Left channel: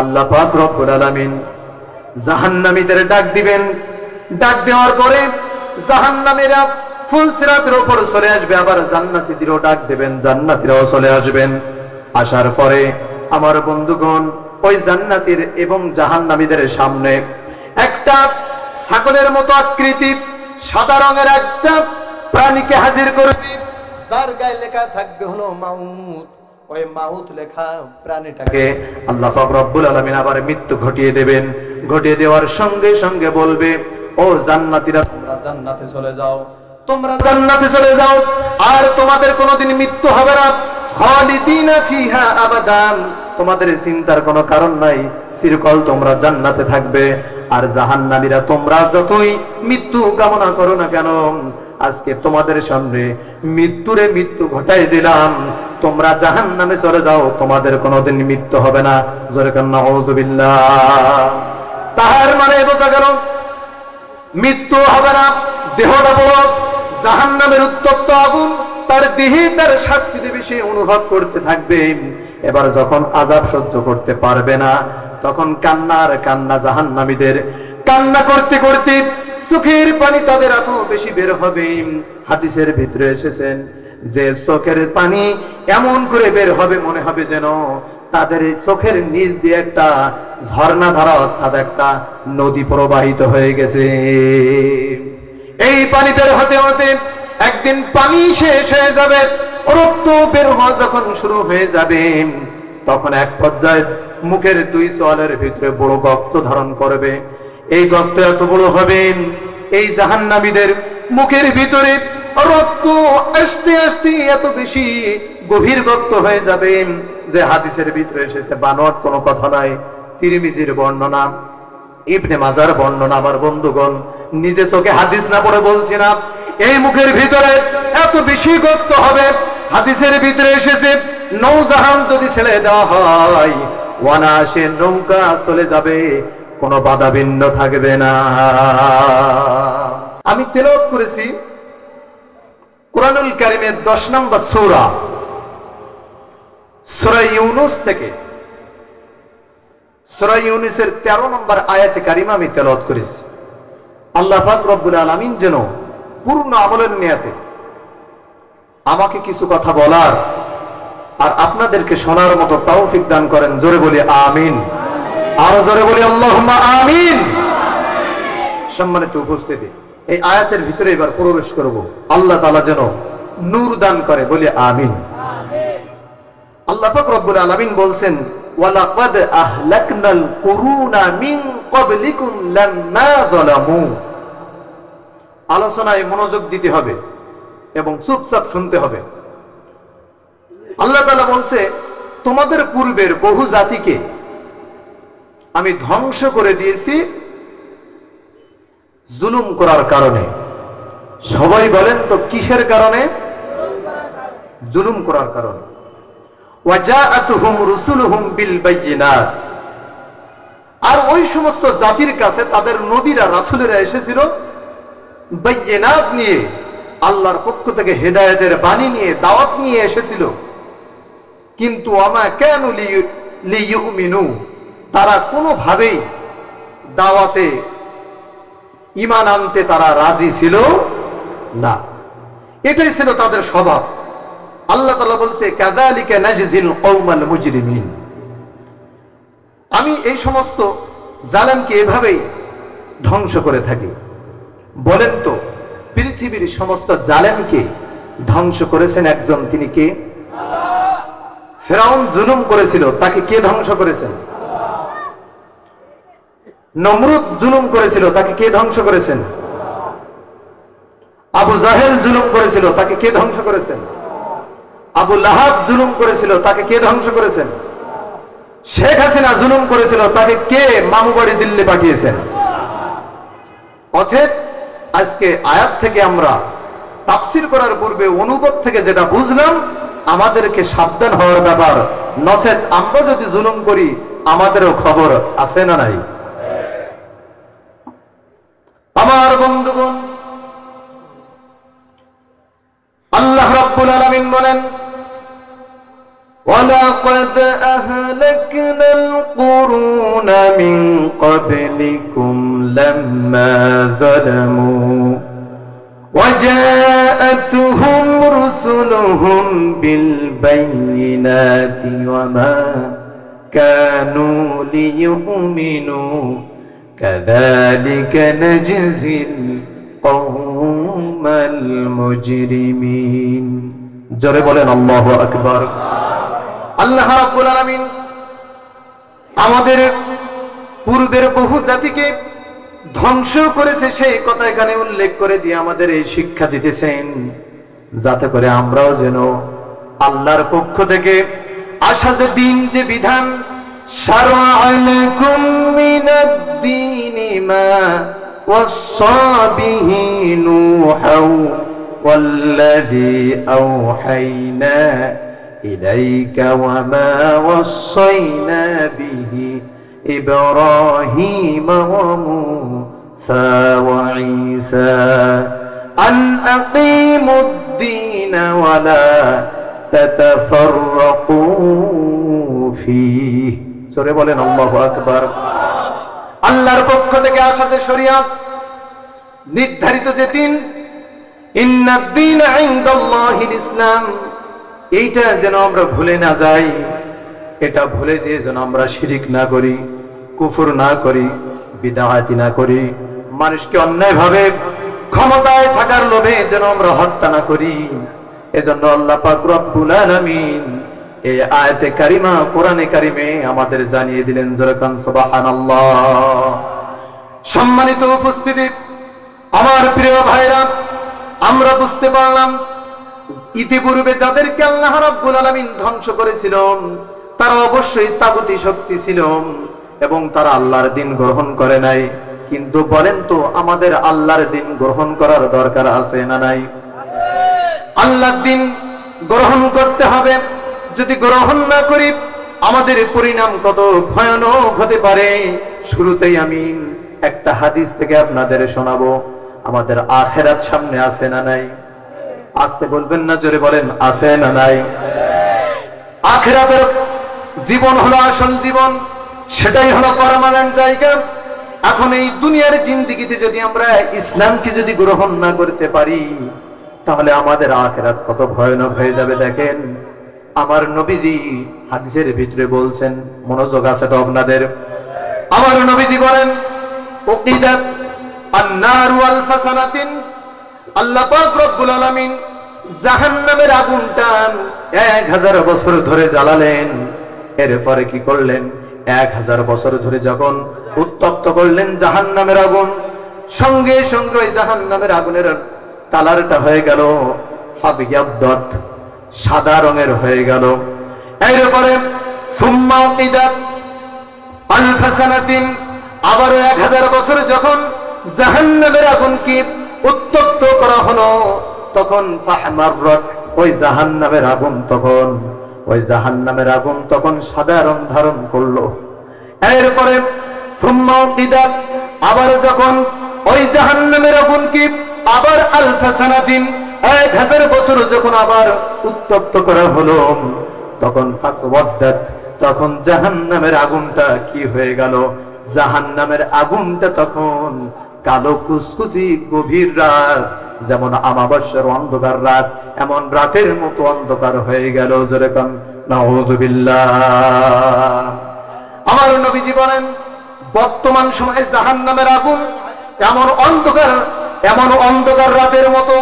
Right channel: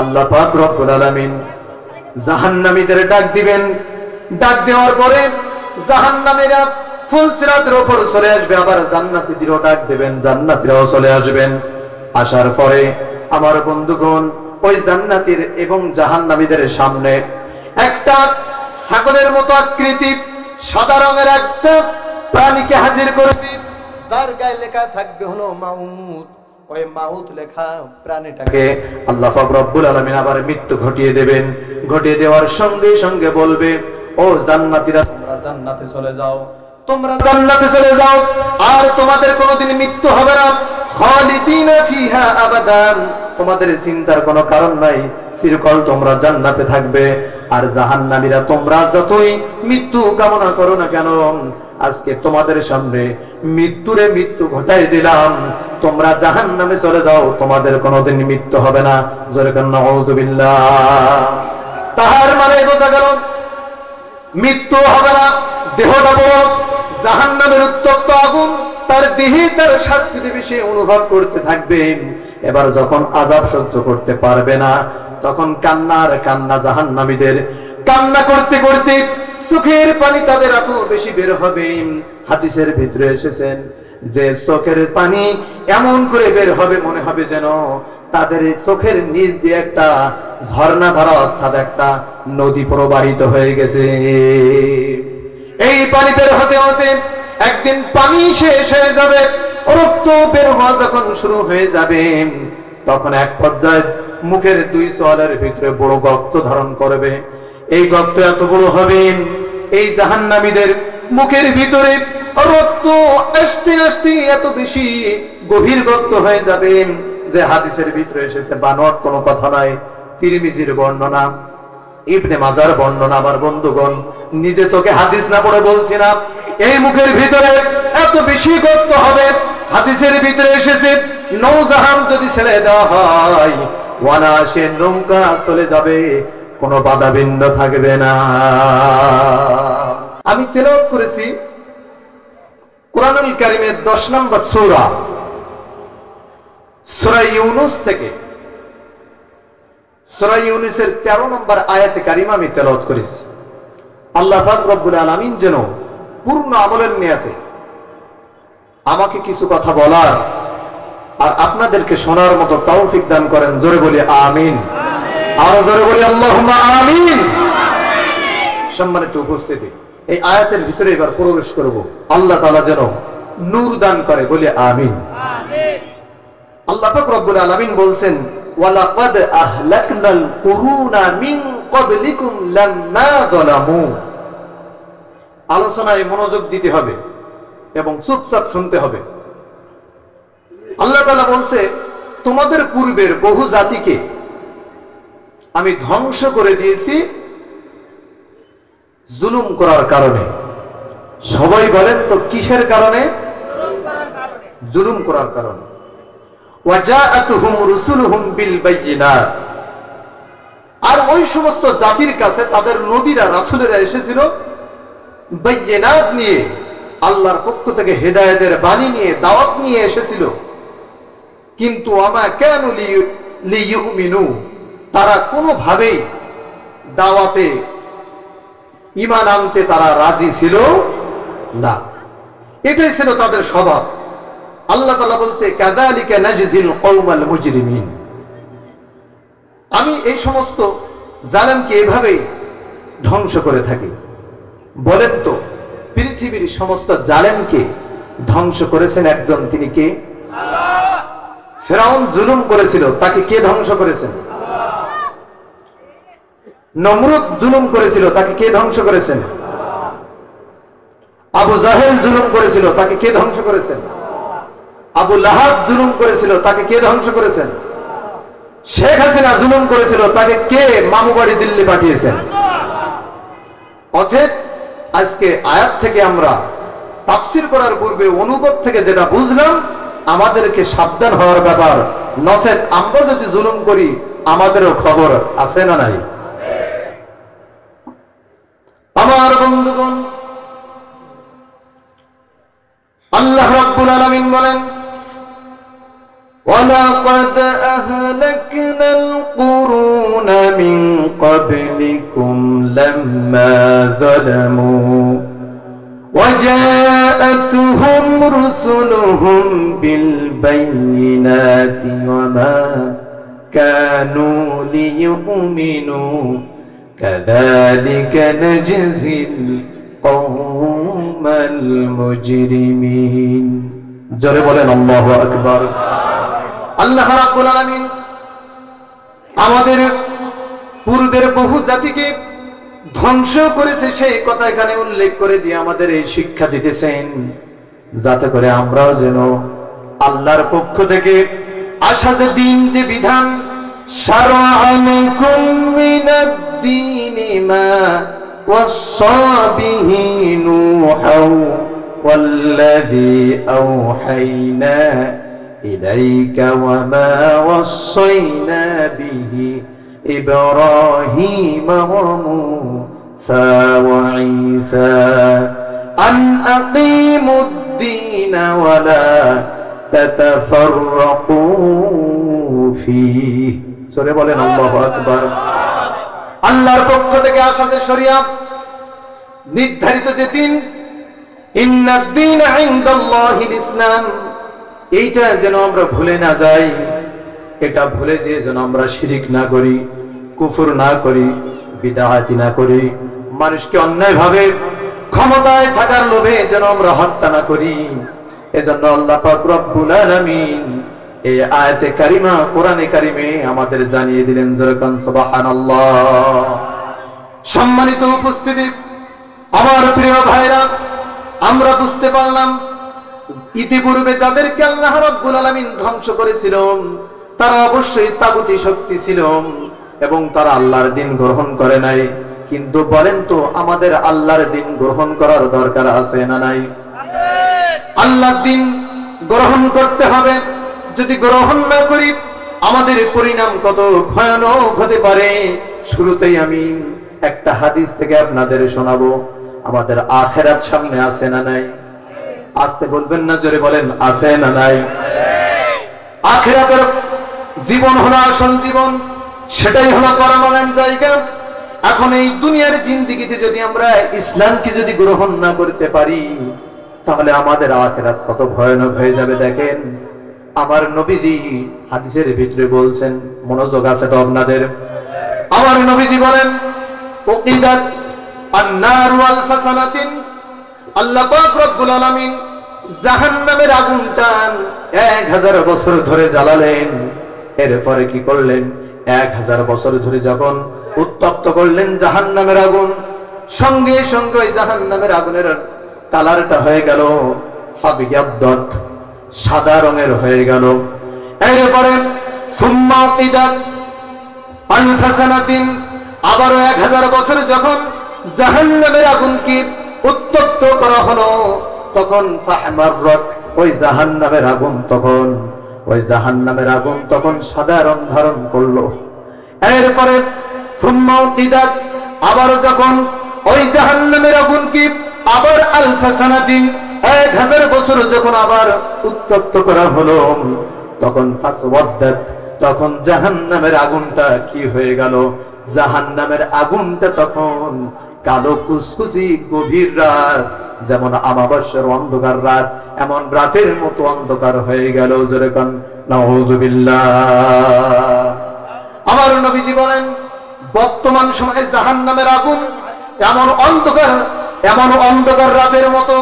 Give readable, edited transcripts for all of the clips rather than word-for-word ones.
আল্লাহ পাক রব্বুল আলামিন জাহান্নামীদের ডাক দিবেন। ডাক দেওয়ার পরে জাহান্নামীরা ফুলসিরাতের উপর চলে আসবে, আবার জান্নাতীদেরও ডাক দেবেন, জান্নাতীরাও চলে আসবেন। আসার পরে আমার বন্ধুগণ, ওই জান্নাতীর এবং জাহান্নামীদের সামনে একটা ছাগলের মতো আকৃতি সাদা রঙের একটা প্রাণীকে হাজির করবে, যার গায়ে লেখা থাকবে হলো মাউত। ওই মাউত লেখা প্রাণীটাকে আল্লাহ পাক রব্বুল আলামিন আবার মৃত্যু ঘটিয়ে দেবেন। ঘটিয়ে দেওয়ার সঙ্গে সঙ্গে বলবে, ও জান্নাতীরা, তোমরা জান্নাতে চলে যাও, তোমরা জান্নাতে চলে যাও, আর তোমাদের কোনোদিন মৃত্যু হবে না। খালিদিনা ফিহা আবাদান, তোমাদের চিন্তার কোনো কারণ নাই, চিরকাল তোমরা জান্নাতে থাকবে। আর জাহান্নামীরা, তোমরা যতই মৃত্যু কামনা করো না কেন, আজকে তোমাদের সামনে মৃত্যু ঘটাই দিলাম, তোমরা জাহান্নামে চলে যাও, তোমাদের কোনোদিন মৃত্যু হবে না। জোরে কান নাউযুবিল্লাহ। তার মানে বোঝা গেল মৃত্যু হবে না। দেহটা বড় জাহান্নামের উত্তপ্ত আগুন, তার দেহে তার শাস্তি দেবে, সে অনুভব করতে থাকবে। এবার যখন আযাব সহ্য করতে পারবে না, তখন কান্নার কান্না জাহান্নামীদের, কান্না করতে করতে চোখের পানি তাদের এত বেশি বের হবে। হাদিসের ভিতরে এসেছেন যে চোখের পানি এমন করে বের হবে, মনে হবে যেন তাদের চোখের নিচ দিয়ে একটা ঝর্ণা ধারা, অর্থাৎ একটা নদী প্রবাহিত হয়ে গেছে। এই পানি বের হতে হতে একদিন পানি শেষ হয়ে যাবে, রক্ত বের হওয়া যখন শুরু হয়ে যাবে, তখন এক পর্যায়ে মুখের দুই চোয়ালের ভিতরে বড় গর্ত ধারণ করবে। এই গর্ত এত বড় হবে, এই জাহান্নামীদের মুখের ভিতরে রক্ত আস্তে আস্তে এত বেশি গভীর গর্ত হয়ে যাবে যে হাদিসের ভিতরে এসেছে, বানোয়াট কোনো কথা নয়, তিরমিজির বর্ণনা, ইবনে মাজার বর্ণনা। আমার বন্ধুগণ, নিজে চোখে হাদিস না পড়ে বলছি না, এই মুখের ভিতরে এত বেশি গর্ত হবে। হাদিসের ভিতরে এসেছে, নৌজাহান যদি ছেড়ে দেওয়া হয়, ওয়ানাসে নৌকা চলে যাবে, কোনো বাধা বিঘ্ন থাকবে না। আমি তেলাওয়াত করেছি কুরআনুল কারীমের 10 নম্বর সূরা, সূরা ইউনূস থেকে। সূরা ইউনূসের 13 নম্বর আয়াতে কারিমা আমি তেলাওয়াত করেছি। আল্লাহ পাক রব্বুল আলামিন যেন পূর্ণ আমলের নিয়াতে আমাকে কিছু কথা বলার আর আপনাদেরকে শোনার মতো তৌফিক দান করেন। জোরে বলি আমিন। আরো জোরে বলি আল্লাহুম্মা আমিন। সম্মানিত উপস্থিতি, এই আয়াতের ভিতরে এবার প্রবেশ করব। আল্লাহ তাআলা যেন নূর দান করে, বলি আমিন। আল্লাহ পাক রব্বুল আলামিন বলছেন, ওয়ালাকাদ আহলাকনাল কুরুনা মিন ক্বাবলিকুম লাম্মা যালামু। আলোচনায় মনোযোগ দিতে হবে এবং চুপচাপ শুনতে হবে। আল্লাহ তাআলা বলছে, তোমাদের পূর্বের বহু জাতিকে আমি ধ্বংস করে দিয়েছি জুলুম করার কারণে। সবাই বলেন তো কিসের কারণে? জুলুম করার কারণে। ওয়াজাআতুহুম রুসুলুহুম বিল বায়িনাত। আর ওই সমস্ত জাতির কাছে তাদের নবীরা, রাসূলেরা এসেছিল বায়িনাত নিয়ে, আল্লাহর পক্ষ থেকে হেদায়েতের বাণী নিয়ে, দাওয়াত নিয়ে এসেছিল। কিন্তু আমা কানু লিইউমিনু, তারা কোনোভাবেই দাওয়াতে ঈমান আনতে তারা রাজি ছিল না। এটাই ছিল তাদের স্বভাব। আল্লাহ তাআলা বলছে, কাযালিকা নাজজিল কওমাল মুজরিমিন। আমি এই সমস্ত জালেমকে এভাবেই ধ্বংস করে থাকি। বলেন তো, পৃথিবীর সমস্ত জালেমকে ধ্বংস করেছেন একজন, তিনি কে? ফেরাউন জুলুম করেছিল, তাকে কে ধ্বংস করেছেন? নমরুদ জুলুম করেছিল, তাকে কে ধ্বংস করেছেন? আবু জাহেল জুলুম করেছিল, তাকে কে ধ্বংস করেছেন? আবু লাহাব জুলুম করেছিল, তাকে কে ধ্বংস করেছেন? শেখ হাসিনা জুলুম করেছিল, তাকে কে মামু বাড়ি দিল্লি পাঠিয়েছেন? অতএব আজকে আয়াত থেকে আমরা তাফসীর করার পূর্বে অনুবাদ থেকে যেটা বুঝলাম, আমাদেরকে সাবধান হওয়ার ব্যাপার। নচেত আমরা যদি জুলুম করি, আমাদেরও খবর আছে না নাই? আমার বন্ধুগণ, আল্লাহ রাব্বুল আলামিন বলেন, ওয়ালাকাদ আহলাকনাল কুরুন من قبلكم لما ظلموا وجاءتهم رسلهم بالبينات وما كانوا ليؤمنوا كذلك نجزي القوم المجرمين জোরে বলেন আল্লাহু আকবার। আল্লাহ রাব্বুল আলামিন আমাদের পূর্বের বহু জাতিকে ধ্বংস করেছে সেই কথা এখানে উল্লেখ করে দিয়ে আমাদের এই শিক্ষা দিতেছেন, যাতে করে আমরাও যেন আল্লাহর পক্ষ থেকে আসা যে দিন, যে বিধান, শারআলাকুম মিনাদ-দীনি মা ওয়াসা বিহি নূহু ওয়াল্লাযী আওহাইনা ইলাইকা ওয়া মা ওয়াসাইনা বিহি إبراهيم وموسى وعيسى أن أقيموا الدين ولا تتفرقوا فيه سورة بولين الله أكبر। আল্লাহর পক্ষ থেকে আসা যে শরিয়াত, নির্ধারিত যে দিন, ইন্নাদ-দীন ইনদাল্লাহিল ইসলাম, এইটা যেন আমরা ভুলে না যাই। এটা ভুলে যে যেন আমরা শিরিক না করি, কুফর না করি, বিদআতি না করি, মানুষকে অন্যায়ভাবে ক্ষমতায় থাকার লোভে যেন আমরা হত্যা না করি। এজন্য আল্লাহ পাক রব্বুল আলামিন এই আয়াতে কারিমা, কোরআনে কারিমে আমাদের জানিয়ে দিলেন। যেরকম সুবহানাল্লাহ। সম্মানিত উপস্থিতি, আমার প্রিয় ভাইরা, আমরা বুঝতে পারলাম ইতিপূর্বে যাদেরকে আল্লাহ রাব্বুল আলামিন ধ্বংস করেছিল তারা অবশ্যই তাগুতি শক্তি ছিল এবং তারা আল্লাহর দ্বীন গ্রহণ করে নাই। কিন্তু বলেন তো, আমাদের আল্লাহর দ্বীন গ্রহণ করার দরকার আছে না নাই? আল্লাহর দ্বীন গ্রহণ করতে হবে। যদি গ্রহণ না করি আমাদের পরিণাম কত ভয়ানক হতে পারে। শুরুতেই আমি একটা হাদিস থেকে আপনাদের শোনাবো। আমাদের আখিরাত সামনে আছে না নাই? আসতে বলবেন না, জোরে বলেন আছে না নাই? আখিরাতের জীবন হলো আসল জীবন, সেটাই হলো পার্মানেন্ট জায়গা। এখন এই দুনিয়ার জিন্দেগিতে যদি আমরা ইসলামকে যদি গ্রহণ না করতে পারি তাহলে আমাদের আখিরাত কত ভয়ানক হয়ে যাবে। দেখেন, আমার নবীজি হাদিসের ভিতরে বলছেন, মনোযোগ আছে তো আপনাদের? আমার নবীজি বলেন, উকিদাত আন-নার ওয়াল ফাসানাতিন, আল্লাহ পাক রব্বুল আলামিন জাহান্নামের আগুনটা 1000 বছর ধরে জ্বালালেন। এরপরে কি করলেন? 1000 বছর ধরে যখন উত্তপ্ত করলেন জাহান্নামের আগুন, সঙ্গে সঙ্গে ওই জাহান্নামের আগুনের কালারটা হয়ে গেল ফাবিয়াবদাত, সাদা রঙের হয়ে গেল। এরপরে সুম্মা উকিদাত আল-ফাসানাতিন, আবার 1000 বছর যখন জাহান্নামের আগুনকে উত্তপ্ত করা হলো তখন ফাহমাররাত, ওই জাহান্নামের আগুন তখন সাদা রং ধারণ করলো। এরপরে সুম্মা উকিদাত, আবার যখন ওই জাহান্নামের আগুনকে আবার আল-ফাসানাতিন 1000 বছর যখন আবার উত্তপ্ত করা হলো তখন ফাসওয়াদ্দাত, তখন জাহান্নামের আগুনটা কি হয়ে গেল? জাহান্নামের আগুনটা তখন কালো কুচকুচি গভীর রাত, যেমন আমাবস্যার অন্ধকার রাত, এমন রাতের মতো অন্ধকার হয়ে গেল। যেরকম নাউযুবিল্লাহ। আমার নবীজি বলেন, বর্তমান সময়ে জাহান্নামের আগুন এমন অন্ধকার রাতের মতো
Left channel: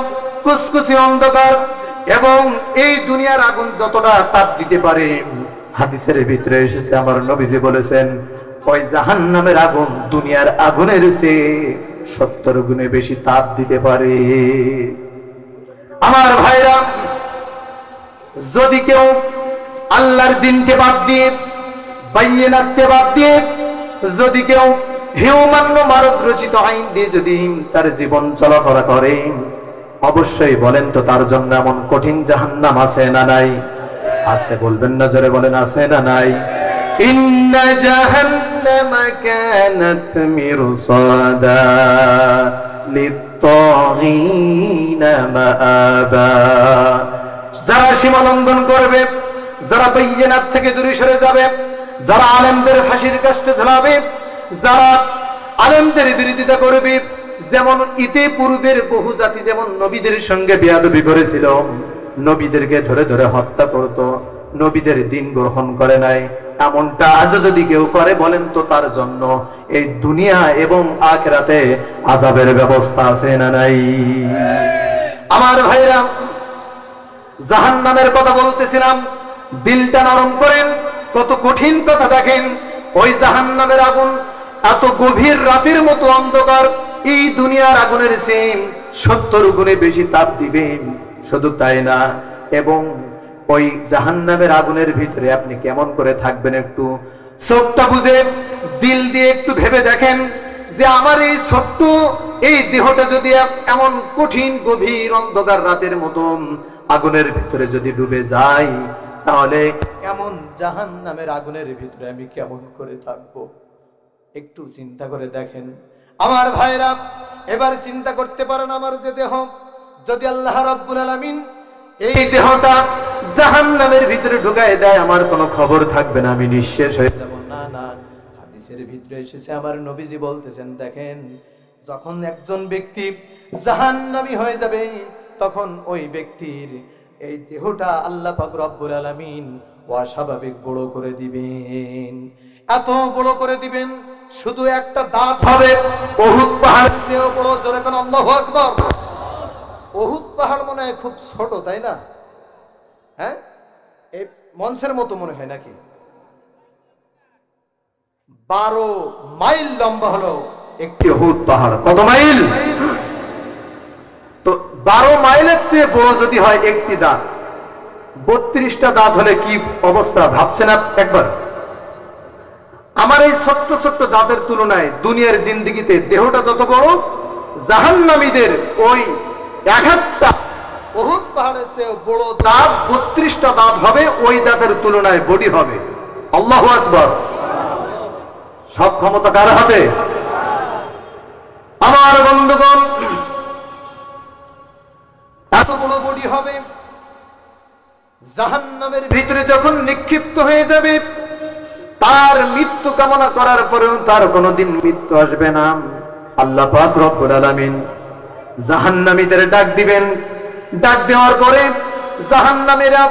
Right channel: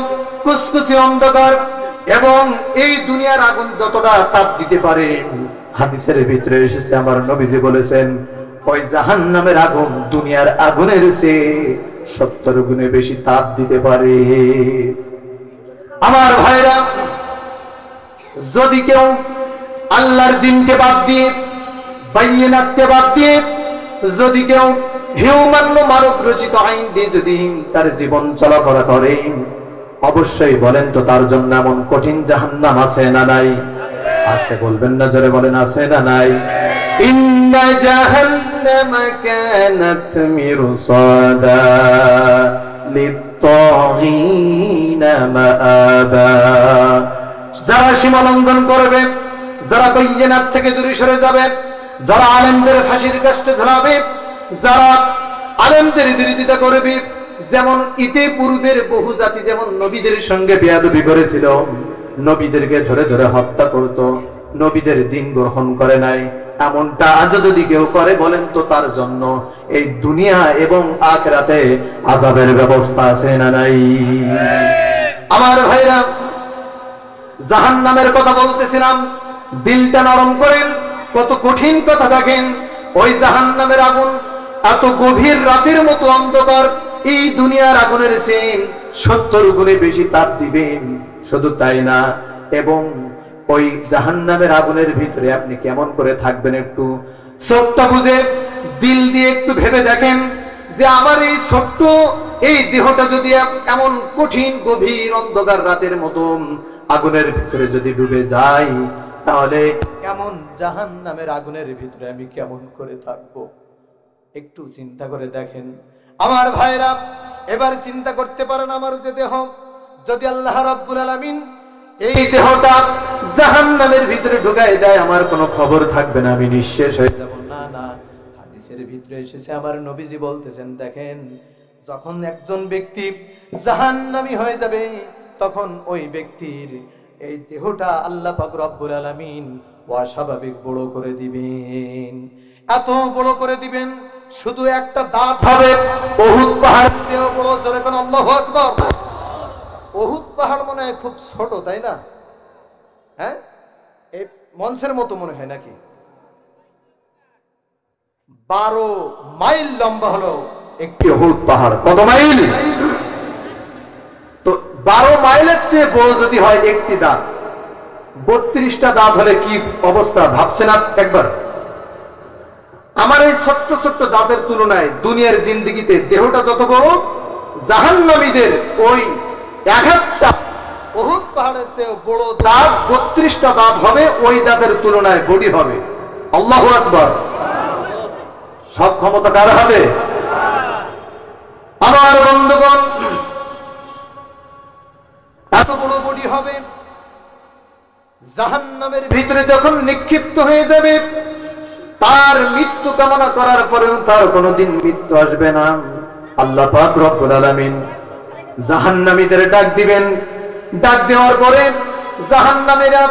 কুচকুচি অন্ধকার, এবং এই দুনিয়ার আগুন যতটা তাপ দিতে পারে, হাদিসের ভিতরে এসেছে আমার নবীজি বলেছেন ওই জাহান্নামের আগুন দুনিয়ার আগুনের চেয়ে 70 গুণে বেশি তাপ দিতে পারে। আমার ভাইরা, যদি কেউ আল্লাহর দ্বীনকে বাদ দিয়ে, বাইয়িনাতকে বাদ দিয়ে, যদি কেউ হিউম্যান মানব রচিত আইন দিয়ে যদি তার জীবন চলাফেরা করে, অবশ্যই বলেন তো তার জন্য এমন কঠিন জাহান্নাম আছে না নাই? আসতে বলবেন না, জোরে বলেন আছে না নাই? ইন্না জাহান্নামা কানাত মিরসাদা লিত-তাগীনা মাআবা, যারা সীমা লঙ্ঘন করবে, যারা বাইয়িনাত থেকে দূরে সরে যাবে, যারা আলেমদের ফাঁসির কাষ্টে ঝোলাবে, যারা আলেমদের বিরোধিতা করবে, যেমন ইতিপূর্বের বহু জাতি যেমন নবীদের সঙ্গে বেয়াদবি করেছিল, নবীদেরকে ধরে ধরে হত্যা করত, নবীদের দিন গ্রহণ করে নাই, এমনটা আজ যদি কেউ করে বলেন তো তার জন্য এই দুনিয়া এবং আখিরাতে আযাবের ব্যবস্থা আছে না নাই? আমার ভাইরা, জাহান্নামের কথা বলতেছিলাম, দিলটা নরম করেন, কত কঠিন কথা দেখেন। ওই জাহান্নামের আগুন এত গভীর রাতের মতো অন্ধকার, এই দুনিয়ার আগুনের চেয়ে 70 গুণে বেশি তাপ দিবেন। শুধু তাই না, এবং ওই জাহান্নামের আগুনের ভিতরে আপনি কেমন করে থাকবেন, একটু চোখটা বুঝে দিল দিয়ে একটু ভেবে দেখেন যে আমার এই ছোট্ট এই দেহটা যদি এমন কঠিন গভীর অন্ধকার রাতের মতো আগুনের ভিতরে যদি ডুবে যায়, তাহলে এমন জাহান্নামের আগুনের ভিতরে আমি কেমন করে থাকবো? একটু চিন্তা করে দেখেন আমার ভাইরা। এবার চিন্তা করতে পারেন, আমার যে দেহ, যদি আল্লাহ রাব্বুল আলামিন এই দেহটা জাহান্নামের ভিতরে ঢুকায় দেয়, আমার কোনো খবর থাকবে না, আমি নিঃশেষ হয়ে যাব। না না, হাদিসের ভিতরে এসেছে, আমার নবীজি বলতেছেন, দেখেন যখন একজন ব্যক্তি জাহান্নামী হয়ে যাবে, তখন ওই ব্যক্তির এই দেহটা আল্লাহ পাক রব্বুল আলামিন অস্বাভাবিক বড় করে দিবেন। এত বড় করে দিবেন, শুধু একটা দাঁত হবে উহুদ পাহাড়ের চেয়েও বড়। জোরে কোন আল্লাহু আকবার। উহুদ পাহাড় মনে হয় খুব ছোট, তাই না? হ্যাঁ, এই মঞ্চের মতো মনে হয় নাকি? 12 মাইল লম্বা হলো একটি উহুদ পাহাড়। কত মাইল? তো 12 মাইলের চেয়ে বড় যদি হয় একটি দাঁত, 32টা দাঁত হলে কি অবস্থা ভাবছেন একবার? আমার এই ছোট্ট ছোট্ট দাঁতের তুলনায় দুনিয়ার জিন্দেগিতে দেহটা যত বড়, জাহান্নামীদের ওই 11টা উহুদ পাহাড়ের চেয়ে বড় দাঁত, 32টা দাঁত হবে, ওই দাঁতের তুলনায় বডি হবে। আল্লাহু আকবার। সব ক্ষমতা কার হবে? আমার বন্ধুগণ, এত বড় বডি হবে, জাহান্নামের ভিতরে যখন নিক্ষিপ্ত হয়ে যাবে, তার মৃত্যু কামনা করার পরেও তার কোনোদিন মৃত্যু আসবে না। আল্লাহ পাক রব্বুল আলামিন জাহান্নামীদের ডাক দিবেন। ডাক দেওয়ার পরে জাহান্নামীরা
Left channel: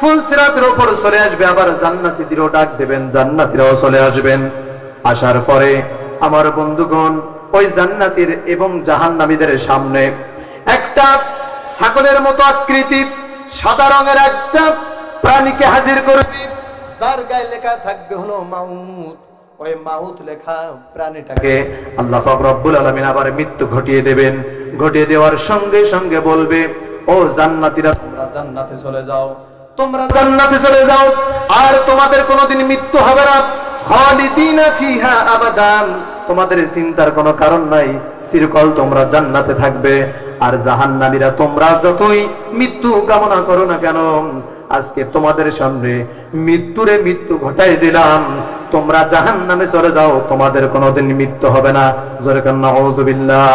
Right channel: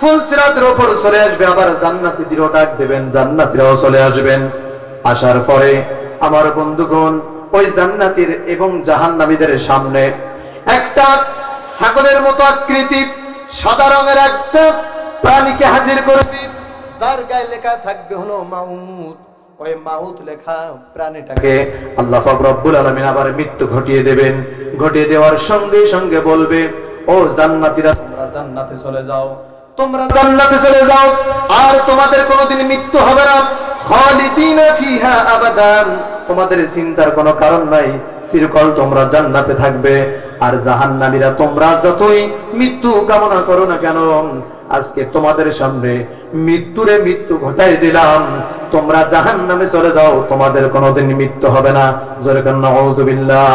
ফুলসিরাতের উপর চলে আসবে, আবার জান্নাতীদেরও ডাক দেবেন, জান্নাতীরাও চলে আসবেন। আসার পরে আমার বন্ধুগণ, ওই জান্নাতীর এবং জাহান্নামীদের সামনে একটা ছাগলের মতো আকৃতি সাদা রঙের একটা প্রাণীকে হাজির করবে, যার গায়ে লেখা থাকবে হলো মাউত। ওই মাউত লেখা প্রাণীটাকে আল্লাহ পাক রব্বুল আলামিন আবার মৃত্যু ঘটিয়ে দেবেন। ঘটিয়ে দেওয়ার সঙ্গে সঙ্গে বলবে, ও জান্নাতীরা, তোমরা জান্নাতে চলে যাও, তোমরা জান্নাতে চলে যাও, আর তোমাদের কোনোদিন মৃত্যু হবে না। খালিদিনা ফিহা আবাদান, তোমাদের চিন্তার কোনো কারণ নাই, চিরকাল তোমরা জান্নাতে থাকবে। আর জাহান্নামীরা, তোমরা যতই মৃত্যু কামনা করো না কেন, আজকে তোমাদের সামনে মৃত্যুরে মৃত্যু ঘটাই দিলাম, তোমরা জাহান্নামে চলে যাও, তোমাদের কোনোদিন মৃত্যু হবে না। জোরে কান নাউযুবিল্লাহ।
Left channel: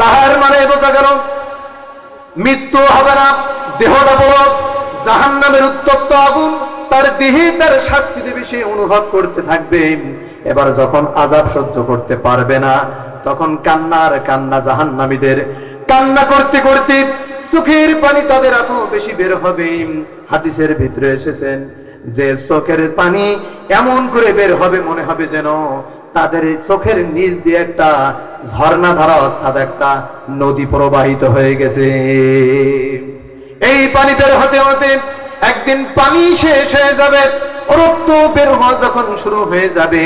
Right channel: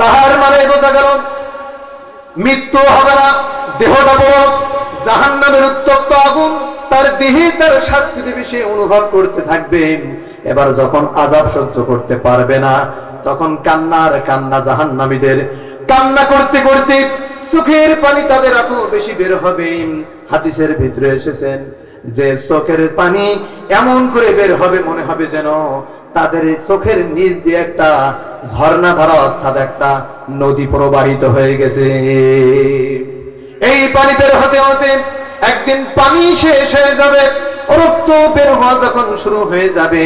তাহার মানে বোঝা গেল মৃত্যু হবে না, দেহটা বড়, জাহান্নামের উত্তপ্ত আগুন তার দেহে তার শাস্তি দেবে, সে অনুভব করতে থাকবে। এবার যখন আযাব সহ্য করতে পারবে না, তখন কান্নার কান্না, জাহান্নামীদের কান্না করতে করতে চোখের পানি তাদের এত বেশি বের হবে। হাদিসের ভিতরে এসেছেন যে চোখের পানি এমন করে বের হবে, মনে হবে যেন তাদের চোখের নিচ দিয়ে একটা ঝর্ণা ধারা, অর্থাৎ একটা নদী প্রবাহিত হয়ে গেছে। এই পানি বের হতে হতে একদিন পানি শেষ হয়ে যাবে, রক্ত বের হওয়া যখন শুরু হয়ে যাবে,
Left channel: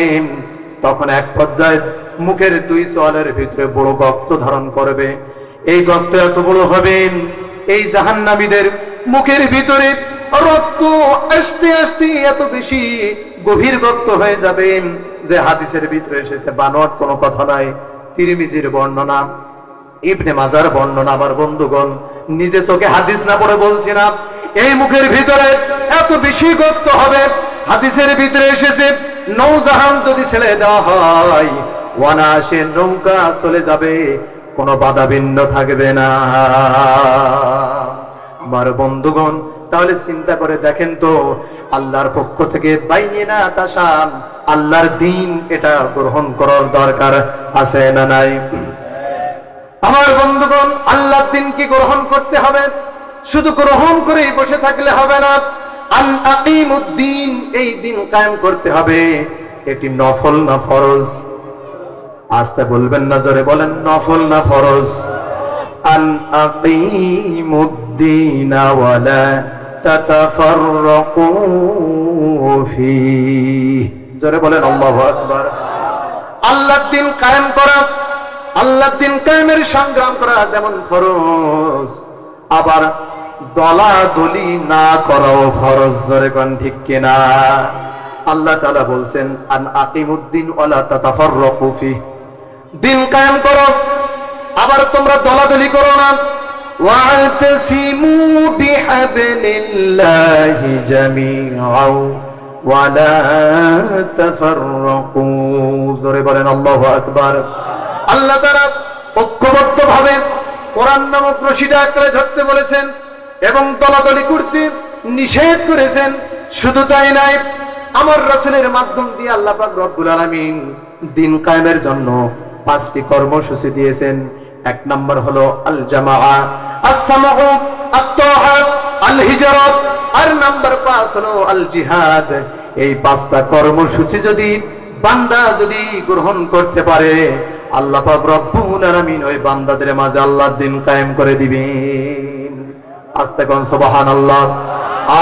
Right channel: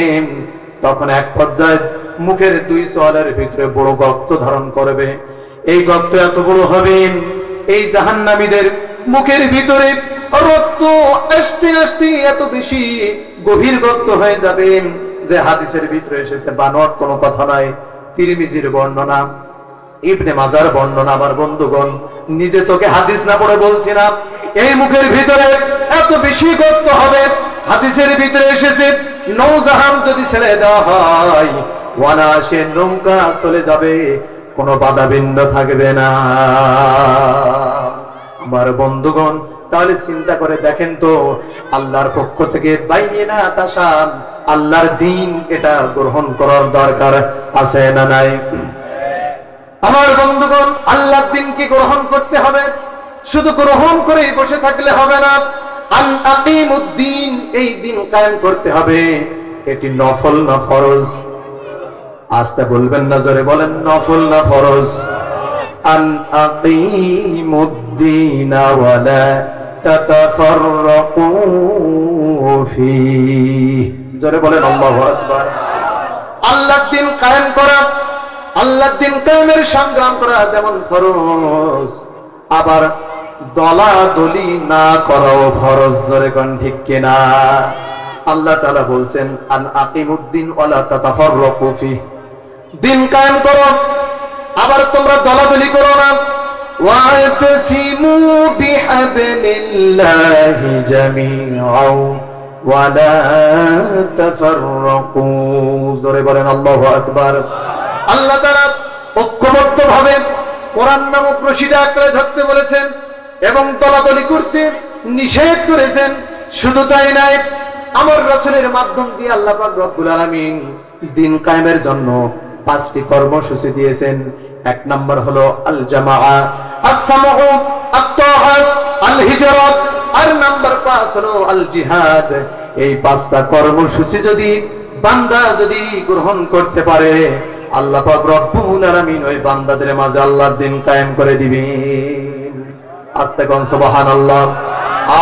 তখন এক পর্যায়ে মুখের 2 চোয়ালের ভিতরে বড় গর্ত ধারণ করবে। এই গর্ত এত বড় হবে, এই জাহান্নামীদের মুখের ভিতরে রক্ত আস্তে আস্তে এত বেশি গভীর গর্ত হয়ে যাবে যে হাদিসের ভিতরে এসেছে, বানোয়াট কোনো কথা নয়, তিরমিজির বর্ণনা, ইবনে মাজার বর্ণনা। আমার বন্ধুগণ, নিজে চোখে হাদিস না পড়ে বলছি না, এই মুখের ভিতরে এত বেশি গর্ত হবে, হাদিসের ভিতরে এসেছে নৌজাহান যদি ছেড়ে দেওয়া হয়, অনায়াসে নৌকা চলে যাবে, কোনো বাধা বিঘ্ন থাকবে না। আমার বন্ধুগণ, তাহলে চিন্তা করে দেখেন তো, আল্লাহর পক্ষ থেকে বাইনা তাসাম, আল্লাহর দ্বীন, এটা গ্রহণ করার দরকার আছে না নাই? আমার বন্ধুগণ, আল্লাহর দ্বীনকে গ্রহণ করতে হবে। শুধু গ্রহণ করেই বসে থাকলে হবে না। আন আকিমুদ্দিন, এই দিন কায়েম করতে হবে। এটি নফল না ফরজ? আস্তে বলবেন না, জোরে বলেন, নফল না ফরজ? আন আকিমুদ্দিন ওয়ালা তাতাফাররাকু ফীহি, জোরে বলেন আল্লাহু আকবার। আল্লাহর দ্বীন কায়েম করা, আল্লাহর দ্বীন কায়েমের সংগ্রাম করা যেমন ফরজ, আবার দলাদলি না করাও ফরজ, জোরে কোন ঠিক কিনা? আল্লাহ তাআলা বলছেন আন আকিমুদ্দিন ওয়ালা তাতাফাররাকু ফীহি, দিন কায়েম করো, আবার তোমরা দলাদলি করো না। ওয়াতাসিমু বিহাবলিল্লাহি জামিআন ওয়ালা তাফাররাকু, জোরে বলেন আল্লাহু আকবার। আল্লাহ তাআলা ঐক্যবদ্ধভাবে কোরআন নামক রশিদে আঁকড়ে ধরতে বলেছেন এবং দলাদলি করতে নিষেধ করেছেন। শুধু তাই নয়, আমার রাসূলের মাধ্যম দিয়ে আল্লাহ পাক রব্বুল আলামিন দিন কায়েমের জন্য 5টি কর্মসূচি দিয়েছেন। 1 নম্বর হলো আল জামাআ, আস-সামউ, আত-তাআত, আল হিজরাত, আর নাম্বার 5 হলো আল জিহাদ। এই 5টা কর্মসূচি যদি বান্দা যদি গ্রহণ করতে পারে, আল্লাহ পাক রব্বুল আলামিন ওই বান্দাদের মাঝে আল্লাহর দ্বীন কায়েম করে দিবেন। আস্তে কোন সুবহানাল্লাহ,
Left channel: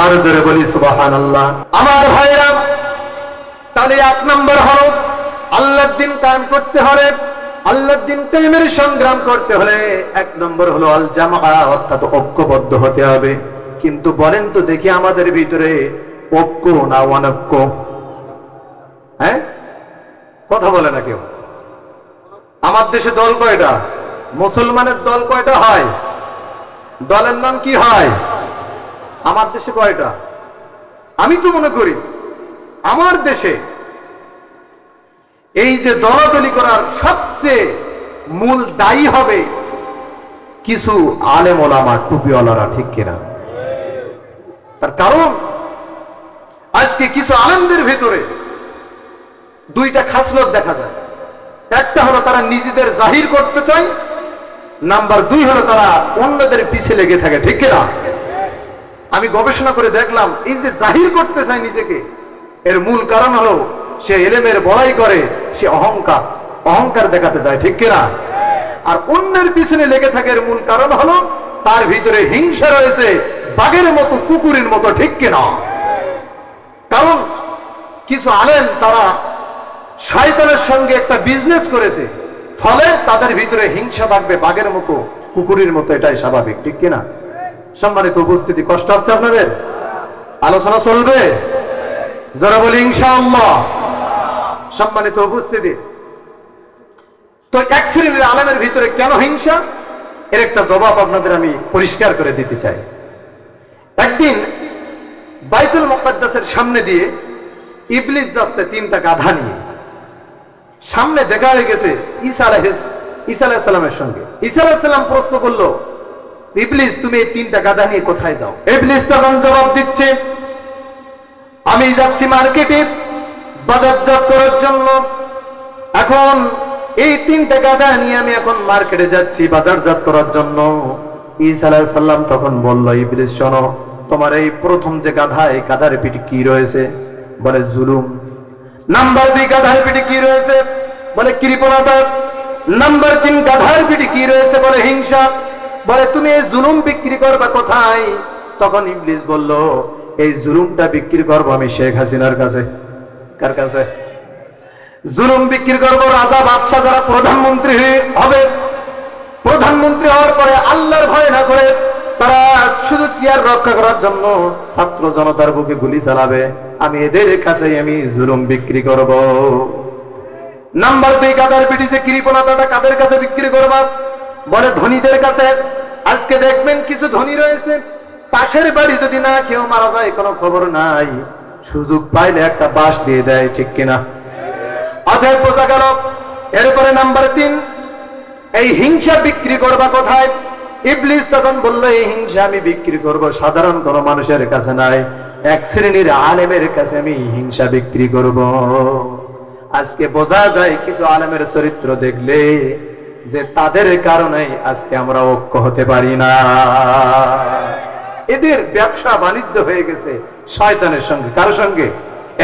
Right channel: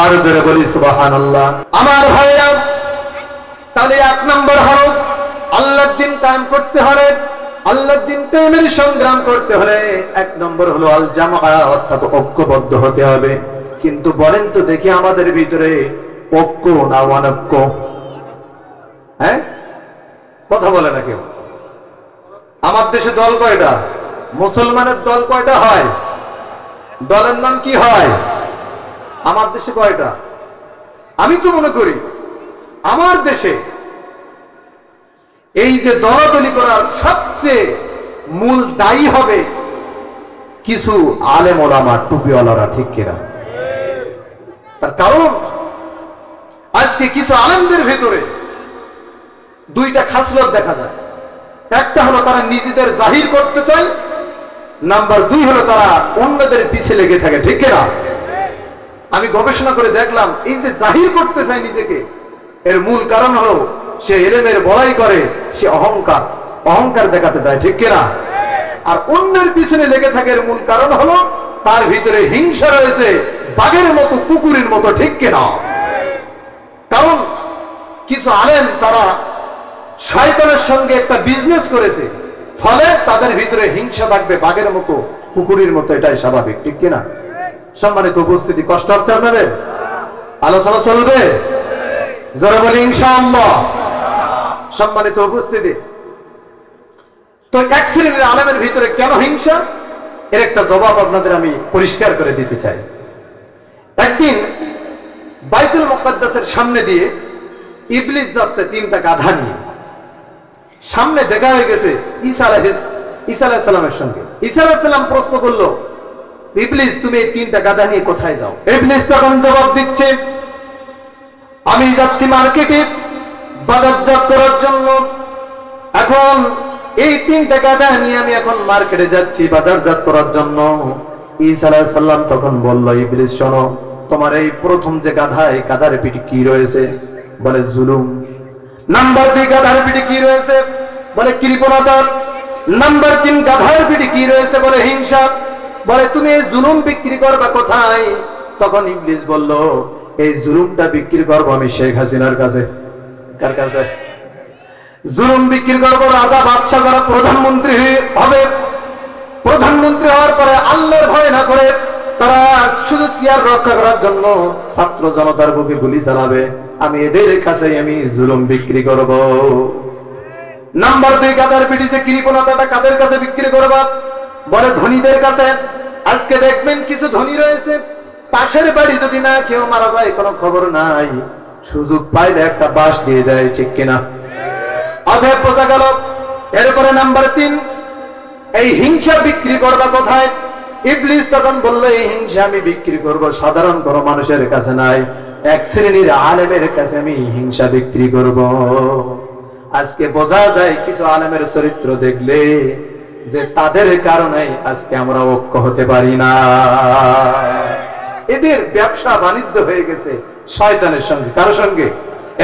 আর জোরে বলি সুবহানাল্লাহ। আমার ভাইরা, তাহলে 1 নম্বর হলো আল্লাহর দ্বীন কায়েম করতে হলে, আল্লাহর দ্বীন কায়েমের সংগ্রাম করতে হলে 1 নম্বর হলো আল জামাআ, অর্থাৎ ঐক্যবদ্ধ হতে হবে। কিন্তু বলেন তো দেখি, আমাদের ভিতরে ঐক্য না অনৈক্য? হ্যাঁ, কথা বলে না কেউ? আমার দেশে দল কয়টা? মুসলমানের দল কয়টা হয়? দলের নাম কি হয়? আমার দেশে কয়টা? আমি তো মনে করি আমার দেশে এই যে দলাদলি করার সবচেয়ে মূল দায়ী হবে কিছু আলেম ওলামা, টুপিওয়ালারা, ঠিক কিনা? তার কারণ আজকে কিছু আলেমদের ভিতরে 2টা খাসলত দেখা যায়। একটা হলো তারা নিজেদের জাহির করতে চায়, নাম্বার 2 হলো তারা অন্যদের পিছে লেগে থাকে, ঠিক কিনা? আমি গবেষণা করে দেখলাম, এই যে জাহির করতে চায় নিজেকে, এর মূল কারণ হলো সে ইলমের বড়াই করে, সে অহংকার দেখাতে চায়, ঠিক কিনা? আর অন্যের পিছনে লেগে থাকে এর মূল কারণ হলো তার ভিতরে হিংসা রয়েছে, বাঘের মতো, কুকুরের মতো, ঠিক কিনা? কারণ কিছু আলেম তারা শয়তানের সঙ্গে একটা বিজনেস করেছে, ফলে তাদের ভিতরে হিংসা থাকবে, বাঘের মতো, কুকুরের মতো, এটাই স্বাভাবিক, ঠিক কিনা? সম্মানিত উপস্থিতি, কষ্ট হচ্ছে আপনাদের? আলোচনা চলবে? যারা বলি ইনশাআল্লাহ। সম্মানিত উপস্থিতি, তো 1 শ্রেণীর আলেমের ভিতরে কেন হিংসা, এর একটা জবাব আপনাদের আমি পরিষ্কার করে দিতে চাই। একদিন বাইতুল মুকাদ্দাসের সামনে দিয়ে ইবলিস যাচ্ছে 3টা গাধা নিয়ে। সামনে দেখা হয়ে গেছে ঈসা আলাইহিস সালামের সঙ্গে। ঈসা আলাইহিস সালাম প্রশ্ন করলো, ইবলিস তুমি এই 3টা গাধা নিয়ে কোথায় যাও? ইবলিস তখন জবাব দিচ্ছে, আমি যাচ্ছি মার্কেটে বাজারজাত করার জন্য। এখন এই 3টা গাধা নিয়ে আমি এখন মার্কেটে যাচ্ছি বাজারজাত করার জন্য। ঈসা আলাইহিস সালাম তখন বলল, ইবলিস শোনো, তোমার এই প্রথম যে গাধা, এই গাধার পিঠে কি রয়েছে? বলে জুলুম। নাম্বার 2 গাধার পিঠে কি রয়েছে? বলে কৃপণতা। নাম্বার 3 গাধার পিঠে কি রয়েছে? বলে হিংসা। বলে তুমি এই জুলুম বিক্রি করবা কোথায়? তখন ইবলিস বলল, এই জুলুমটা বিক্রি করবো আমি শেখ হাসিনার কাছে। কার কাছে? জুলুম বিক্রি করবো রাজা বাদশা যারা প্রধানমন্ত্রী হবে, প্রধানমন্ত্রী হওয়ার পরে আল্লাহর ভয় না করে তারা শুধু চেয়ার রক্ষা করার জন্য ছাত্র জনতার বুকে গুলি চালাবে, আমি এদের কাছে আমি জুলুম বিক্রি করব। নাম্বার 2 গাদার পিঠে যে কৃপণতাটা কাদের কাছে বিক্রি করবা? বলে ধনীদের কাছে। আজকে দেখবেন কিছু ধনী রয়েছে, পাশের বাড়ি যদি না কেউ মারা যায় কোনো খবর নাই, সুযোগ পাইলে একটা বাস দিয়ে দেয়, ঠিক কিনা? অতএব বোঝা গেল। এরপরে নাম্বার 3, এই হিংসা বিক্রি করবা কোথায়? ইবলিস তখন বলল, এই হিংসা আমি বিক্রি করব সাধারণ কোন মানুষের কাছে নাই, এক শ্রেণীর আলেমের কাছে আমি হিংসা বিক্রি করব। আজকে বোঝা যায় কিছু আলেমের চরিত্র দেখলে যে তাদের কারণে আজকে আমরা ঐক্য হতে পারি না। এদের ব্যবসা বাণিজ্য হয়ে গেছে শয়তানের সঙ্গে। কার সঙ্গে?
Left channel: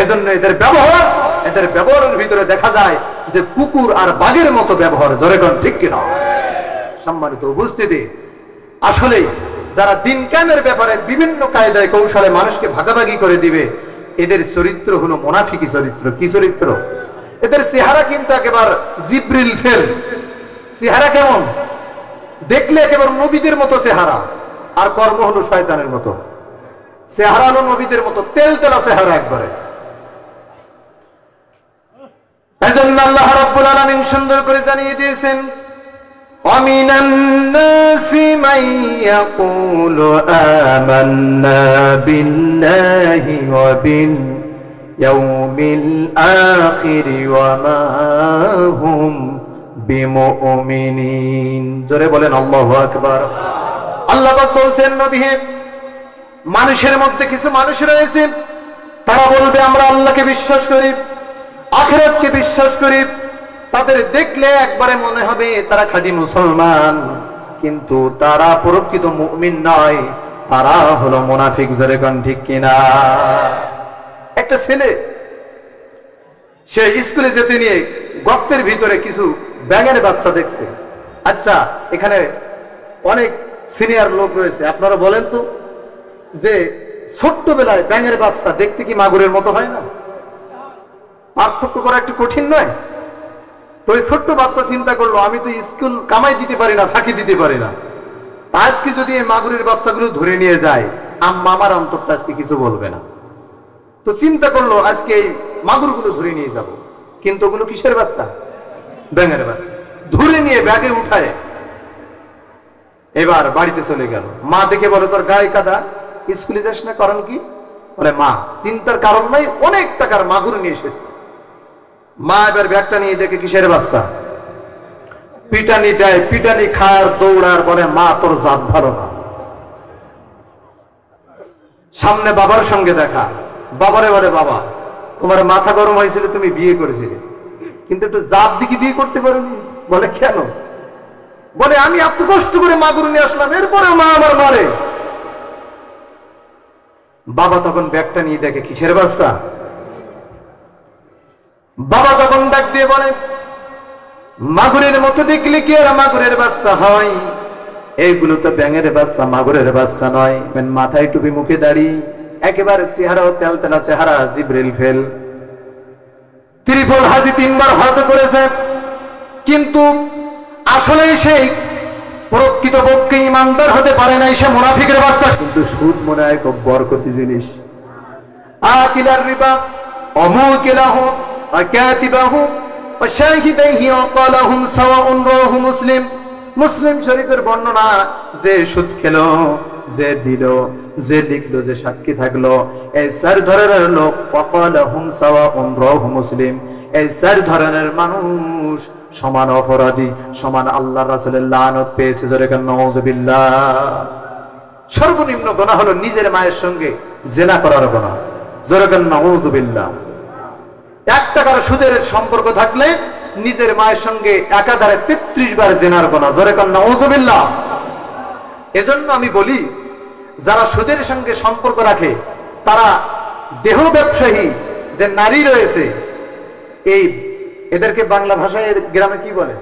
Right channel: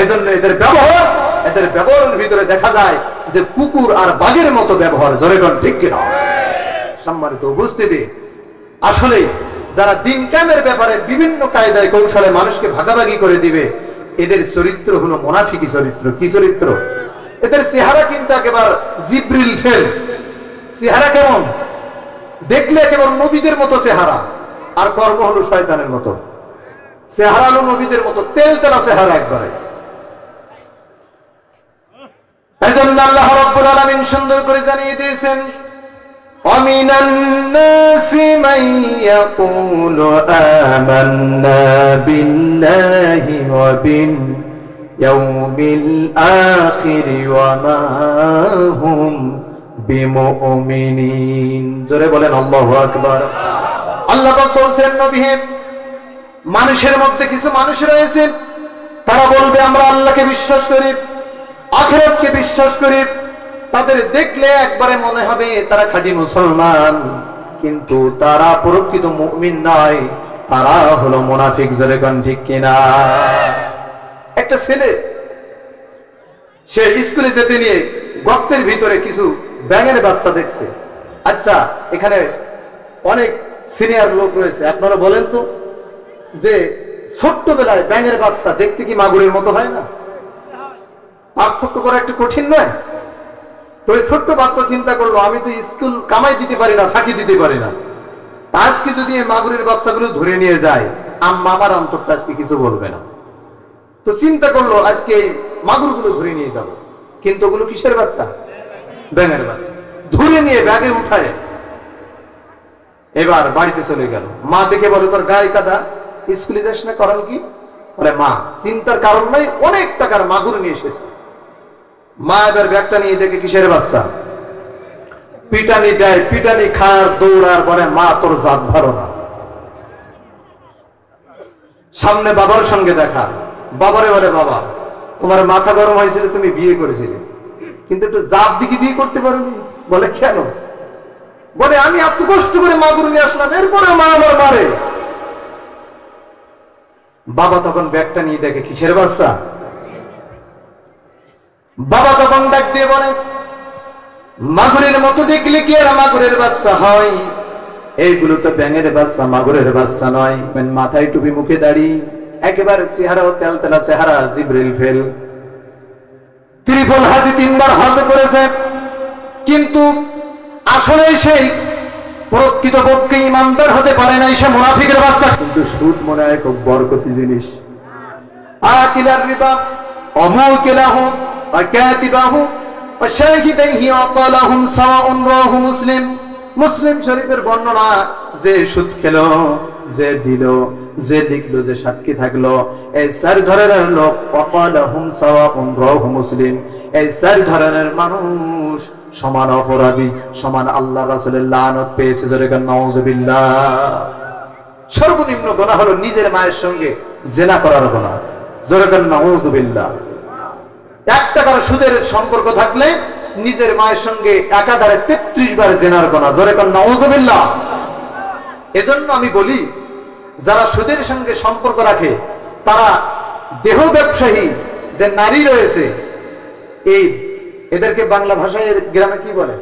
এজন্য এদের ব্যবহারের ভিতরে দেখা যায় যে কুকুর আর বাঘের মতো ব্যবহার। জোরে কোন ঠিক কিনা? সম্মানিত উপস্থিতি, আসলে যারা দিন কায়েমের ব্যাপারে বিভিন্ন কায়দায় কৌশলে মানুষকে ভাগাভাগি করে দিবে, এদের চরিত্র হলো মুনাফিকি চরিত্র। কি চরিত্র? এদের চেহারা কিন্তু একেবারে জিব্রিল ফেল। চেহারা কেমন? দেখলে একেবারে নবীদের মতো চেহারা, আর কর্ম হলো শয়তানের মতো। চেহারা হলো নবীদের মতো, তেল তেলা চেহারা একবারে। এজন্য আল্লাহ রাব্বুল আলামিন সুন্দর করে জানিয়ে দিয়েছেন, وَمِنَ النَّاسِ مَن يَقُولُ آمَنَّا بِاللَّهِ وَبِالْيَوْمِ الْآخِرِ وَمَا هُمْ بِمُؤْمِنِينَ। জোরে বলেন আল্লাহু আকবার। আল্লাহ পাক বলছেন, নবী হে, মানুষের মধ্যে কিছু মানুষ রয়েছে, তারা বলবে আমরা আল্লাহকে বিশ্বাস করি, আখিরাতকে বিশ্বাস করি। তাদের দেখলে একবারে মনে হবে তারা খাঁটি মুসলমান, কিন্তু তারা প্রকৃত মুমিন নয়, তারা হলো মুনাফিক। জোরে কোন ঠিক কিনা? একটা ছেলে সে স্কুলে যেতে নিয়ে গর্তের ভিতরে কিছু ব্যাঙের বাচ্চা দেখছে। আচ্ছা, এখানে অনেক সিনিয়র লোক রয়েছে, আপনারা বলেন তো যে ছোট্টবেলায় ব্যাঙের বাচ্চা দেখতে কি মাগুরের মতো হয় না? পার্থক্য করা একটু কঠিন নয়? তো এই ছোট্ট বাচ্চা চিন্তা করলো, আমি তো স্কুল কামাই দিতে পারি না, ফাঁকি দিতে পারি না, আজকে যদি এই মাগুরের বাচ্চাগুলো ধরে নিয়ে যায়, আমার অন্তরটা আজকে কিছু বলবে না। তো চিন্তা করলো আজকে এই মাগুরগুলো ধরে নিয়ে যাব। কিন্তু ওগুলো কিসের বাচ্চা? ব্যাঙের বাচ্চা। ধরে নিয়ে ব্যাগে উঠায় এবার বাড়িতে চলে গেল। মা দেখে বলে, তোর গায়ে কাদা, স্কুলে যাস না, কারণ কি? বলে, মা চিন্তার কারণ নাই, অনেক টাকার মাগুর নিয়ে এসেছে। মা এবার ব্যাগটা নিয়ে দেখে কিসের বাচ্চা? পিটানি দেয়, পিটানি খায়, দৌড়ার, বলে, মা তোর জাত ভালো না। সামনে বাবার সঙ্গে দেখা, বাবারে বলে, বাবা তোমার মাথা গরম হয়েছিল, তুমি বিয়ে করেছিলে, কিন্তু একটু জাত দিকে বিয়ে করতে পারবি? বলে, কেন? বলে, আমি এত কষ্ট করে মাগুর নিয়ে আসলাম, এরপরে মা আমার মারে। বাবা তখন ব্যাগটা নিয়ে দেখে কিসের বাচ্চা? বাবা তখন ডাক দিয়ে বলে, মাগুরের মতো দেখলে কি আর মাগুরের বাচ্চা হয়? এইগুলো তো ব্যাঙের বাচ্চা, মাগুরের বাচ্চা নয়। মাথায় টুপি, মুখে দাড়ি, একেবারে চেহারা তেল তেলা চেহারা, জিব্রিল ফেল। ত্রিপল হাজি, 3 বার হজ করেছে, কিন্তু আসলে সেই প্রকৃতপক্ষে ইমানদার হতে পারে নাই, সে মুনাফিকের বাচ্চা। কিন্তু সুদ মনে হয় খুব বরকতি জিনিস। আকিলার রিবা অমুকিলাহু ওয়া কাতিবাহু ওয়া শাহিদাইহি ওয়া ক্বালাহুম সাওয়াউন, রাহু মুসলিম। মুসলিম শরীফের বর্ণনা, যে সুদ খেলো, যে দিল, যে লিখলো, যে সাক্ষী থাকলো, এই 4 ধরনের লোক, ওয়া ক্বালাহুম সাওয়াউন, রাহু মুসলিম, এই 4 ধরনের মানুষ সমান অপরাধী, সমান আল্লাহ রাসূলের লানত পেয়েছে। জোরে বলেন নাউযুবিল্লাহ। সর্বনিম্ন গুনাহ হলো নিজের মায়ের সঙ্গে জিনা করার গুনাহ। জোরে বলেন নাউযুবিল্লাহ। 1 টাকার সুদের সম্পর্ক থাকলে নিজের মায়ের সঙ্গে একাধারে 33 বার জিনার গুনাহ। জোরে বলেন নাউযুবিল্লাহ। এজন্য আমি বলি, যারা সুদের সঙ্গে সম্পর্ক রাখে, তারা দেহ ব্যবসায়ী যে নারী রয়েছে, এদেরকে বাংলা ভাষায় গ্রামে কি বলে?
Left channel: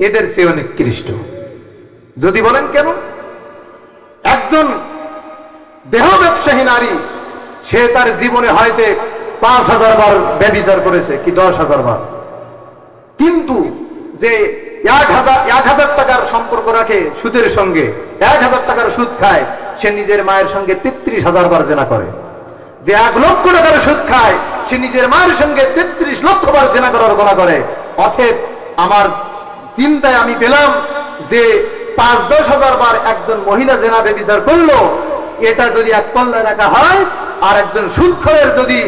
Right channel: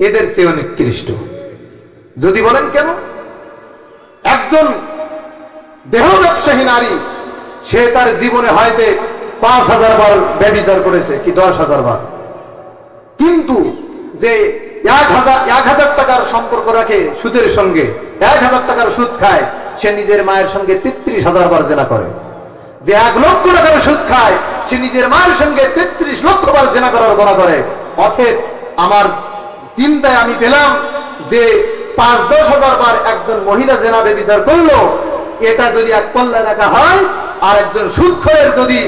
এদের চেয়ে নিকৃষ্ট। যদি বলেন কেন? একজন দেহ ব্যবসায়ী নারী, সে তার জীবনে হয়তো 5000 বার ব্যভিচার করেছে, কি 10,000 বার, কিন্তু যে 1000 টাকার সম্পর্ক রাখে সুদের সঙ্গে, 1000 টাকার সুদ খায়, সে নিজের মায়ের সঙ্গে 33,000 বার জিনা করে। যে 1 লক্ষ টাকার সুদ খায়, সে নিজের মায়ের সঙ্গে 33 লক্ষ বার জিনা করার গুনাহ করে। অতএব আমার চিন্তায় আমি পেলাম যে 5-10 হাজার বার একজন মহিলা জিনা ব্যভিচার করলো, এটা যদি এক পাল্লায় রাখা হয়, আর একজন সুদখোরের যদি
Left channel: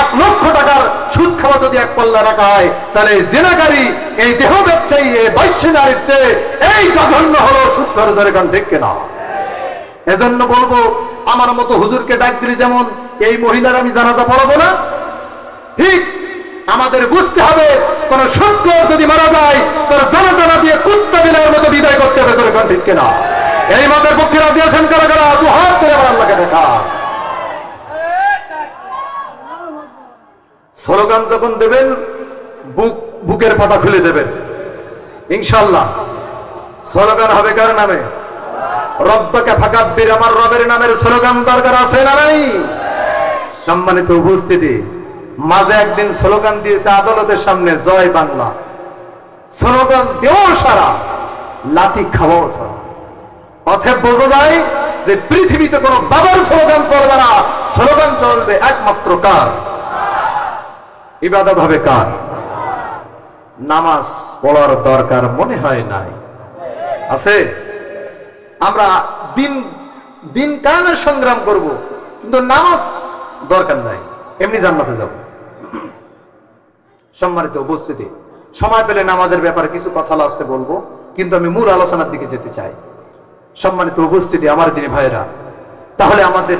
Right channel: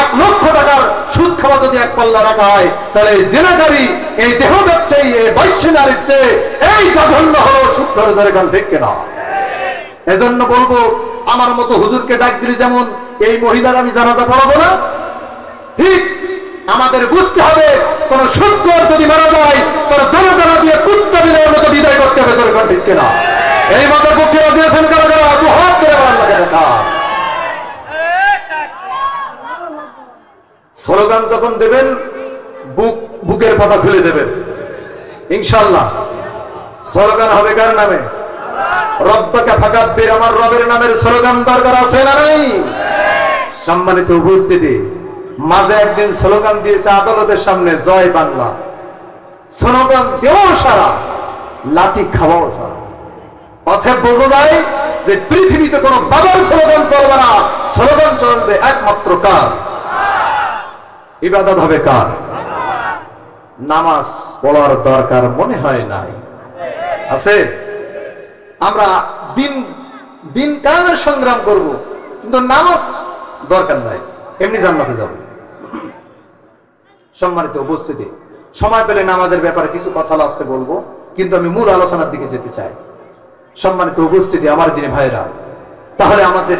1 লক্ষ টাকার সুদ খাওয়া খাওয়া যদি এক পাল্লা রাখা হয়, তাহলে এই জিনাকারী, এই দেহ ব্যবসায়ী, এই বৈশ্য নারীর চেয়ে এই জঘন্য হলো সুন্দর যেরকম দেখে না। এজন্য বলবো, আমার মতো হুজুরকে ডাক দিলে যেমন এই মহিলার আমি জানাজা পড়াবো না, ঠিক আমাদের বুঝতে হবে কোন সুন্দর যদি মারা যায় তোর জানাজা দিয়ে কুত্তা বিলের মতো বিদায় করতে হবে, তোর ঠিক কিনা? এই মতের পক্ষে রাজি আছেন কারা কারা? দু হাত করে আল্লাহকে দেখা। স্লোগান যখন দেবেন বুকের পাতা খুলে দেবেন ইনশাআল্লাহ। স্লোগান হবে কার নামে? রব্বাকা ফাকাব্বির, আমার রবের নামের স্লোগান দরকার আছে না নাই? সম্মানিত উপস্থিতি, মাঝে একদিন স্লোগান দিয়েছে আদালতের সামনে, জয় বাংলা। স্লোগান দেও সারা, লাঠি খাওয়াও সারা। অতএব বোঝা যায় যে পৃথিবীতে কোন বাবার স্লোগান চলবে না, স্লোগান চলবে একমাত্র কার? ইবাদত হবে কার? নামাজ পড়ার দরকার মনে হয় নাই? আছে? আমরা দিন কায়েমের সংগ্রাম করব, কিন্তু নামাজ দরকার নাই, এমনি জান্নাতে যাব। সম্মানিত উপস্থিতি, সময় পেলে নামাজের ব্যাপারে কিছু কথা আজকে বলবো, কিন্তু আমি মূল আলোচনার দিকে যেতে চাই। সম্মানিত উপস্থিতি, আমার দিন ভাইরা, তাহলে আমাদের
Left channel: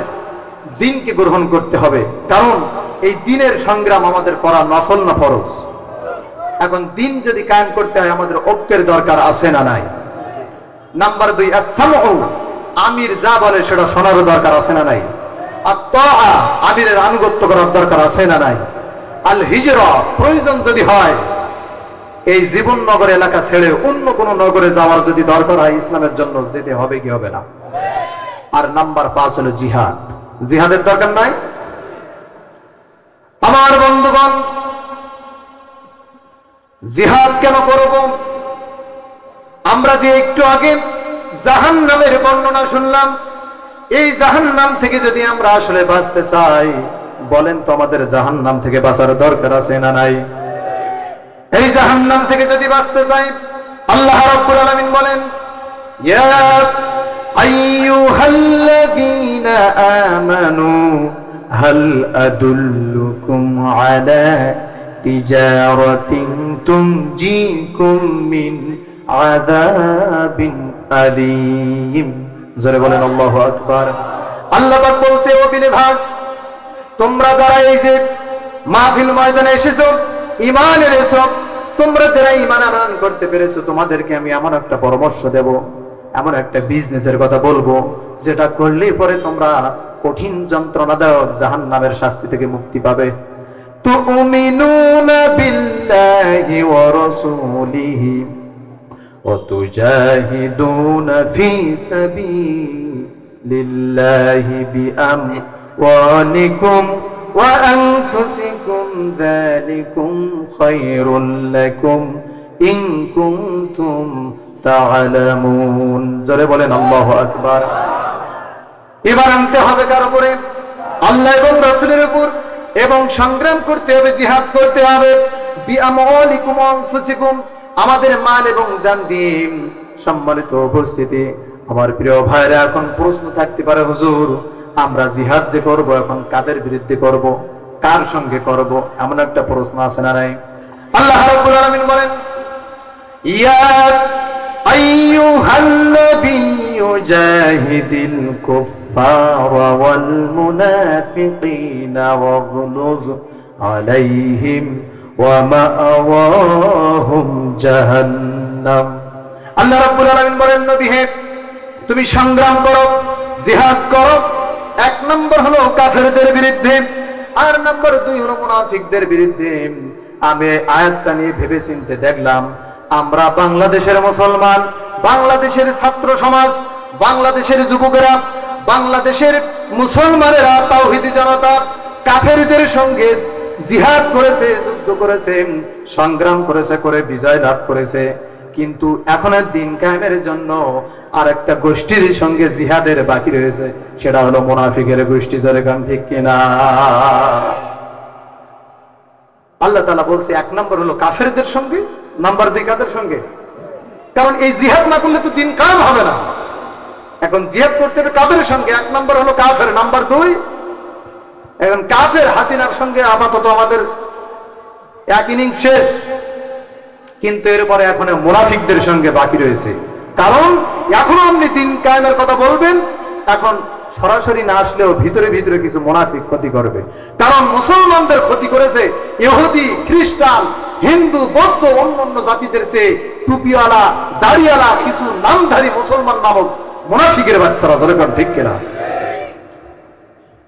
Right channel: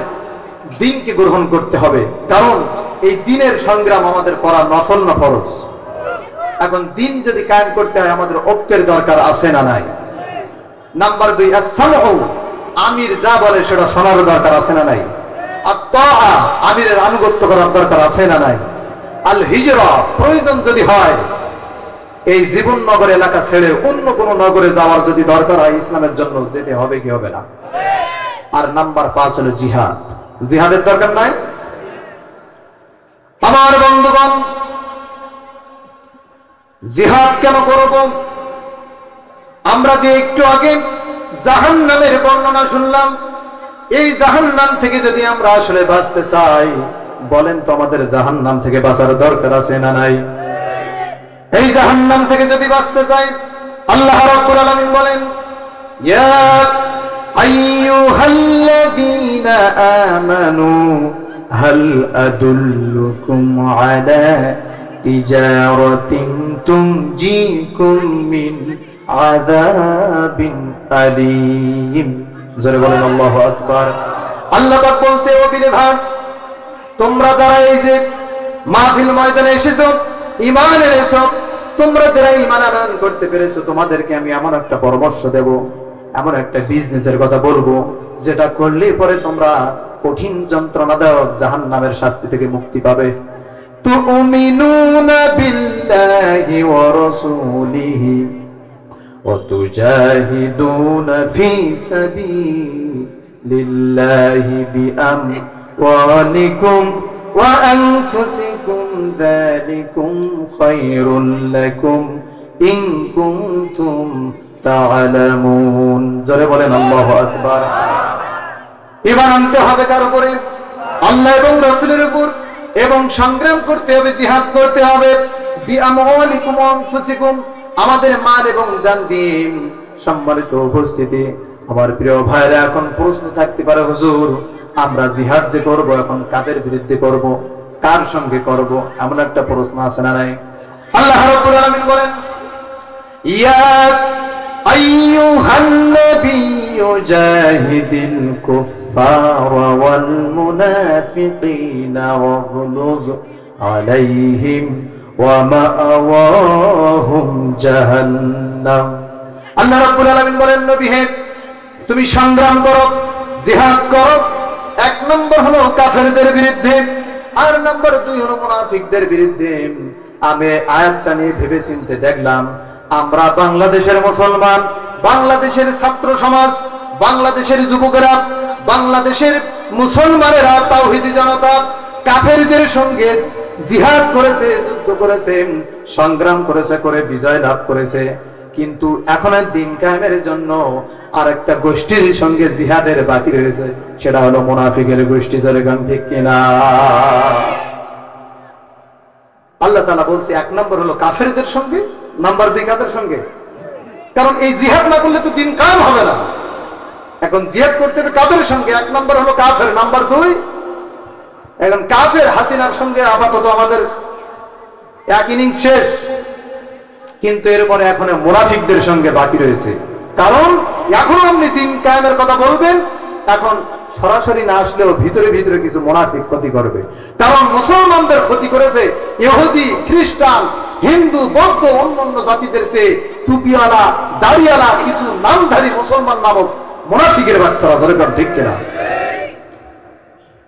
দিনকে গ্রহণ করতে হবে, কারণ এই দিনের সংগ্রাম আমাদের করা নফল না ফরজ। এখন দিন যদি কায়েম করতে হয়, আমাদের ঐক্যের দরকার আছে না নাই? নাম্বার 2, আস-সামউ, আমির যা বলে সেটা শোনার দরকার আছে না নাই? আত-তাআ, আমিরের আনুগত্য করার দরকার আছে না নাই? আল হিজরা, প্রয়োজন যদি হয় এই জীবন নগর এলাকা ছেড়ে অন্য কোন নগরে যাওয়ার যদি দরকার হয়, ইসলামের জন্য যেতে হবে কি হবে না? আর নাম্বার 5 হলো জিহাদ। জিহাদের দরকার নাই? আমার বন্ধুগণ, জিহাদ কেন করব? আমরা যে একটু আগে জাহান্নামের বর্ণনা শুনলাম, এই জাহান্নাম থেকে যদি আমরা আসলে বাঁচতে চাই, বলেন তো আমাদের জাহান্নাম থেকে বাঁচার দরকার আছে না নাই? এই জাহান্নাম থেকে যদি বাঁচতে চাই, আল্লাহ রাব্বুল আলামিন বলেন, ইয়া আইয়ুহাল্লাযীনা আমানু হাল আদুল্লুকুম আলা তিজারাতিন তুনজিকুম মিন আযাবিন আলীম। জোরে বলেন আল্লাহু আকবার। আল্লাহ পাক বলছে, ও বিলিভার্স, তোমরা যারা এই যে মাহফিল ময়দানে এসেছো, ঈমান এনেছো, তোমরা যারা ঈমান আনয়ন করতে পেরেছো, তোমাদেরকে আমি এমন একটা পরামর্শ দেব, এমন একটা বিজনেসের কথা বলবো, যেটা করলে পরে তোমরা কঠিন যন্ত্রণাদায়ক জাহান্নামের শাস্তি থেকে মুক্তি পাবে। তুমিনুনা বিল্লাহি ওয়া রাসূলিহি ওয়া তুজাহিদুনা ফি সাবিলিল্লাহি বিআমওয়ালিকুম ওয়া আনফুসিকুম, যালিকুম খায়রুল লাকুম ইন কুনতুম তা'লামুন। জোরে বলেন আল্লাহু আকবার। এবার আনতে হবে কার উপরে? আল্লাহ এবং রাসূলের উপর, এবং সংগ্রাম করতে হবে, জিহাদ করতে হবে। বিআমওয়ালিকুম ওয়া আনফুসিকুম, আমাদের মাল এবং জান দিয়ে। সম্মানিত উপস্থিতি, আমার প্রিয় ভাইরা, এখন প্রশ্ন থাকতে পারে, হুজুর আমরা জিহাদ যে করব, এখন কাদের বিরুদ্ধে করব, কার সঙ্গে করব? এমন একটা প্রশ্ন আছে না নাই? আল্লাহ রাব্বুল আলামিন বলেন, ইয়া আইয়ুহান নাবিয়্যু জাহিদিল কুফফারা ওয়াল মুনাফিকিনা ওয়াগলুজ আলাইহিম ওয়া মাআওয়াহুম জাহান্নাম। আল্লাহ রাব্বুল আলামিন বলেন, নবী হে, তুমি সংগ্রাম করো, জিহাদ করো। 1 নম্বর হলো কাফেরদের বিরুদ্ধে, আর নম্বর 2 হলো মুনাফিকদের বিরুদ্ধে। আমি আয়াতটা নিয়ে ভেবে চিন্তে দেখলাম, আমরা বাংলাদেশের মুসলমান, বাংলাদেশের ছাত্র সমাজ, বাংলাদেশের যুবকেরা, বাংলাদেশের মুসলমানেরা, তাওহীদি জনতা কাফেরদের সঙ্গে জিহাদ করেছে, যুদ্ধ করেছে, সংগ্রাম করেছে, করে বিজয় লাভ করেছে। কিন্তু এখনের দিন কায়েমের জন্য আর একটা গোষ্ঠীর সঙ্গে জিহাদের বাকি রয়েছে, সেটা হলো মুনাফিকের গোষ্ঠী। যেরকম ঠিক কিনা? আল্লাহ তাআলা বলছে 1 নম্বর হলো কাফেরদের সঙ্গে, নাম্বার 2 কাদের সঙ্গে? কারণ এই জিহাদ না করলে তো দিন কায়েম হবে না। এখন জিহাদ করতে হবে কাদের সঙ্গে? 1 নম্বর হলো কাফের, নাম্বার 2 এখন কাফের হাসিনার সঙ্গে আপাতত আমাদের এক ইনিংস শেষ, কিন্তু এরপরে এখন মুনাফিকদের সঙ্গে বাকি রয়েছে। কারণ এখনো আপনি দিন কায়েমের কথা বলবেন, এখন সরাসরি না আসলেও ভিতরে ভিতরে কিছু মুনাফিক ক্ষতি করবে। কারণ মুসলমানদের ক্ষতি করেছে ইহুদি, খ্রিস্টান, হিন্দু, বৌদ্ধ, অন্যান্য জাতিদের চেয়ে টুপিওয়ালা, দাড়িওয়ালা কিছু নামধারী মুসলমান নামক মুনাফিকের বাচ্চারা। যেরকম ঠিক কিনা?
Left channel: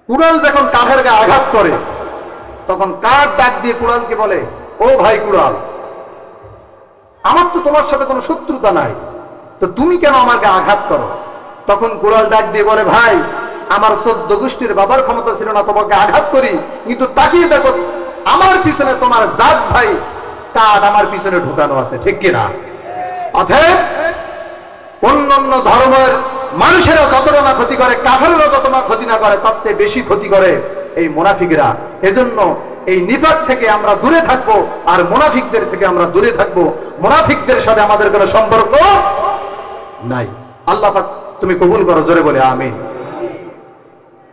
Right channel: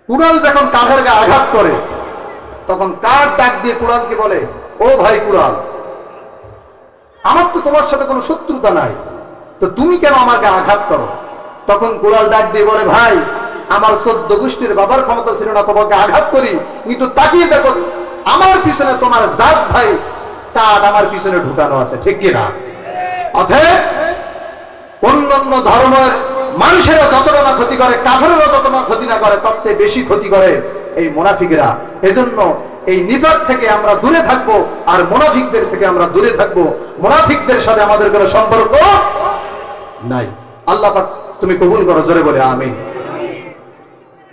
কুড়াল যখন কাঁধের গায়ে আঘাত করে তখন কার ডাক দিয়ে কুড়ালকে বলে, ও ভাই কুড়াল, আমার তো তোমার সাথে কোনো শত্রুতা নাই, তো তুমি কেন আমাকে আঘাত করো? তখন কুড়াল ডাক দিয়ে বলে, ভাই আমার 14 গোষ্ঠীর বাবার ক্ষমতা ছিল না তোমাকে আঘাত করি, কিন্তু তাকিয়ে দেখো আমার পিছনে তোমার জাত ভাই কাঠ আমার পিছনে ঢুকানো আছে। ঠিক কিনা? অতএব অন্যান্য ধর্মের মানুষেরা যতটা না ক্ষতি করে, কাফেররা যত না ক্ষতি না করে, তার চেয়ে বেশি ক্ষতি করে এই মুনাফিকরা। এজন্য এই নিফাক থেকে আমরা দূরে থাকবো, আর মুনাফিকদের থেকে আমরা দূরে থাকবো। মুনাফিকদের সাথে আমাদের কোনো সম্পর্ক নাই। আল্লাহ পাক তুমি কবুল করো, জোরে বলে আমিন।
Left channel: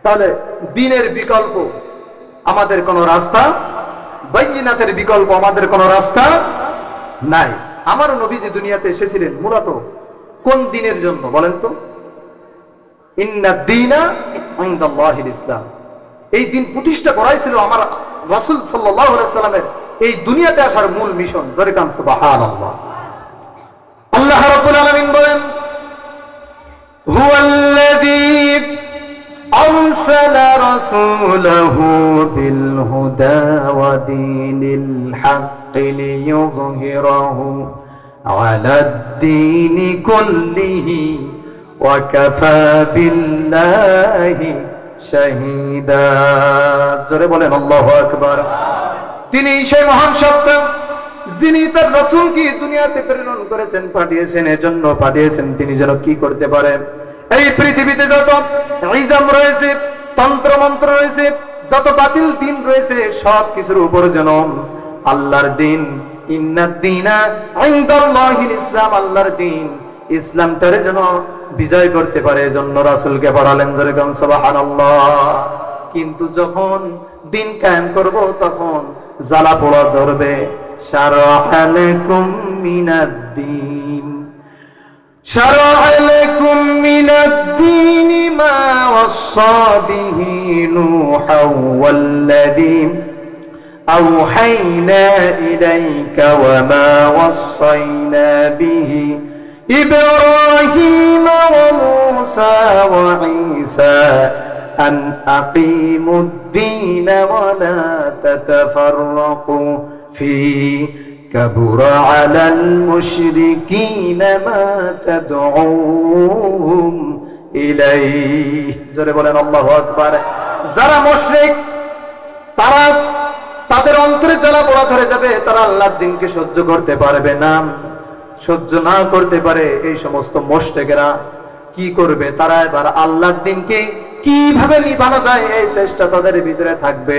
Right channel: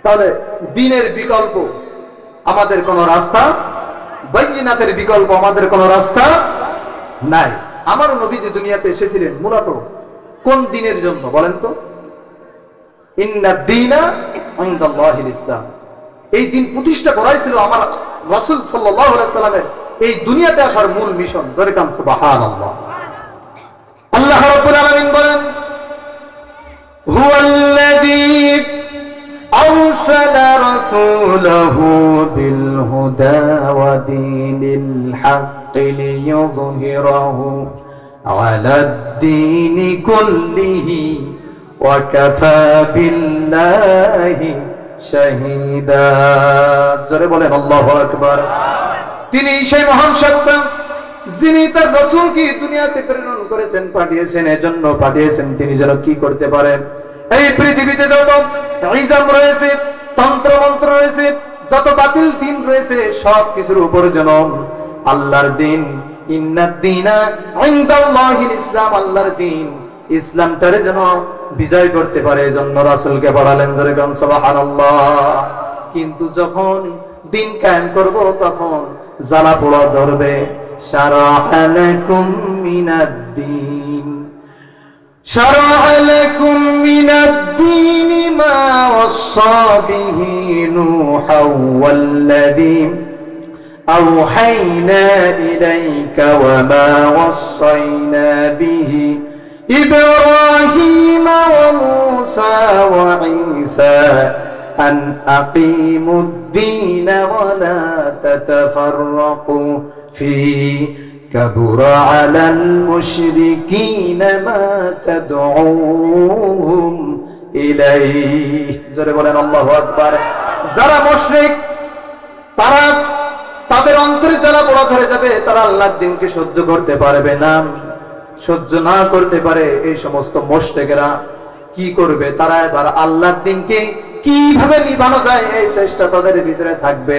তাহলে দ্বীনের বিকল্প আমাদের কোনো রাস্তা, বাইনাতের বিকল্প আমাদের কোনো রাস্তা নাই। আমার নবী যে দুনিয়াতে এসেছিলেন মূলত কোন দ্বীনের জন্য বলেন তো? ইন্না দ্বীনা ইনদাল্লাহিল ইসলাম। এই দিন প্রতিষ্ঠা করাই ছিল আমার রাসূল সাল্লাল্লাহু আলাইহি সাল্লামের এই দুনিয়াতে আসার মূল মিশন। জোরে কান সুবহানাল্লাহ। আল্লাহ রাব্বুল আলামিন বলেন, হুয়াল্লাযী আরসালা রাসূলাহু বিল হুদা ওয়া দীনিল হাক্কি লিইয়ুযহিরাহু আলাদ দীনি কুল্লিহি ওয়া কাফা বিল্লাহি শাহীদা। জোরে বলেন আল্লাহু আকবার। তিনি সেই মহান সত্তা যিনি তার রাসূলকে দুনিয়াতে প্রেরণ করেছেন, পাঠিয়েছেন। এজন্য পাঠিয়েছেন তিনি যেন কি করতে পারেন, এই পৃথিবীতে যত ইজম রয়েছে, তন্ত্র মন্ত্র রয়েছে, যত বাতিল দিন রয়েছে, সব কিছুর উপর যেন আল্লাহর দিন, ইন্নাদ দীনা ইনদাল্লাহিল ইসলাম, আল্লাহর দিন ইসলামটারে যেন বিজয় করতে পারে। এজন্য রাসূলকে পাঠালেন। জোরে বলেন সুবহানাল্লাহ। কিন্তু যখন দিন কায়েম করব তখন জ্বালা পোড়া ধরবে। শারা'a লাকুম মিনাদ-দীন শারা'a লাকুম মিনাদ-দীন মা ওয়াসসা বিহি নূহান ওয়াল্লাযী আওহাইনা ইলাইকা ওয়া মা ওয়াসাইনা বিহি إبراهيم وموسى وعيسى أن أقيموا الدين ولا تتفرقوا فيه كبر على المشركين ما تدعوهم إليه। জোরে বলেন আল্লাহু আকবার। যারা মুশরিক তারা তাদের অন্তরে জ্বালা পোড়া ধরে যাবে, তারা আল্লাহর দ্বীনকে সহ্য করতে পারবে না। সহ্য না করতে পারে এই সমস্ত মুশরিকরা কি করবে? তারা এবার আল্লাহর দ্বীনকে কিভাবে নিভানো যায় এই চেষ্টা তাদের ভিতরে থাকবে।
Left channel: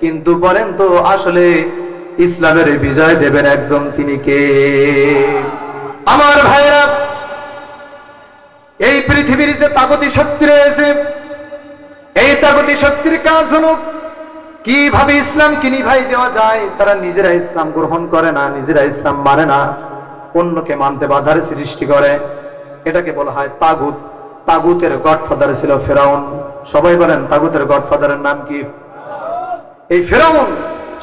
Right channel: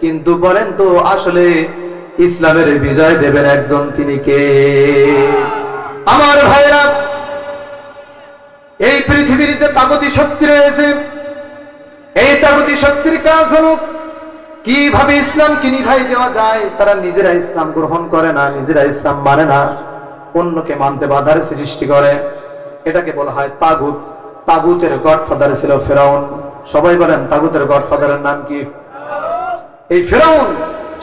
কিন্তু বলেন তো আসলে ইসলামের বিজয় দেবেন একজন, তিনি কে? আমার ভাইরা, এই পৃথিবীর যে তাগুতি শক্তি রয়েছে, এই তাগুতি শক্তির কাজ হলো কিভাবে ইসলামকে নিভাই দেওয়া যায়। তারা নিজেরা ইসলাম গ্রহণ করে না, নিজেরা ইসলাম মানে না, অন্যকে মানতে বাধার সৃষ্টি করে। এটাকে বলা হয় তাগুত। তাগুতের গডফাদার ছিল ফেরাউন। সবাই বলেন তাগুতের গডফাদারের নাম কি? এই ফেরাউন,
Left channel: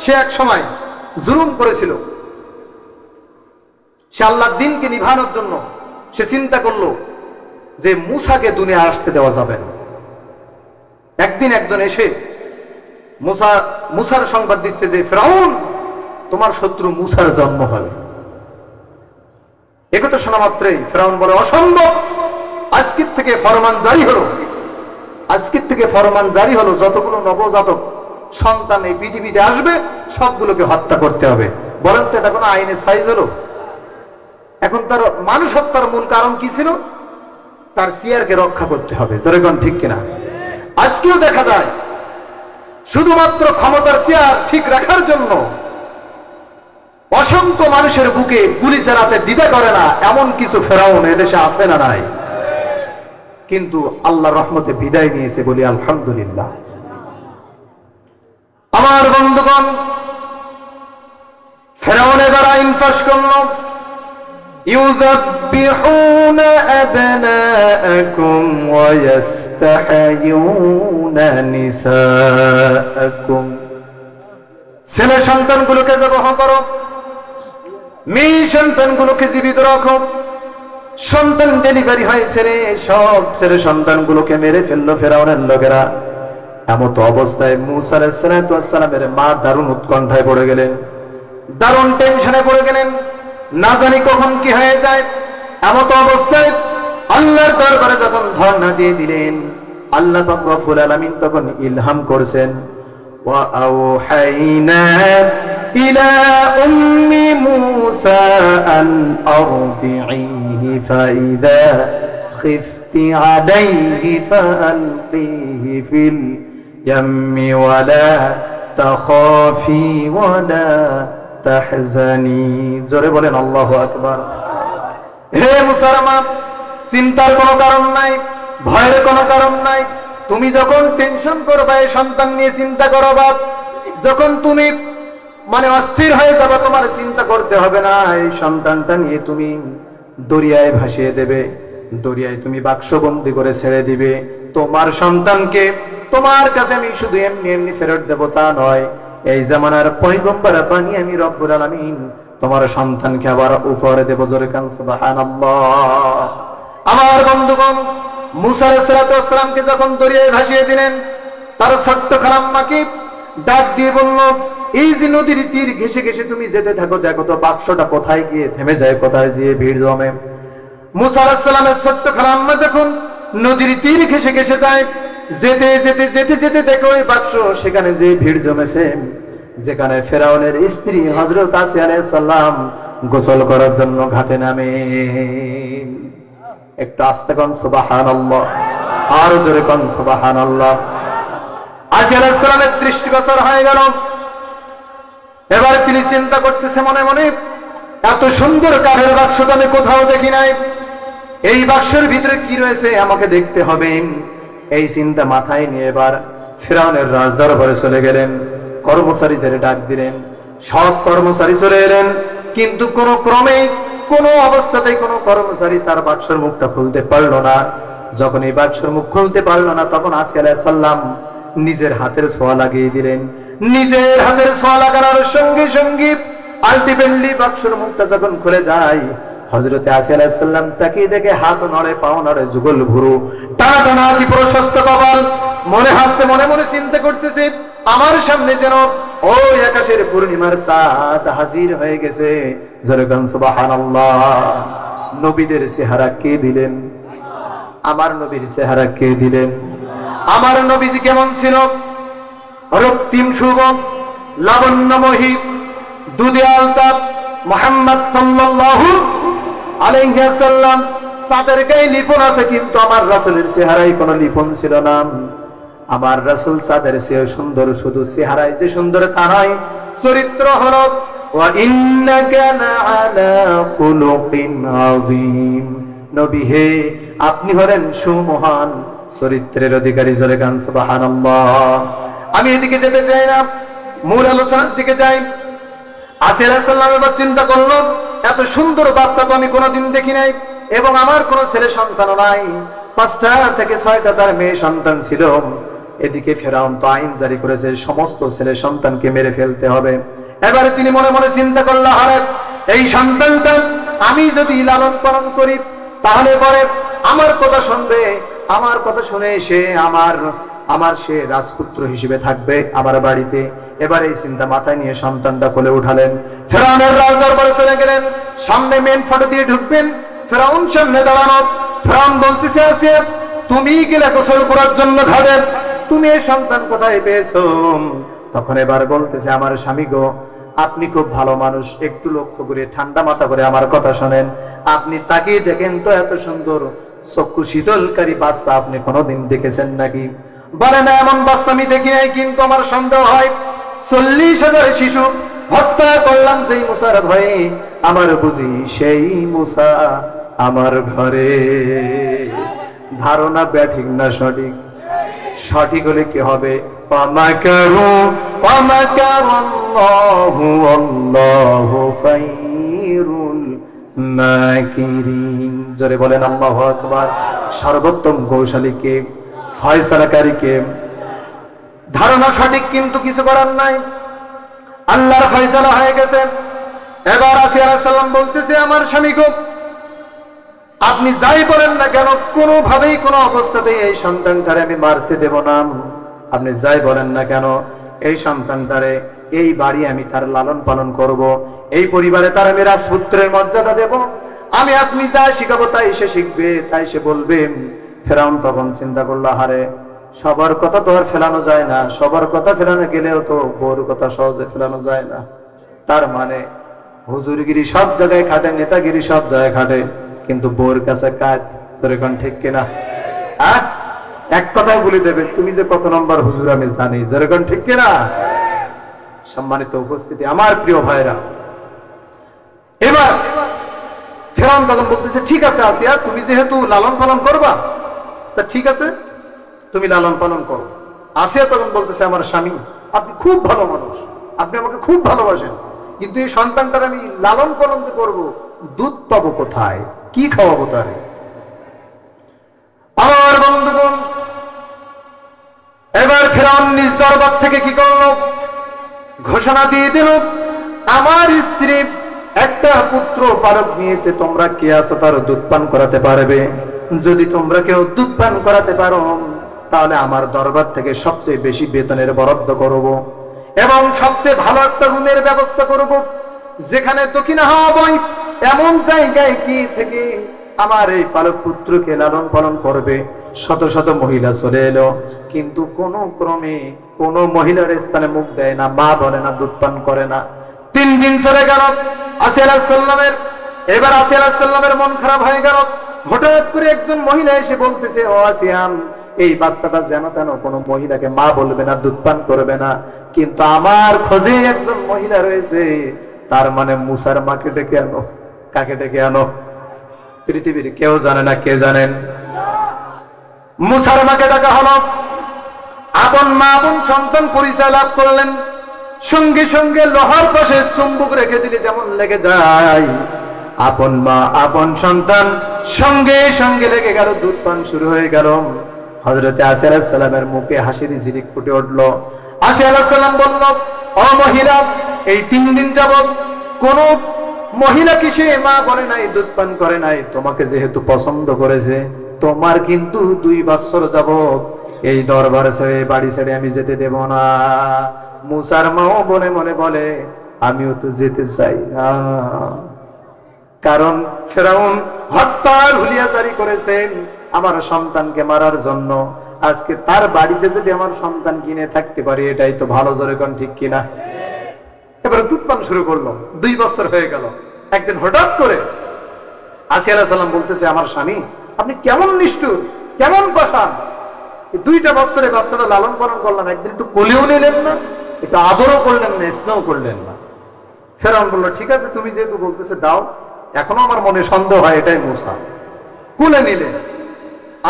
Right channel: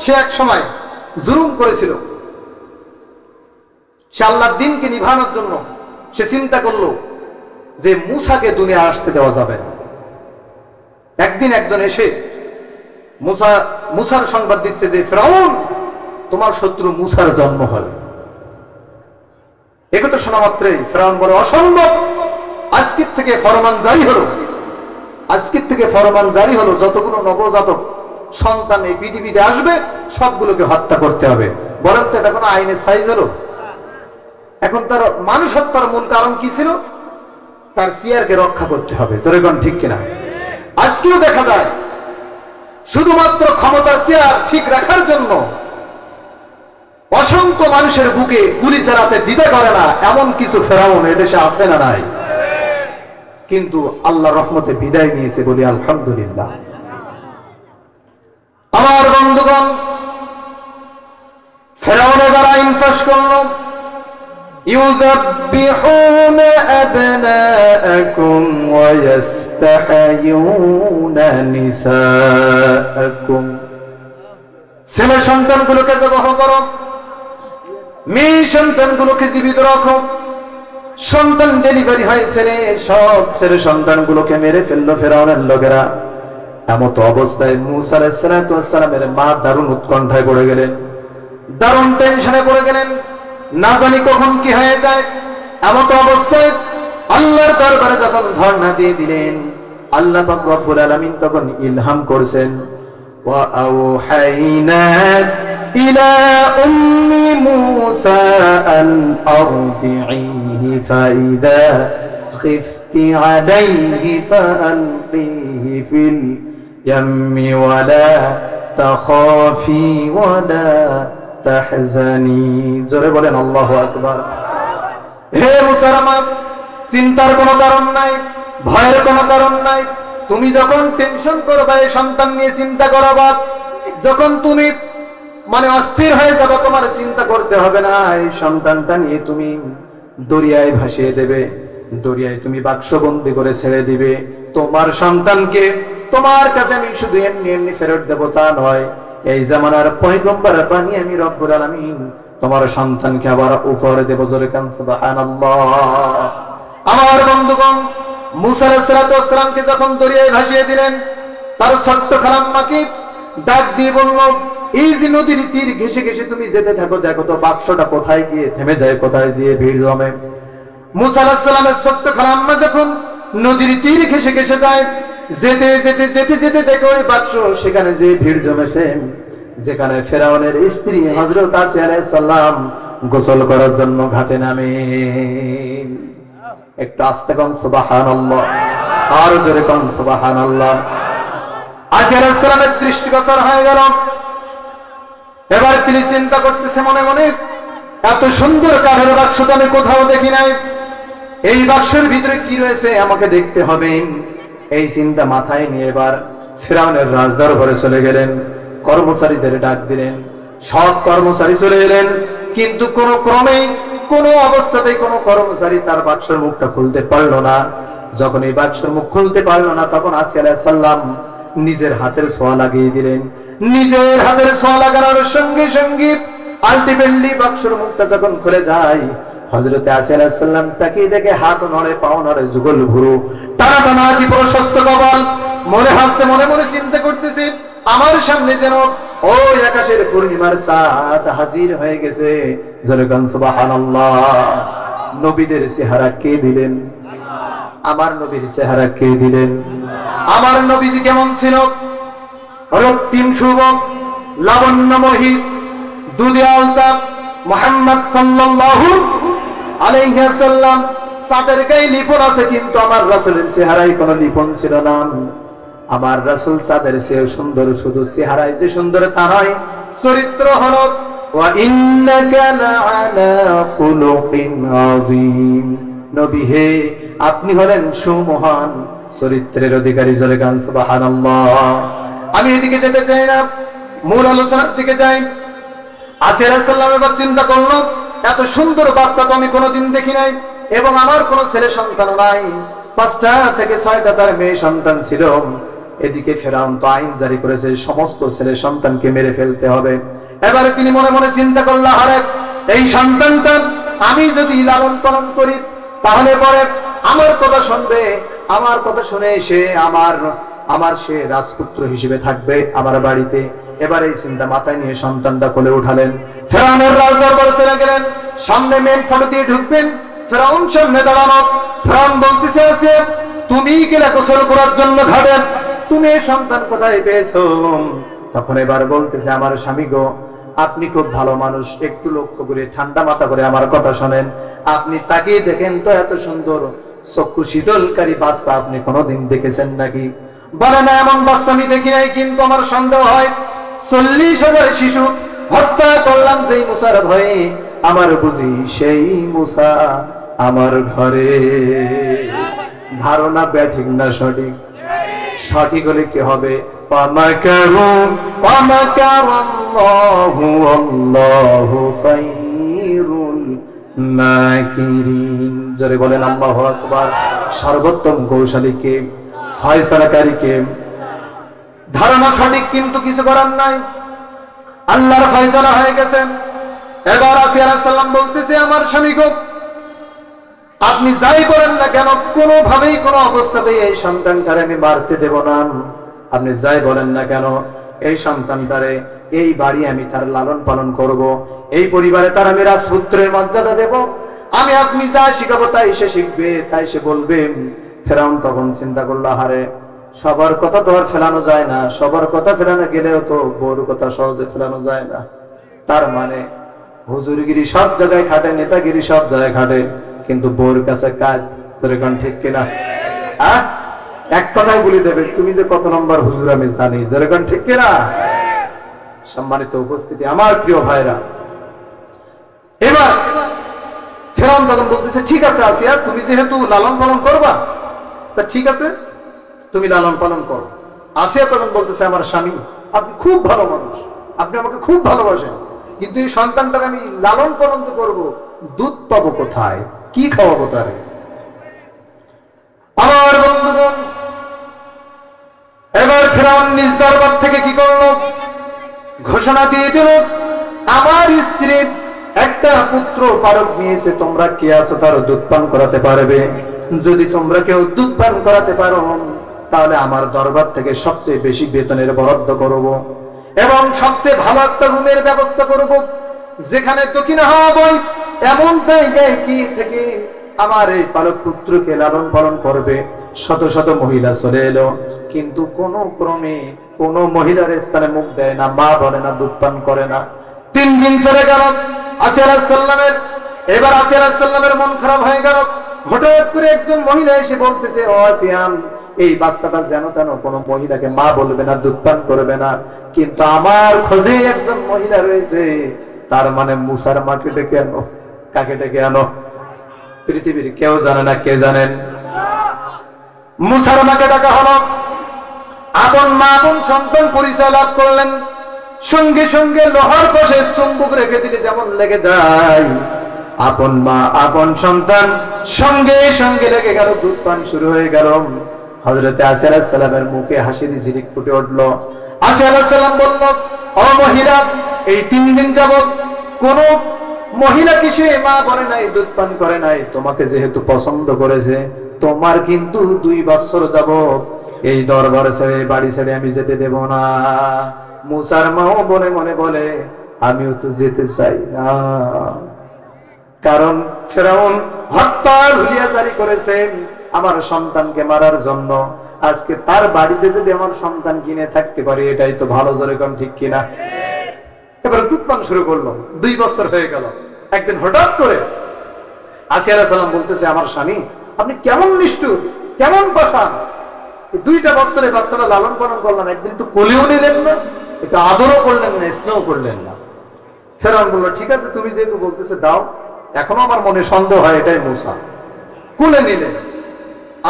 সে এক সময় জুলুম করেছিল। সে আল্লাহর দ্বীনকে নিভানোর জন্য সে চিন্তা করলো যে মূসাকে দুনিয়া আসতে দেওয়া যাবে না। একদিন একজন এসে মূসার সংবাদ দিচ্ছে যে ফেরাউন, তোমার শত্রু মূসার জন্ম হয়। একথা শোনা মাত্রই ফেরাউন বলে, অসম্ভব। আজকের থেকে ফরমান জারি হলো, আজকের থেকে ফরমান জারি হলো, যতগুলো নবজাতক সন্তান এই পৃথিবীতে আসবে সবগুলোকে হত্যা করতে হবে। বলেন তো এটা কোনো আইনের সাইজ হলো? এখন তার মানুষ হত্যার মূল কারণ কি ছিল? তার চেয়ারকে রক্ষা করতে হবে। যেরকম ঠিক কিনা? আজকেও দেখা যায় শুধুমাত্র ক্ষমতার চেয়ার ঠিক রাখার জন্য অসংখ্য মানুষের বুকে গুলি চালাতে দ্বিধা করে না, এমন কিছু ফেরাউন এদেশে আছে না নাই? কিন্তু আল্লাহর রহমতে বিদায় নিয়েছে, বলি আলহামদুলিল্লাহ। আমার বন্ধুগণ, ফেরাউন এবার আইন পাশ করলো, ইউযাব্বিহুনা আবনাআকুম ওয়া ইস্তাহয়ুনা নিসাআকুম, ছেলে সন্তানগুলোকে জবাহ করো, মেয়ে সন্তানগুলোকে জীবিত রাখো। সন্তান ডেলিভারি হয়েছে রে, সব ছেলে সন্তানগুলোকে মেরে ফেললো ফেরাউনের লোকেরা। এমত অবস্থায় মূসা আলাইহিস সালামের মা দারুণ উৎকণ্ঠায় পড়ে গেলেন, দারুণ টেনশনে পড়ে গেলেন, না জানি কখন কি হয়ে যায়। এমত অবস্থায় আল্লাহর দরবারে যখন ধর্ণা দিয়ে দিলেন, আল্লাহ পাক রব্বুল আলামিন তখন ইলহাম করেছেন, ওয়া আওহাইনা ইলা উম্মি মূসা আন আরদিহি ফাইদা খিফতি আলাইহি ফাআলকিহি ফিল ইয়াম্মি ওয়া লা তাখাফি ওয়া লা তাহজানি। জোরে বলেন আল্লাহু আকবার। হে মূসার মা, চিন্তার কোনো কারণ নাই, ভয়ের কোনো কারণ নাই। তুমি যখন টেনশন করবা, এই সন্তান নিয়ে চিন্তা করবা, যখন তুমি অস্থির হয়ে যাবে, তোমার চিন্তা করতে হবে না। এই সন্তানটা নিয়ে তুমি দরিয়ায় ভাসিয়ে দেবে, দরিয়ায় তুমি বাক্সবন্দি করে ছেড়ে দিবে। তোমার সন্তানকে তোমার কাছে আমি শুধু এমনি এমনি ফেরত দেবো তা নয়, এই জামানার পয়গম্বর বানিয়ে আমি রব্বুল আলামিন তোমার সন্তানকে আবার উপরে দেব। জোরে কান সুবহানাল্লাহ। আমার বন্ধুগণ, মূসা আলাইহিস সালামকে যখন দরিয়ায় ভাসিয়ে দিলেন, তার ছোট্ট খালাম্মাকে ডাক দিয়ে বলল, এই যে নদীর তীর ঘেসে ঘেসে তুমি যেতে থাকো, দেখো তো বাক্সটা কোথায় গিয়ে থেমে যায়, কোথায় গিয়ে ভিড় জমে। মূসা আলাইহিস সালামের ছোট্ট খালাম্মা যখন নদীর তীর ঘেসে ঘেসে যায়, যেতে যেতে যেতে যেতে দেখো ওই বাক্স সেখানে যে ভিড় জমেছে, যেখানে ফেরাউনের স্ত্রী হযরত আসিয়া আলাইহিস সালাম গোসল করার জন্য ঘাটে নামে। একটু আস্তে কোন সুবহানাল্লাহ, আর জোরে কোন সুবহানাল্লাহ। আসিয়া আলাইহিস সালামের দৃষ্টিগোচর হয়ে গেল। এবার তিনি চিন্তা করতেছে মনে মনে, এত সুন্দর কাঠের বাক্স তো আমি কোথাও দেখি নাই, এই বাক্সের ভিতরে কি রয়েছে আমাকে দেখতে হবে। এই চিন্তা মাথায় নিয়ে এবার ফেরাউনের রাজদরবারে চলে গেলেন, কর্মচারীদের ডাক দিলেন। সব কর্মচারী চলে এলেন, কিন্তু কোন ক্রমে কোন অবস্থাতেই কোন কর্মচারী তার বাক্সের মুখটা খুলতে পারলো না। যখন এই বাক্সের মুখ খুলতে পারলো না, তখন আসিয়া আলাইহিস সালাম নিজের হাতের ছোঁয়া লাগিয়ে দিলেন। নিজের হাতের ছোঁয়া লাগানোর সঙ্গে সঙ্গে আলটিমেটলি বাক্সের মুখটা যখন খুলে যায়, হযরত আসিয়া আলাইহিস সালাম তাকিয়ে দেখে হাত নড়ে, পাও নড়ে, যুগল ভুরু টানা টানা, কি প্রশস্ত কপাল। মনে হাসছে, মনে মনে চিন্তা করতেছে, আমার সামনে যেন ওই আকাশের পূর্ণিমার চাঁদ হাজির হয়ে গেছে। জোরে বলেন সুবহানাল্লাহ। নবীদের চেহারা কে দিলেন? আমার নবীর চেহারা কে দিলেন? আমার নবীজি কেমন ছিল? রক্তিম শুভ, লাবণ্যময়ী, দুধে আলতাপ মুহাম্মদ সাল্লাল্লাহু আলাইহি ওয়াসাল্লাম। চাঁদের গায়ে লিপন আছে, কিন্তু আমার রাসূলের চেহারায় কোনো লিপন ছিল না। আমার রাসূল চাঁদের চেয়ে সুন্দর, শুধু চেহারায় যে সুন্দর তা নয়, চরিত্র হলো ওয়া ইন্নাকা লাআলা খুলুকিন আযীম। নবী হে, আপনি হলেন সুমহান চরিত্রের অধিকারী। জোরে গান সুবহানাল্লাহ। আমি এদিকে যেতে চাই না, মূল আলোচনার দিকে যাই। আসিয়া আলাইহিস সালাম এবার চিন্তা করলো, এত সুন্দর বাচ্চা তো আমি কোনোদিন দেখি নাই, এবং আমার কোনো ছেলে সন্তানও নাই। 5টা থেকে 6টা তার মেয়ে সন্তান ছিল। এদিকে ফেরাউন তো আইন জারি করেছে, সমস্ত ছেলে সন্তানকে মেরে ফেলতে হবে। এবারে তিনি মনে মনে চিন্তা করলো, আরে এই সন্তানটা আমি যদি লালন পালন করি, তাহলে পরে আমার কথা শুনবে, আমার কথা শুনে সে আমার সে রাজপুত্র হিসেবে থাকবে আমার বাড়িতে। এবার এই চিন্তা মাথায় নিয়ে সন্তানটা কোলে উঠালেন, ফেরাউনের রাজদরবারে চলে গেলেন। সামনে মেন ফটো দিয়ে ঢুকবেন, ফেরাউন সামনে দাঁড়ানো। ফেরাউন বলতেছে, আসিয়া তুমি গেলে গোসল করার জন্য ঘাটে, তুমি এই সন্তান কোথায় পেয়েছো? তখন এবার বলতেছে, আমার স্বামী গো, আপনি খুব ভালো মানুষ, একটু লক্ষ্য করে ঠান্ডা মাথা করে আমার কথা শোনেন। আপনি তাকিয়ে দেখেন তো, এত সুন্দর চক্ষু শীতলকারী বাচ্চা আপনি কোনোদিন দেখেছেন নাকি? বলে না, এমন বাচ্চা আমি দেখি নাই, কিন্তু আমার সন্দেহ হয় 40,000 শিশু হত্যা করলাম যেই মুসার ভয়ে, আমার বুঝি সেই মুসা আমার ঘরে। ধারণা ব্যাঠিক না সঠিক? সঠিক হলে কি হবে? ومكروا ومكر الله والله خير الماكرين জোরে বলেন আল্লাহু আকবার। সর্বোত্তম কৌশলীকে, ফয়সালাকারীকে। ধারণা সঠিক কিন্তু কিছু করার নাই, আল্লাহর ফয়সালা হয়ে গেছে। এবার আসিয়া আলাইহিস সালাম বলতেছে আমার স্বামীকে, আপনি যাই বলেন না কেন কোনোভাবেই কোনো অবস্থাতেই এই সন্তানটারে আমি মারতে দেব না। আপনি যাই বলেন না কেন এই সন্তানটারে এই বাড়ি আমি তার লালন পালন করব, এই পরিবারে তার আমি রাজপুত্রের মর্যাদা দেব। আমি আপনি যা শিখাবো তাই সে শিখবে, তাই সে বলবে। ফেরাউন তখন চিন্তা করলো, হারে সবার কথা তো আর ফেলানো যায় না, সবার কথা ফেলানো গেলেও তো বউর কথা সহজে ফেলানো যায় না। তার মানে হুজুরগিরি সব জায়গায় খাটে, নেতাগিরি সব জায়গায় খাটে, কিন্তু বউর কাছে কাজ। সেরকম ঠিক কিনা? এক কথাই বলে দেবে, তুমি যে কত নম্বর হুজুর আমি জানি। যেরকম ঠিক কিনা? সম্মানিত উপস্থিতি, আমার প্রিয় ভাইরা, এবার ফেরাউন তখন বলতেছে, ঠিক আছে আসিয়া, তুমি যেহেতু লালন পালন করবা, তা ঠিক আছে তুমি লালন পালন করো। আসিয়া তখন বলতেছে, আমার স্বামী আপনি খুব ভালো মানুষ, আপনি আমাকে খুব ভালোবাসেন, কিন্তু এই সন্তানটার আমি লালন পালন যে করবো, দুধ পাবো কোথায়, কি খাওয়াবো তারে? আমার বন্ধুগণ, এবার ফেরাউন নিজ দরবার থেকে কি করলো? ঘোষণা দিয়ে দিল, আমার স্ত্রী একটা পুত্র পারক নিয়েছে, তোমরা কে আছো তার দুধ পান করাতে পারবে? যদি তোমরা কেউ দুধ পান করাতে পারো, তাহলে আমার দরবার থেকে সবচেয়ে বেশি বেতনের বরাদ্দ করব এবং সবচেয়ে ভালো একটা রুমের ব্যবস্থা করব, যেখানে দক্ষিণা হাওয়া বয় এমন জায়গায় কি থেকে আমার এই পালক পুত্রকে লালন পালন করবে। শত শত মহিলা চলে এলো, কিন্তু কোন ক্রমে কোন মহিলার স্থানে মুখ দেয় না, মা বলে না, দুধ পান করে না। 3 দিন চলে গেল আসিয়া আলাইহিস সালামের। এবার আসিয়া আলাইহিস সালামের মন খারাপ হয়ে গেল। হঠাৎ করে একজন মহিলা এসে বলতেছে, ও আসিয়া, এই বাচ্চাটা যেন তেন কোনো মহিলাকে মা বলবে না, দুধ পান করবে না, কিন্তু আমার খোঁজে একজন মহিলা রয়েছে। তার মানে মুসার মাকে ডেকে আনো। কাকে ডেকে আনো? পৃথিবীর কেউ জানে না, কে জানেন? মুসার মাকে ডাকা হলো। আপন মা আপন সন্তান পরিচয় লাভ করলেন। সঙ্গে সঙ্গে লোহার পাশে চুম্বক রেখে দিলে যেমন লেগে যায়, আপন মা আপন সন্তান সঙ্গে সঙ্গে লেগে গেল, দুধ পান শুরু হয়ে গেল। হযরতে আসিয়া আলাইহিস সালামের মুখে হাসির ঝিলিক ফুটে উঠল। আসিয়া আলাইহিস সালাম বলল, ও মহিলা, এই 3 দিন যাবত কোন মহিলা কিসে মা বলে নাই, দুধ পান করে নাই, তোমাকে যেহেতু পছন্দ করেছে, তোমার কিন্তু 2 বছর যাবত এই দরবার ছেড়ে বাড়ি ছেড়ে আমি যেতে দেব না। মুসার মাও মনে মনে বলে, আমিও তো যেতে চাই না, কারণ ফেরাউন হত্যার হুলিয়া জারি করেছেন আমার সন্তানকে মারার জন্য। আজকে তার বাড়িতে যদি আমার সন্তান কিনে থাকতে পারি, এটাই তো ভালো। জোরে কোন ঠিক কিনা? এবার দুধ পান শুরু করলো। 2 বছর হয়ে গেল। একদিন হঠাৎ করে আসিয়া আলাইহিস সালাম বলতেছে, আমার স্বামী আপনি কেমন নিষ্ঠুর, কেমন পাষাণ, 2টা বছরে বাচ্চাটা লালন পালন করলেন, একদিন একটু কোলেও নিলেন না, একটু আদরও করলেন না, স্নেহ করলেন না। ফেরাউন বলল, ঠিক আছে তুমি যেহেতু বলতেছে দাও, এখনো আমার মনে সন্দেহ হয় এটাই মুসা। কোলে নিলে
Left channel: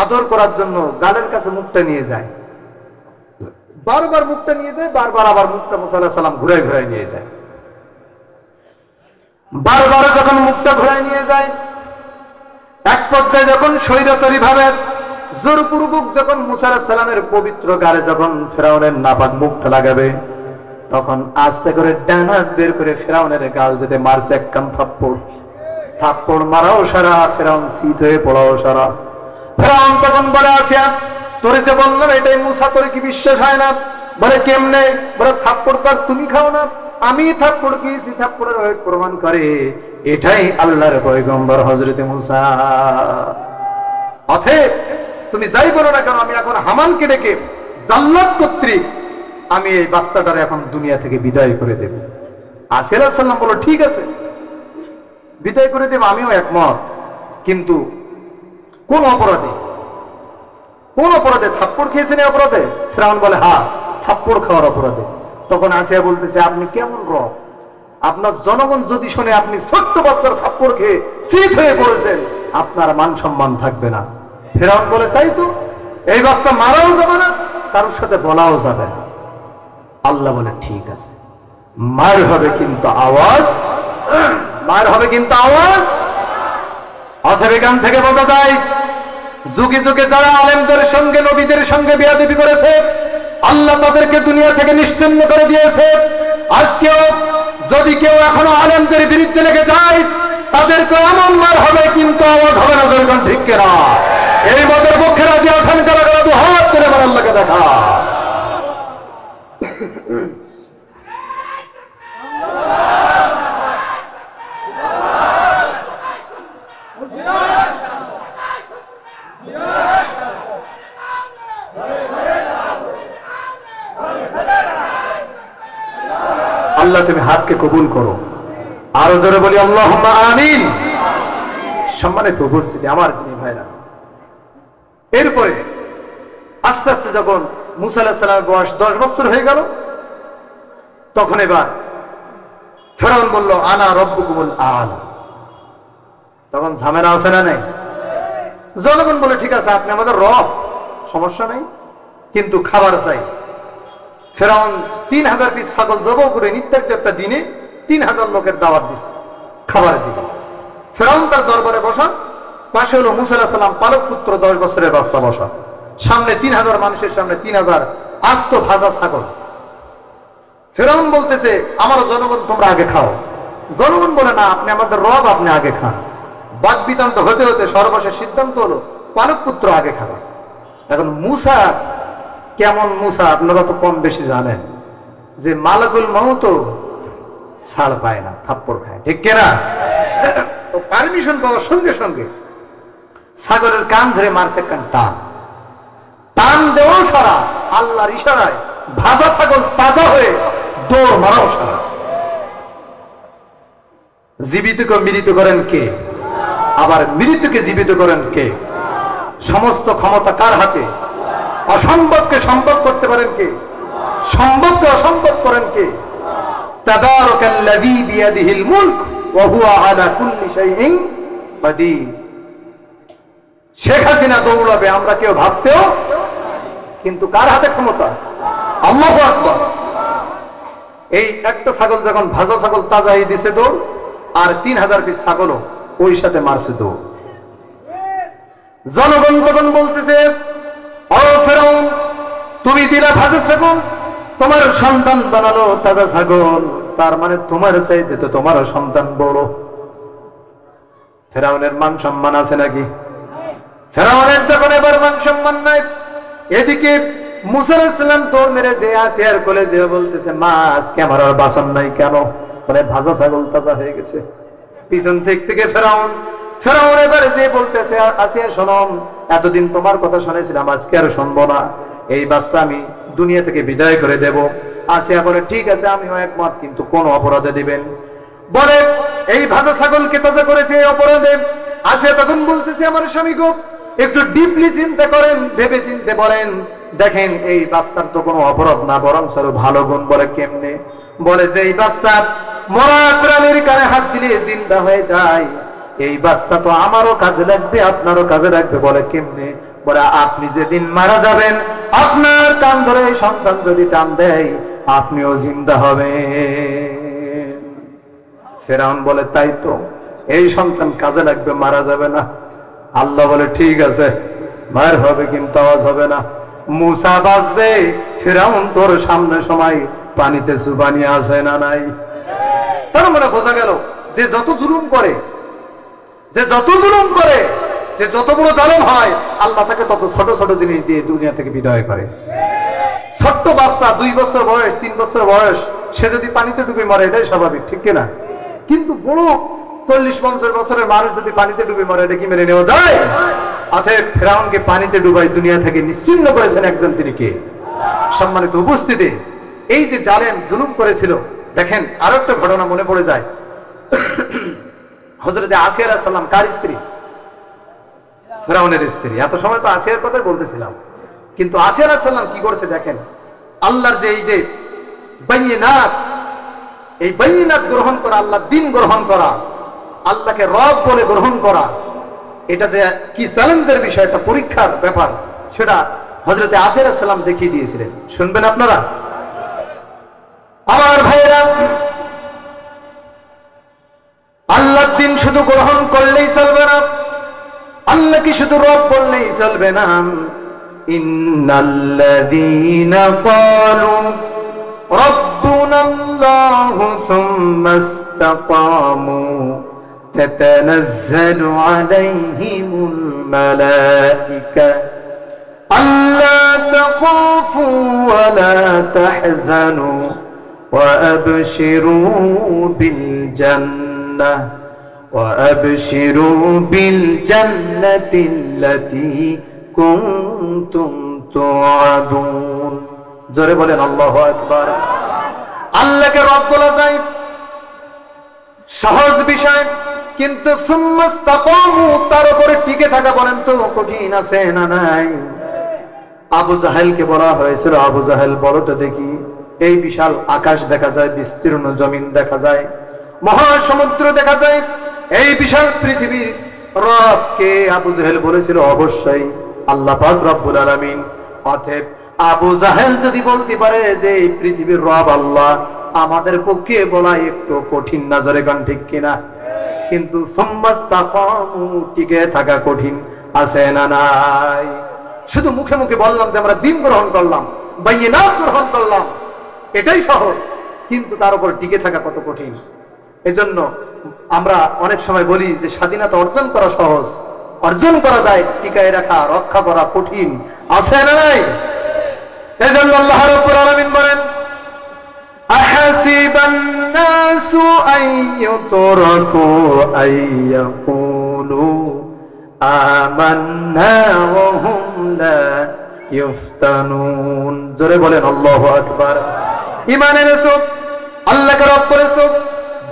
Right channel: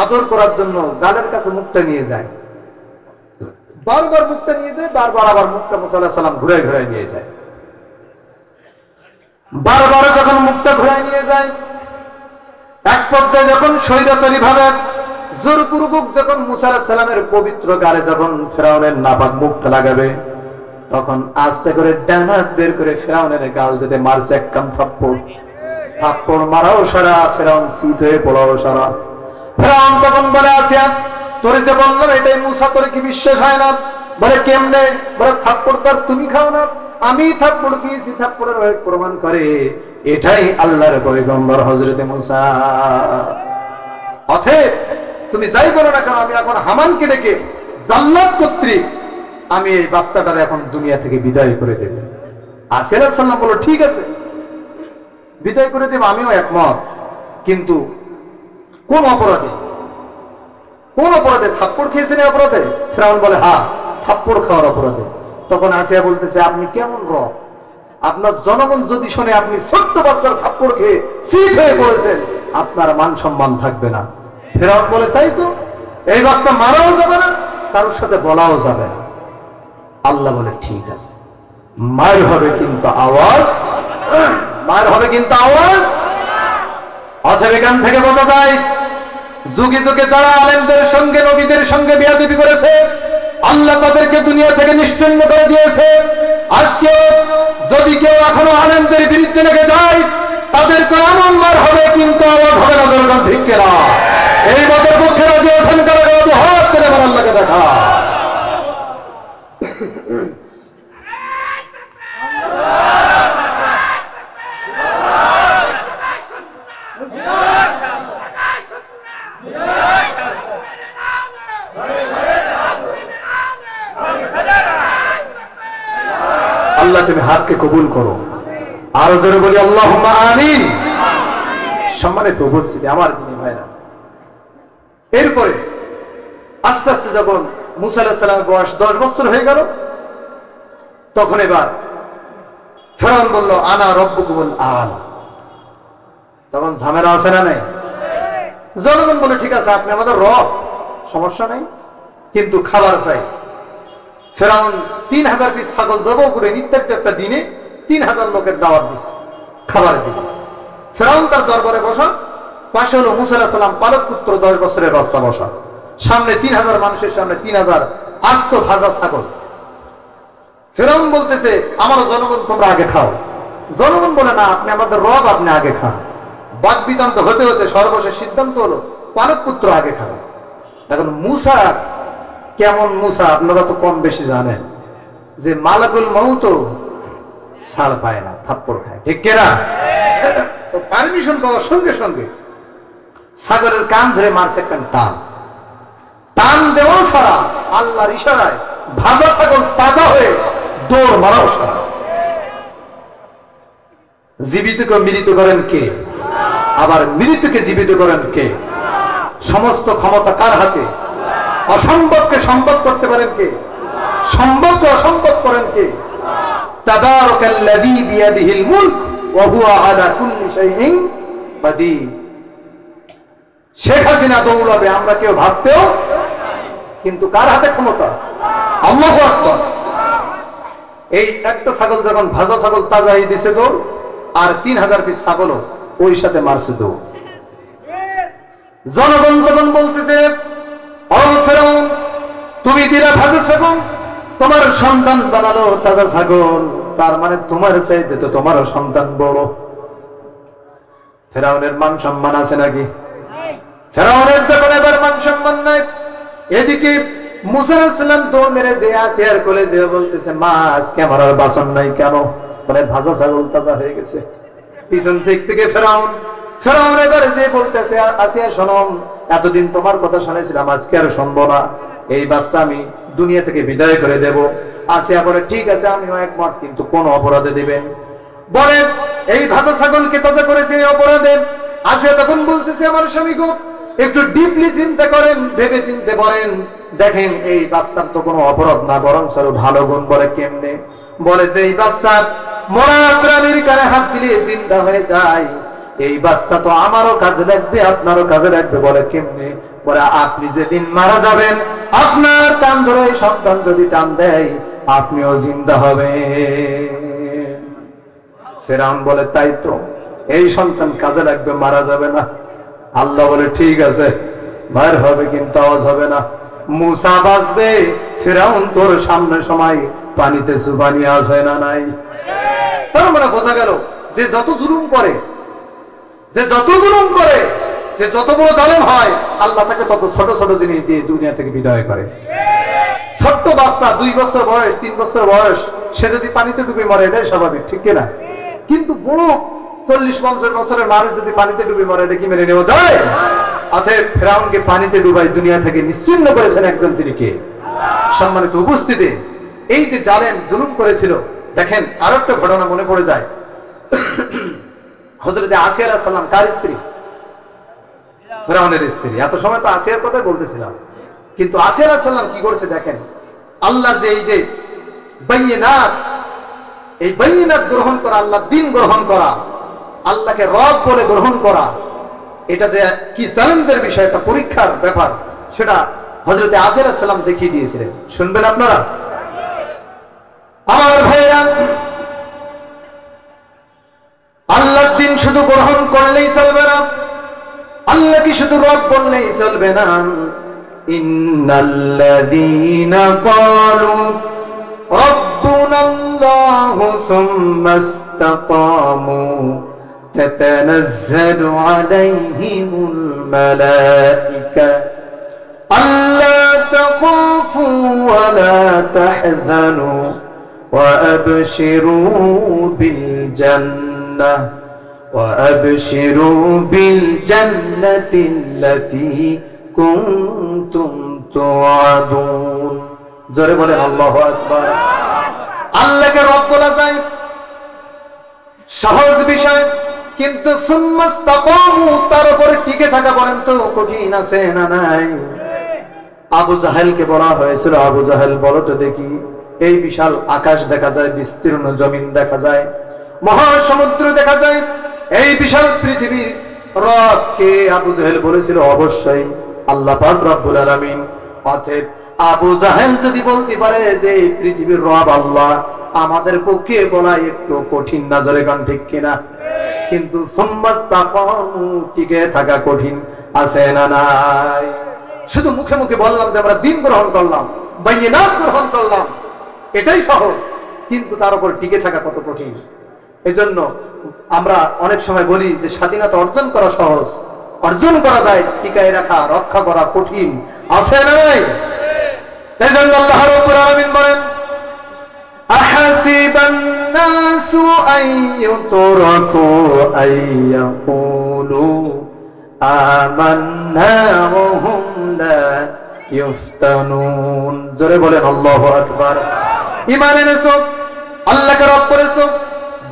আদর করার জন্য গালের কাছে মুখটা নিয়ে যায়, বারবার মুখটা নিয়ে যায়, বারবার আবার মুখটা মুসা আলাইহিস সালাম ঘুরে ঘুরে নিয়ে যায়। বারবার যখন মুখটা ঘুরে নিয়ে যায়, এক পর্যায়ে যখন স্বৈরাচারী ভাবে জোরপূর্বক যখন মুসা আলাইহিস সালামের পবিত্র গালে যখন ফেরাউনের নাপাক মুখটা লাগাবে, তখন আস্তে করে ডানা বের করে ফেরাউনের গাল যেতে মারছে এক কাম থাপ্পড়। থাপ্পড় মারাও সারা, ফেরাউন শীত হয়ে পড়াও সারা। ফেরাউন তখন বলে, আসিয়া তোরে যে বললাম এটাই মুসা, তোর কি বিশ্বাস হয় না? বলে কেমনে? বলে থাপ্পড় তো তুমি খাও না, আমি থাপ্পড় খেয়েছি, থাপ্পড়ের প্রমাণ করে এটাই আল্লাহর পয়গম্বর হযরতে মুসা। অতএব তুমি যাই বলো না কেন, আমি এখন হামানকে ডেকে জাল্লাত কর্তৃক আমি এই বাচ্চাটার এখন দুনিয়া থেকে বিদায় করে দেব। আসিয়া আলাইহিস সালাম বলল, ঠিক আছে বিদায় করে দেব, আমিও একমত, কিন্তু কোন অপরাধে? কোন অপরাধে? থাপ্পড় খেয়েছেন অপরাধে? ফেরাউন বলে, হ্যাঁ থাপ্পড় খাওয়ার অপরাধে। তখন আসিয়া বলতেছে, আপনি কেমন রব? আপনার জনগণ যদি শোনে আপনি ছোট্ট বাচ্চার থাপ্পড় খেয়ে শীত হয়ে পড়েছেন, আপনার মান সম্মান থাকবে না। ফেরাউন বলে, তাই তো, এই বাচ্চা মারাও যাবে না, কারোর সাথে বলাও যাবে না। আল্লাহ বলে ঠিক আছে, মার হবে কিন্তু আওয়াজ, মার হবে কিন্তু আওয়াজ। অথবা এখান থেকে বোঝা যায় যুগে যুগে যারা আলেমদের সঙ্গে নবীদের সঙ্গে বেয়াদবি করেছে আল্লাহ তাদেরকে দুনিয়া থেকে নিশ্চিহ্ন করে দিয়েছে। আজকেও যদি কেউ এখনো আলেমদের বিরুদ্ধে লেগে যায় তাদেরকে এমন মার হবে কিন্তু আওয়াজ হবে না। যখন ঠিক কিনা? এই মতের পক্ষে রাজি আছেন কারা কারা? হাত করে আমার আল্লাহকে দেখা। আল্লাহ তুমি হাতকে কবুল করো। আরো জোরে বলি আল্লাহুম্মা আমিন। সম্মানিত উপস্থিতি আমার দিনী ভাইরা, এরপরে আস্তে আস্তে যখন মুসা আলাইহিস সালামের বয়স 10 বছর হয়ে গেল, তখন এবার ফেরাউন বলল আনা রব্বুকুমুল আ'লা। তখন ঝামেলা আছে না নাই? জনগণ বলে ঠিক আছে আপনি আমাদের রব, সমস্যা নেই, কিন্তু খাবার চাই। ফেরাউন 3000 পিস ছাগল জবাই করে নির্ধারিত একটা দিনে 3000 লোকের দাওয়াত দিচ্ছে, খাবার দিল। ফেরাউন তার দরবারে বসা, পাশে হলো মুসা আলাইহিস সালাম পালক পুত্র 10 বছরের বাচ্চা বসা, সামনে 3000 মানুষের সামনে 3000 আস্ত ভাজা ছাগল। ফেরাউন বলতেছে আমারও জনগণ তোমরা আগে খাও। জনগণ বলে না আপনি আমাদের রব, আপনি আগে খান। বাদ বিতন্ত হতে হতে সর্বশেষ সিদ্ধান্ত হলো পালক পুত্র আগে খাবে। এখন মুসা কেমন মুসা আপনারা তো কম বেশি জানেন যে মালাকুল মউত ছাড় পায় না, থাপ্পড় খায়, ঠিক কিনা? তো পারমিশন পাওয়ার সঙ্গে সঙ্গে ছাগলের কান ধরে মারছে একটা টান। টান দেওয়াও সারা, আল্লাহর ইশারায় ভাজা ছাগল তাজা হয়ে দৌড় মারাও সারা। জীবিতকে মৃত করেন কে? আবার মৃতকে জীবিত করেন কে? সমস্ত ক্ষমতা কার হাতে? অসম্ভবকে সম্ভব করতে পারেন কে? সম্ভবকে অসম্ভব করেন কে? তাবারাকাল্লাযী বিয়াদিহিল মুলক ওয়া হুয়া আলা কুল্লি শাইইন কাদির। শেখ হাসিনা দৌড়াবে আমরা কেউ ভাবতেও, কিন্তু কার হাতে ক্ষমতা? আল্লাহু আকবার। এই একটা ছাগল যখন ভাজা ছাগল তাজা হয়ে দিছে দৌড়, আর 3000 পিস ছাগলও ওই সাথে মারছে দৌড়। জনগণ তখন বলতেছে ও ফেরাউন তুমি দিলা ভাজা ছাগল, তোমার সন্তান বানালো তাজা ছাগল, তার মানে তোমার চাইতে তো তোমার সন্তান বড়। ফেরাউনের মান সম্মান আছে নাকি? ফেরাউনের যখন এবার মান সম্মান নাই, এদিকে মুসা আলাইহিস সালাম দৌড় মেরে যে আসিয়ার কোলে যে বলতেছে মা আজকে আমার আর বাসন নাই কেন? মানে ভাজা ছাগল তাজা হয়ে গেছে। পিছন থেকে ফেরাউন এবার যে বলতেছে আসিয়া শোনো, এতদিন তোমার কথা শুনেছিলাম, আজকে আর শুনবো না, এই বাচ্চা আমি দুনিয়া থেকে বিদায় করে দেব। আসিয়া বলে ঠিক আছে আমিও একমত, কিন্তু কোন অপরাধে দিবেন? বলে এই ভাজা ছাগলকে তাজা করেছে এই অপরাধে। আসিয়া তখন বলতেছে আমার স্বামী গো একটু ডিপলি চিন্তা করেন, ভেবে চিনতে পারেন, দেখেন এই বাচ্চার তো কোনো অপরাধ না, বরং আরো ভালো গুণ। বলে কেমনে? বলে যে এই বাচ্চা মরা প্রাণীর কানে হাত দিলে জিন্দা হয়ে যায়, এই বাচ্চা তো আমারও কাজে লাগবে আপনারও কাজে লাগবে। বলে কেমনে? বলে আপনি যেদিন মারা যাবেন আপনার কান ধরে সন্তান যদি টান দেয় আপনিও জিন্দা হবেন। ফেরাউন বলে তাই তো, এই সন্তান কাজে লাগবে, মারা যাবে না। আল্লাহ বলে ঠিক আছে মার হবে কিন্তু আওয়াজ হবে না। মুসা বাঁচবে, ফেরাউন তোর সামনে সময় পানিতে চুবানি আছে না নাই? তার মানে বোঝা গেল যে যত জুলুম করে, যে যত জুলুম করে, যে যত বড় জালেম হয়, আল্লাহ তাকে তত ছোট ছোট জিনিস দিয়ে দুনিয়া থেকে বিদায় করে। ছোট্ট বাচ্চা 2 বছর বয়স 3 বছর বয়স, সে যদি পানিতে ডুবে মরে এটাই স্বাভাবিক, ঠিক কিনা? কিন্তু বড় 40-50 বছরের মানুষ যদি পানিতে ডুবে মরে এটা কি মেনে নেওয়া যায়? অতএব ফেরাউনকে পানিতে ডুবাই দুনিয়া থেকে নিশ্চিহ্ন করেছেন একজন, তিনি কে? সম্মানিত উপস্থিতি, এই যে জালেম জুলুম করেছিল, দেখেন আরো একটা ঘটনা মনে পড়ে যায়। হযরত আসিয়া আলাইহিস সালাম কার স্ত্রী? ফেরাউনের স্ত্রী। এত সময় তো আসিয়ার কথা বলতেছিলাম, কিন্তু আসিয়া আলাইহিস সালাম কি করেছে দেখেন। আল্লাহর যে এই যে বাইনাত, এই বাইনাত গ্রহণ করা, আল্লাহর দ্বীন গ্রহণ করা, আল্লাহকে রব বলে গ্রহণ করা, এটা যে কি চ্যালেঞ্জের বিষয়, একটা পরীক্ষার ব্যাপার, সেটা হযরত আসিয়া আলাইহিস সালাম দেখিয়ে দিয়েছিলেন। শুনবেন আপনারা? আমার ভাইরা, আল্লাহর দিন শুধু গ্রহণ করলেই চলবে না, আল্লাহকে শুধু রব বললেই চলবে না। ইন্নাল্লাযীনা ক্বালু রাব্বুনাল্লাহু সুম্মা ইসতাকামু তাতানাজ্জালু আলাইহিমুল মালায়েকা আল্লা তাখাফু ওয়া লা তাহজানু ওয়া আবশিরু বিল জান্নাহ وأبشروا بالجنة التي كنتم توعدون। জোরে বলেন আল্লাহু আকবার। আল্লাহকে রব বলা যায় সহজ বিষয়, কিন্তু সুম্মাস্তাকামু, তার উপরে টিকে থাকা বলেন তো কঠিন আছে না নাই? আবু জাহেলকে বলা হয়েছিল, আবু জাহেল বলো তো দেখি, এই বিশাল আকাশ দেখা যায়, বিস্তীর্ণ জমিন দেখা যায়, মহাসমুদ্র দেখা যায়, এই বিশাল পৃথিবীর রব কে? আবু জাহেল বলেছিল অবশ্যই আল্লাহ পাক রব্বুল আলামিন। অতএব আবু জাহেল যদি বলতে পারে যে এই পৃথিবীর রব আল্লাহ, আমাদের পক্ষে বলা একটু কঠিন না? জোরে গান ঠিক কিনা? কিন্তু সুম্মাস্তাকামু, টিকে থাকা কঠিন আছে না নাই? শুধু মুখে মুখে বললাম যে আমরা দ্বীন গ্রহণ করলাম, বাইয়িনাত গ্রহণ করলাম, এটাই সহজ, কিন্তু তার উপর টিকে থাকা কত কঠিন। এজন্য আমরা অনেক সময় বলি যে স্বাধীনতা অর্জন করা সহজ, অর্জন করা যায়, টিকায় রাখা, রক্ষা করা কঠিন আছে না নাই? এজন্য আল্লাহ রাব্বুল আলামিন বলেন, আহাসিবান নাসু আইয়ুতরাকু আইয়াকুলু আমান্না ওয়া হুম লা ইফতানুন। জোরে বলেন আল্লাহু আকবার। ঈমান এনেছো, আল্লাহকে রব করেছো,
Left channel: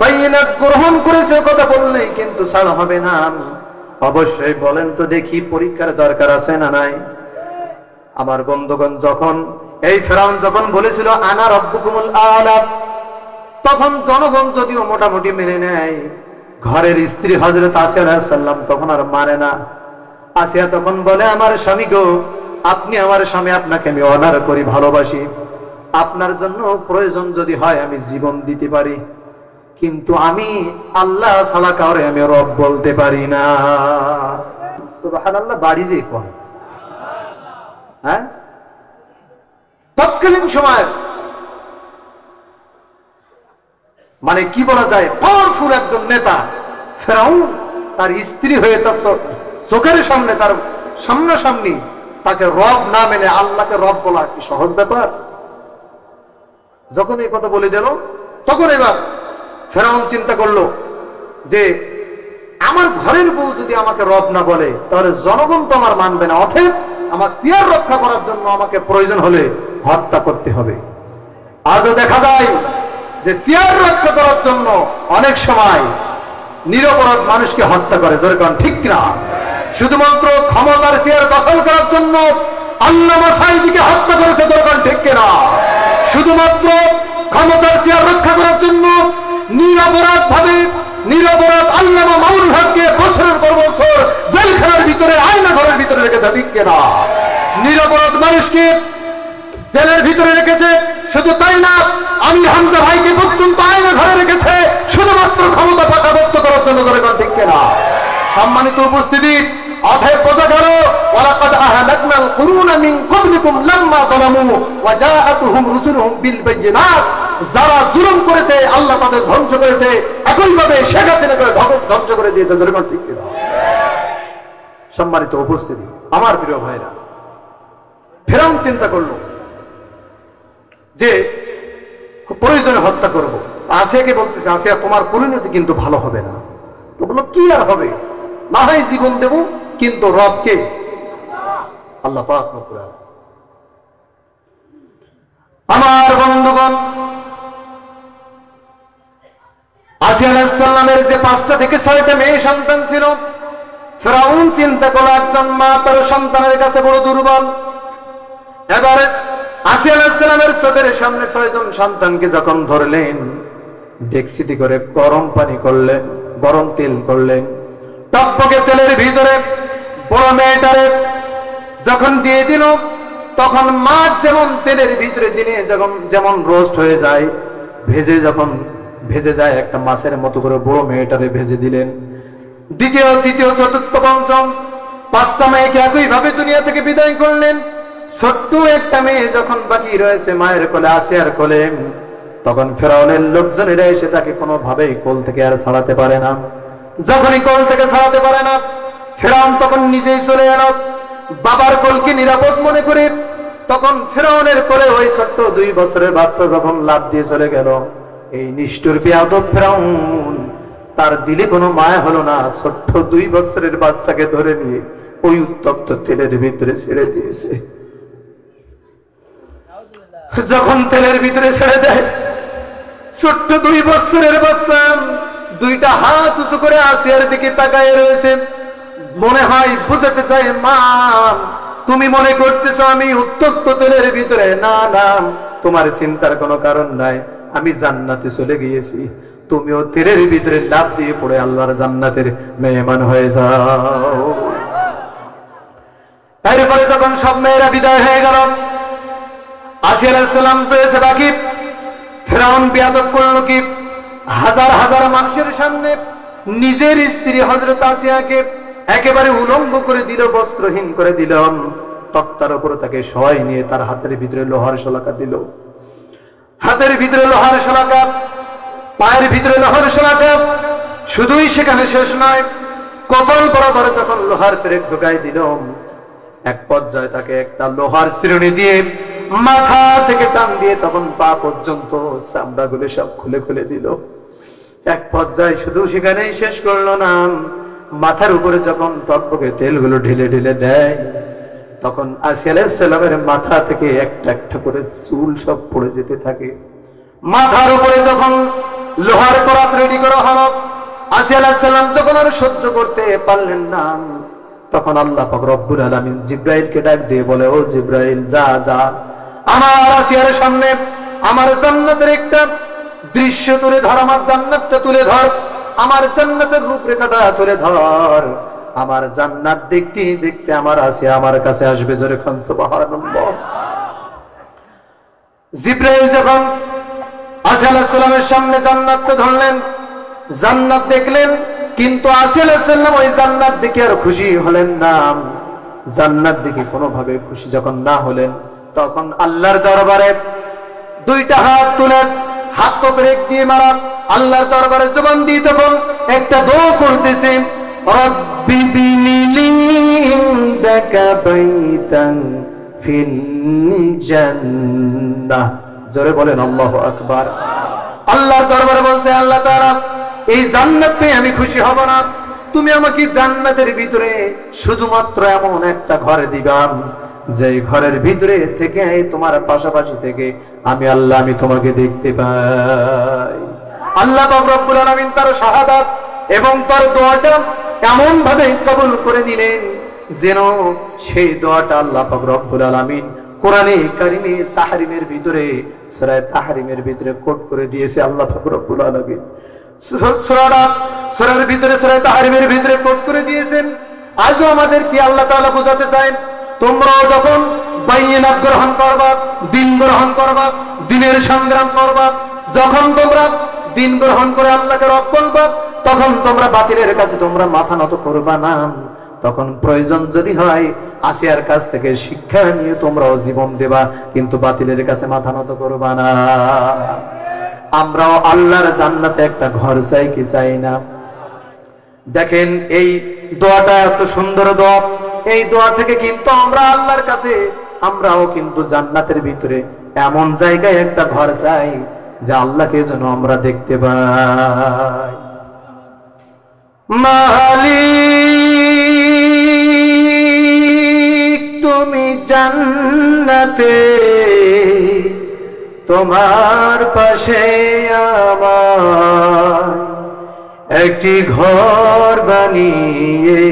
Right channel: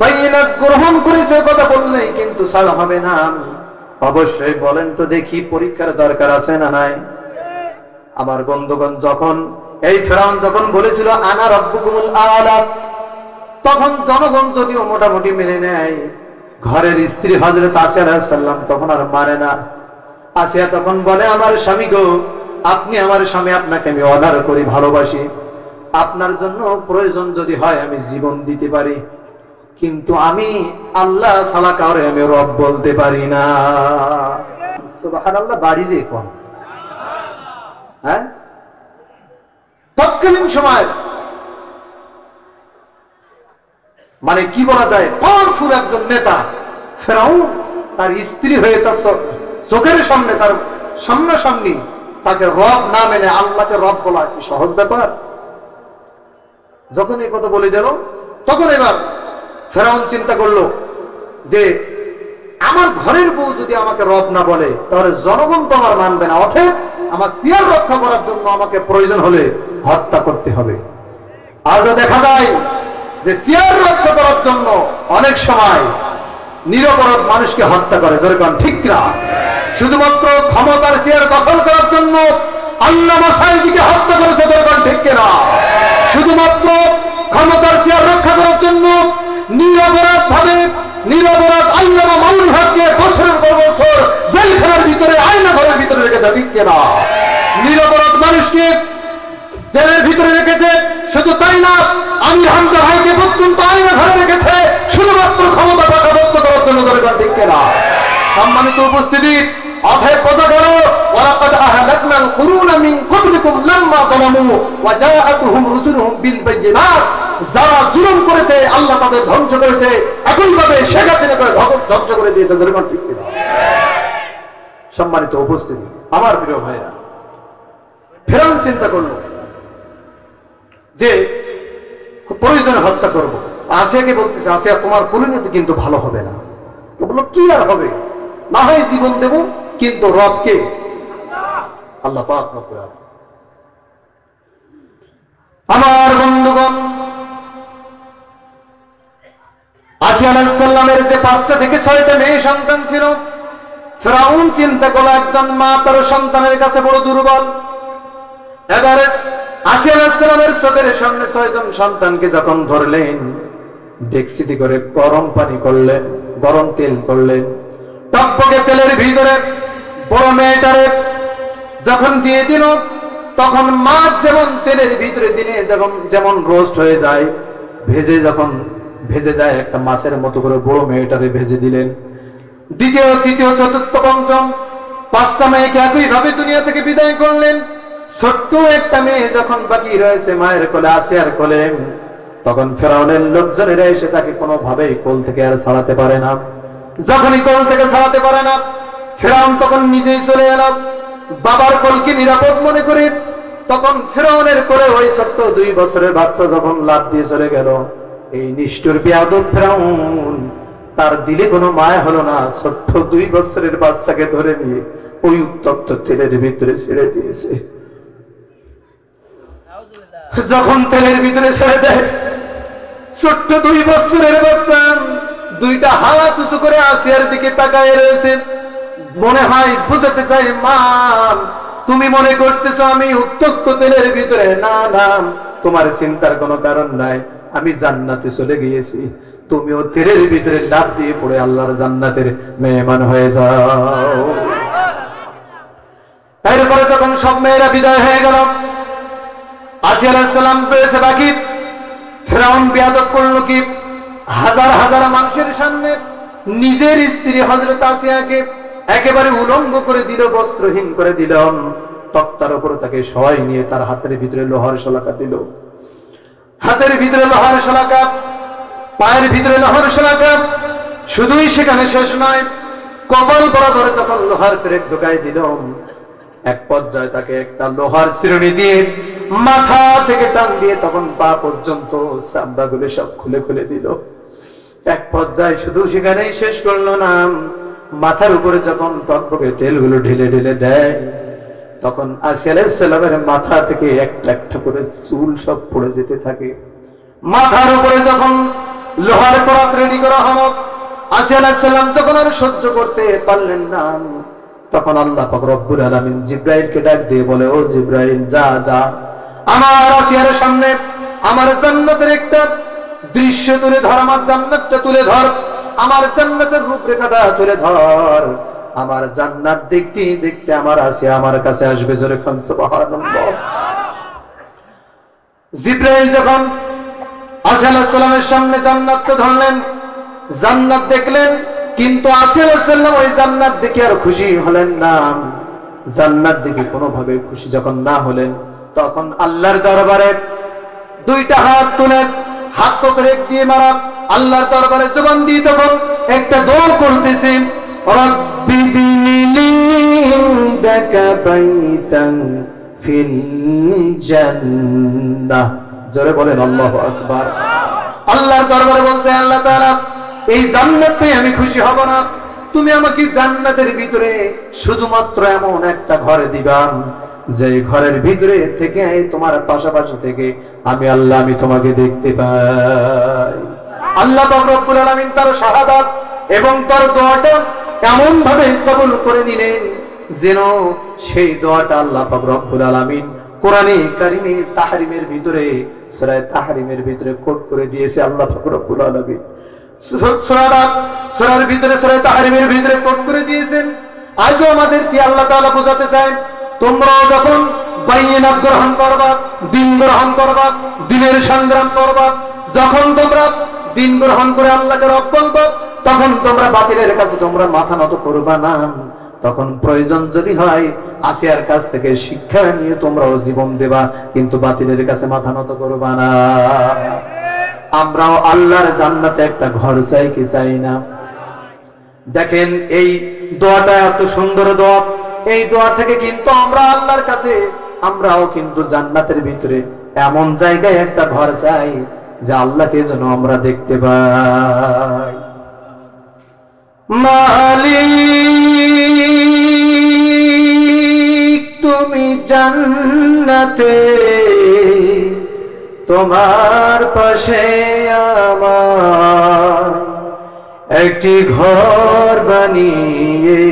বাইনাত গ্রহণ করেছে, কথা বললেই কিন্তু ছাড় হবে না। অবশ্যই বলেন তো দেখি, পরীক্ষার দরকার আছে না নাই? আমার বন্ধুগণ, যখন এই ফেরাউন যখন বলেছিল আনা রাব্বুকুমুল আ'লা, তখন জনগণ যদিও মোটামুটি মেনে নেয়, ঘরের স্ত্রী হযরত আসিয়া আলাইহিস সালাম তখন আর মানে না। আসিয়া তখন বলে, আমার স্বামী গো, আপনি আমার স্বামী, আপনাকে আমি অর্ডার করি, ভালোবাসি, আপনার জন্য প্রয়োজন যদি হয় আমি জীবন দিতে পারি, কিন্তু আমি আল্লাহ ছাড়া কাউরে আমি রব বলতে পারি না। সুবহানাল্লাহ। বাড়ি যে কোন, হ্যাঁ, তৎকালীন সময় মানে কি বলা যায়, পাওয়ারফুল একজন নেতা ফেরাউন, তার স্ত্রী হয়ে তার চোখের সামনে, তার সামনাসামনি তাকে রব না মেনে আল্লাহকে রব বলা কি সহজ ব্যাপার? যখন এই কথা বলে গেল, তখন এবার ফেরাউন চিন্তা করলো যে আমার ঘরের বউ যদি আমাকে রব না বলে, তাহলে জনগণ তো আমার মানবে না, অতএব আমার চেয়ার রক্ষা করার জন্য আমাকে প্রয়োজন হলে হত্যা করতে হবে। আজও দেখা যায় যে চেয়ার রক্ষা করার জন্য অনেক সময় নিরপরাধ মানুষকে হত্যা করে। যেরকম ঠিক না? শুধুমাত্র ক্ষমতার চেয়ার দখল করার জন্য আল্লামা সাঈদীকে হত্যা করেছে। যেরকম ঠিক না? শুধুমাত্র ক্ষমতার চেয়ার রক্ষা করার জন্য নিরপরাধ ভাবে নিরপরাধ আল্লামা মামুনুল হককে বছরের পর বছর জেলখানার ভিতরে, আয়না ঘরের ভিতরে রেখেছে। ঠিক না? নিরপরাধ মানুষকে জেলের ভিতরে রেখেছে। শুধু তাই না, আমি হামজা ভাইকে পর্যন্ত আয়না ঘরে রেখেছে শুধুমাত্র ক্ষমতা পাকাভক্ত করার জন্য। ঠিক না? সম্মানিত উপস্থিতি, অতএব বোঝা গেল, ওয়ালাকাদ আহলাকনাল কুরুনা মিন ক্বাবলিকুম লাম্মা যালামু ওয়া জাআতুহুম রুসুলুহুম বিল বায়িনাত। যারা জুলুম করেছে আল্লাহ তাদের ধ্বংস করেছে, একইভাবে শেখ হাসিনাকে ধ্বংস করে দিয়েছে। যেরকম ঠিক না? সম্মানিত উপস্থিতি, আমার প্রিয় ভাইরা, ফেরাউন চিন্তা করলো যে প্রয়োজনে হত্যা করবো। আসিয়াকে বলতেছে, আসিয়া তোমার পরিণতি কিন্তু ভালো হবে না। তো বললো, কি আর হবে, না হয় জীবন দেব, কিন্তু রবকে আল্লাহ পাক রব্বুল আলামিন। আমার বন্ধুগণ, আসিয়া আলাইহিস সালামের যে 5টা থেকে 6টা মেয়ে সন্তান ছিল, ফেরাউন চিন্তা করলো একজন মা তার সন্তানের কাছে বড় দুর্বল। এবারে আসিয়া আলাইহিস সালামের চোখের সামনে 6 জন সন্তানকে যখন ধরলেন, ডেকচিতে করে গরম পানি করলেন, গরম তেল করলেন, টকটকে তেলের ভিতরে বড় মেয়েটারে যখন দিয়ে দিল, তখন মাছ যেমন তেলের ভিতরে দিনে যেমন রোস্ট হয়ে যায়, ভেজে যায় একটা মাছের মতো করে বড় মেয়েটারে ভেজে দিলেন। দ্বিতীয় তৃতীয় চতুর্থ পঞ্চম 5টা মেয়েকে একইভাবে দুনিয়া থেকে বিদায় করলেন। ছোট্ট একটা মেয়ে যখন বাকি রয়েছে মায়ের কোলে, আসিয়ার কোলে, তখন ফেরাউনের লোকজনেরা এসে তাকে কোনোভাবেই কোল থেকে আর ছাড়াতে পারে না। যখনই কোল থেকে ছাড়াতে পারে না, ফেরাউন তখন নিজেই চলে এল বাবার কোলকে নিরাপদ মনে করে। তখন ফেরাউনের কোলে ওই ছোট্ট 2 বছরের বাচ্চা যখন লাফ দিয়ে চলে গেল, এই নিষ্ঠুর বেয়াদব ফেরাউন তার দিলে কোনো মায়া হলো না, ছোট্ট 2 বছরের বাচ্চাকে ধরে নিয়ে ওই উত্তপ্ত তেলের ভিতরে ছেড়ে দিয়েছে। যখন তেলের ভিতরে ছেড়ে দেয়, ছোট্ট 2 বছরের বাচ্চা 2টা হাত উঁচু করে আসিয়ার দিকে তাকায় রয়েছে। মনে হয় বুঝাতে চাই, মা তুমি মনে করতেছ আমি উত্তপ্ত তেলের ভিতরে? না না, তোমার চিন্তার কোনো কারণ নাই, আমি জান্নাতে চলে গিয়েছি, তুমিও তেলের ভিতরে লাফ দিয়ে পড়ে আল্লাহর জান্নাতের মেহমান হয়ে যাও। এরপরে যখন সব মেয়েরা বিদায় হয়ে গেল, আসিয়া আলাইহিস সালাম রয়েছে বাকি। ফেরাউন বিয়াদব করল কি, হাজার হাজার মানুষের সামনে নিজের স্ত্রী হযরত আসিয়াকে একেবারে উলঙ্গ করে দিল, বস্ত্রহীন করে দিল। তক্তার উপরে তাকে শোয়াই নিয়ে তার হাতের ভিতরে লোহার শলাকা দিল, হাতের ভিতরে লোহার শলাকা, পায়ের ভিতরে লোহার শলাকা। শুধুই সেখানে শেষ নয়, কপাল বরাবর যখন লোহার পেরেক ঢুকাই দিল, এক পর্যায়ে তাকে একটা লোহার চিরুনি দিয়ে মাথা থেকে টান দিয়ে তখন পা পর্যন্ত চামড়াগুলো সব খুলে খুলে দিল। এক পর্যায়ে শুধু সেখানেই শেষ করলো না, মাথার উপরে যখন টকবকে তেলগুলো ঢেলে ঢেলে দেয়, তখন আসিয়া আলাইহিস সালামের মাথা থেকে একটা একটা করে চুল সব পড়ে যেতে থাকে। মাথার উপরে যখন লোহার পরাত রেডি করা হলো, আসিয়া আলাইহিস সালাম যখন আর সহ্য করতে পারলেন না, তখন আল্লাহ পাক রব্বুল আলামিন জিবরাইলকে ডাক দিয়ে বলে, ও জিবরাইল, যা যা আমার আসিয়ার সামনে আমার জান্নাতের একটা দৃশ্য তুলে ধর, আমার জান্নাতটা তুলে ধর, আমার জান্নাতের রূপরেখাটা তুলে ধর। আমার জান্নাত দেখতে দেখতে আমার আসিয়া আমার কাছে আসবে। জোরে খান সুবহানাল্লাহ। জিবরাইল যখন আসিয়া আলাইহিস সালামের সামনে জান্নাতটা ধরলেন, জান্নাত দেখলেন, কিন্তু আসিয়া আলাইহিস সালাম ওই জান্নাত দেখে আর খুশি হলেন না। জান্নাত দেখে কোনোভাবে খুশি যখন না হলেন, তখন আল্লাহর দরবারে 2টা হাত তুলে, হাত তো ব্রেক দিয়ে মারা, আল্লাহর দরবারে জবান দিয়ে তখন একটা দোয়া করতেছে, রব্বি বিনিলি ইনদাকা বাইতান ফিল জান্নাহ। জোরে বলেন আল্লাহু আকবার। আল্লাহর দরবারে বলছে, আল্লাহ তাআলা এই জান্নাত পেয়ে আমি খুশি হব না, তুমি আমাকে জান্নাতের ভিতরে শুধুমাত্র এমন একটা ঘর দিবান যে ঘরের ভিতরে থেকে তোমার পাশাপাশি থেকে আমি আল্লাহ আমি তোমাকে দেখতে পাই। আল্লাহ পাক রব্বুল আলামিন তার শাহাদাত এবং তার দোয়াটা এমন ভাবে কবুল করে নিলেন যেন সেই দোয়াটা আল্লাহ পাক রব্বুল আলামিন কোরআনে কারিমে তাহরিমের ভিতরে, সূরা তাহরিমের ভিতরে কোট করে দিয়েছে আল্লাহ পাক রব্বুল আলামিন। সূরার ভিতরে, সূরা তাহরিমের ভিতরে কোট করে দিয়েছেন। আজও আমাদেরকে আল্লাহ তাআলা বোঝাতে চায়, তোমরা যখন বাইনাত গ্রহণ করবা, দিন গ্রহণ করবা, দিনের সংগ্রাম করবা, যখন তোমরা দিন গ্রহণ করে আল্লাহকে রব বলবা, তখন তোমরা বাতিলের কাছে তোমরা মাথা নত করবা না। তখন প্রয়োজন যদি হয় আসিয়ার কাছ থেকে শিক্ষা নিয়ে তোমরাও জীবন দেবা, কিন্তু বাতিলের কাছে মাথা নত করবা না। আমরাও আল্লাহর জান্নাতে একটা ঘর চাই কি চাই না? দেখেন এই দোয়াটা এত সুন্দর দোয়া, এই দোয়া থেকে কিন্তু আমরা আল্লাহর কাছে আমরাও কিন্তু জান্নাতের ভিতরে এমন জায়গায় একটা ঘর চাই যা আল্লাহকে যেন আমরা দেখতে পাই। মালিক তুমি জান্নাতে, তোমার পাশে আমার একটি ঘর বানিয়ে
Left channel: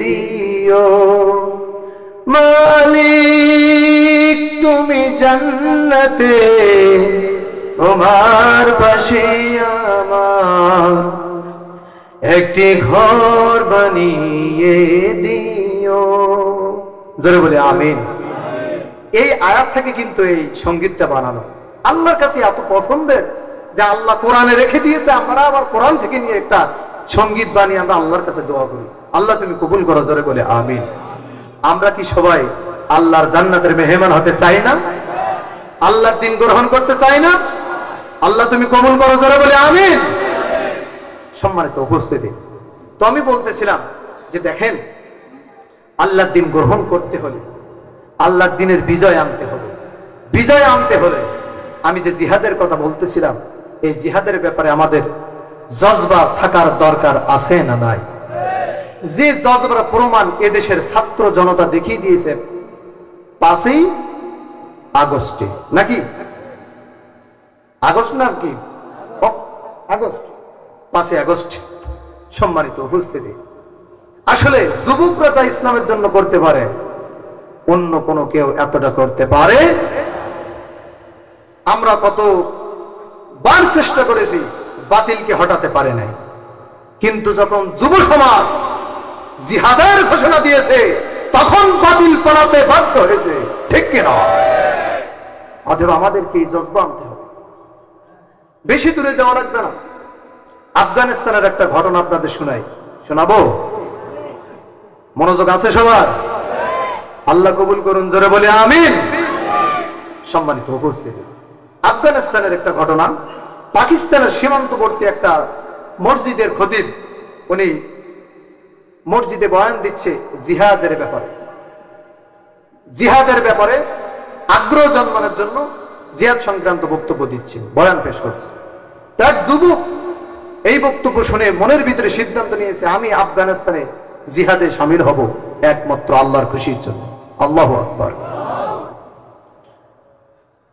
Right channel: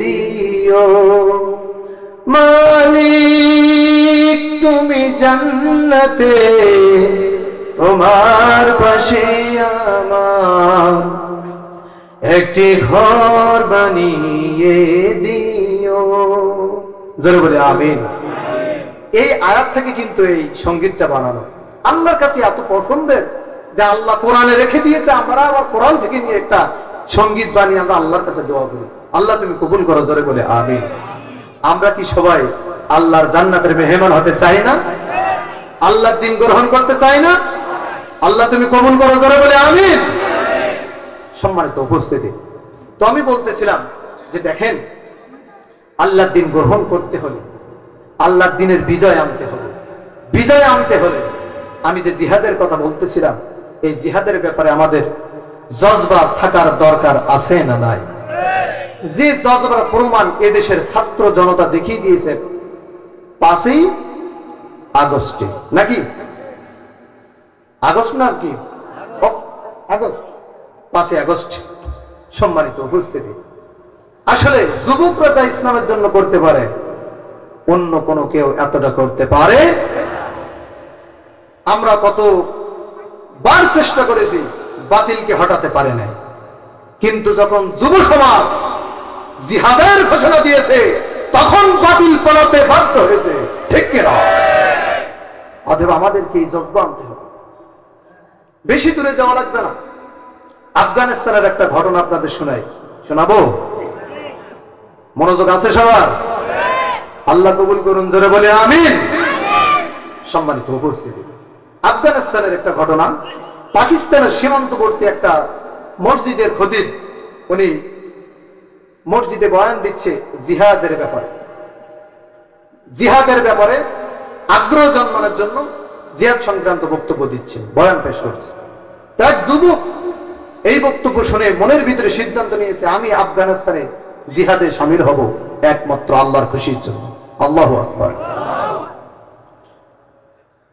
দিও। মালিক তুমি জান্নাতে, তোমার পাশে আমার একটি ঘর বানিয়ে দিও। জোরে বলে আমিন। এই আয়াত থেকে কিন্তু এই সঙ্গীতটা বানানো আল্লাহর কাছে এত পছন্দের, যে আল্লাহ কোরআনে রেখে দিয়েছে, আমরা আবার কোরআন থেকে নিয়ে একটা সঙ্গীত বানিয়ে আমরা আল্লাহর কাছে দোয়া করি। আল্লাহ তুমি কবুল করো, জোরে বলে আমিন। আমরা কি সবাই আল্লাহর জান্নাতের মেহমান হতে চাই না? আল্লাহর দিন গ্রহণ করতে চাই না? আল্লাহ তুমি কবুল করো, জোরে বলে আমিন। সম্মানিত উপস্থিতি, তো আমি বলতেছিলাম যে দেখেন, আল্লাহর দিন গ্রহণ করতে হলে, আল্লাহর দিনের বিজয় আনতে হবে। বিজয় আনতে হলে আমি যে জিহাদের কথা বলতেছিলাম, এই জিহাদের ব্যাপারে আমাদের জজবা থাকার দরকার আছে না নাই? যে জজবার প্রমাণ এদেশের ছাত্র জনতা দেখিয়ে দিয়েছে 5ই আগস্টে, নাকি আগস্ট না কি আগস্ট, 5ই আগস্ট। সম্মানিত উপস্থিতি, আসলে যুবকরা যা ইসলামের জন্য করতে পারে অন্য কোনো কেউ এতটা করতে পারে? আমরা কত বার চেষ্টা করেছি, বাতিলকে হটাতে পারে না, কিন্তু যখন যুব সমাজ জিহাদের ঘোষণা দিয়েছে তখন বাতিল পড়াতে বাধ্য হয়েছে, ঠিক কিনা? অথবা আমাদেরকে এই জজবা আনতে হবে। বেশি দূরে যাওয়া লাগবে না, আফগানিস্তানের একটা ঘটনা আপনাদের শোনাবো। মনোযোগ আছে সবার? আল্লাহ কবুল করুন, জোরে বলে আমিন। সম্মানিত উপস্থিতি, আফগানিস্তানের একটা ঘটনা। পাকিস্তানের সীমান্তবর্তী একটা মসজিদের খতিব, উনি মসজিদে বয়ান দিচ্ছে জিহাদের ব্যাপারে। জিহাদের ব্যাপারে আগ্রহ জন্মানোর জন্য জিহাদ সংক্রান্ত বক্তব্য দিচ্ছে, বয়ান পেশ করছে। তার যুবক এই বক্তব্য শুনে মনের ভিতরে সিদ্ধান্ত নিয়েছে, আমি আফগানিস্তানে জিহাদে শামিল হব একমাত্র আল্লাহর খুশির জন্য। আল্লাহু আকবার।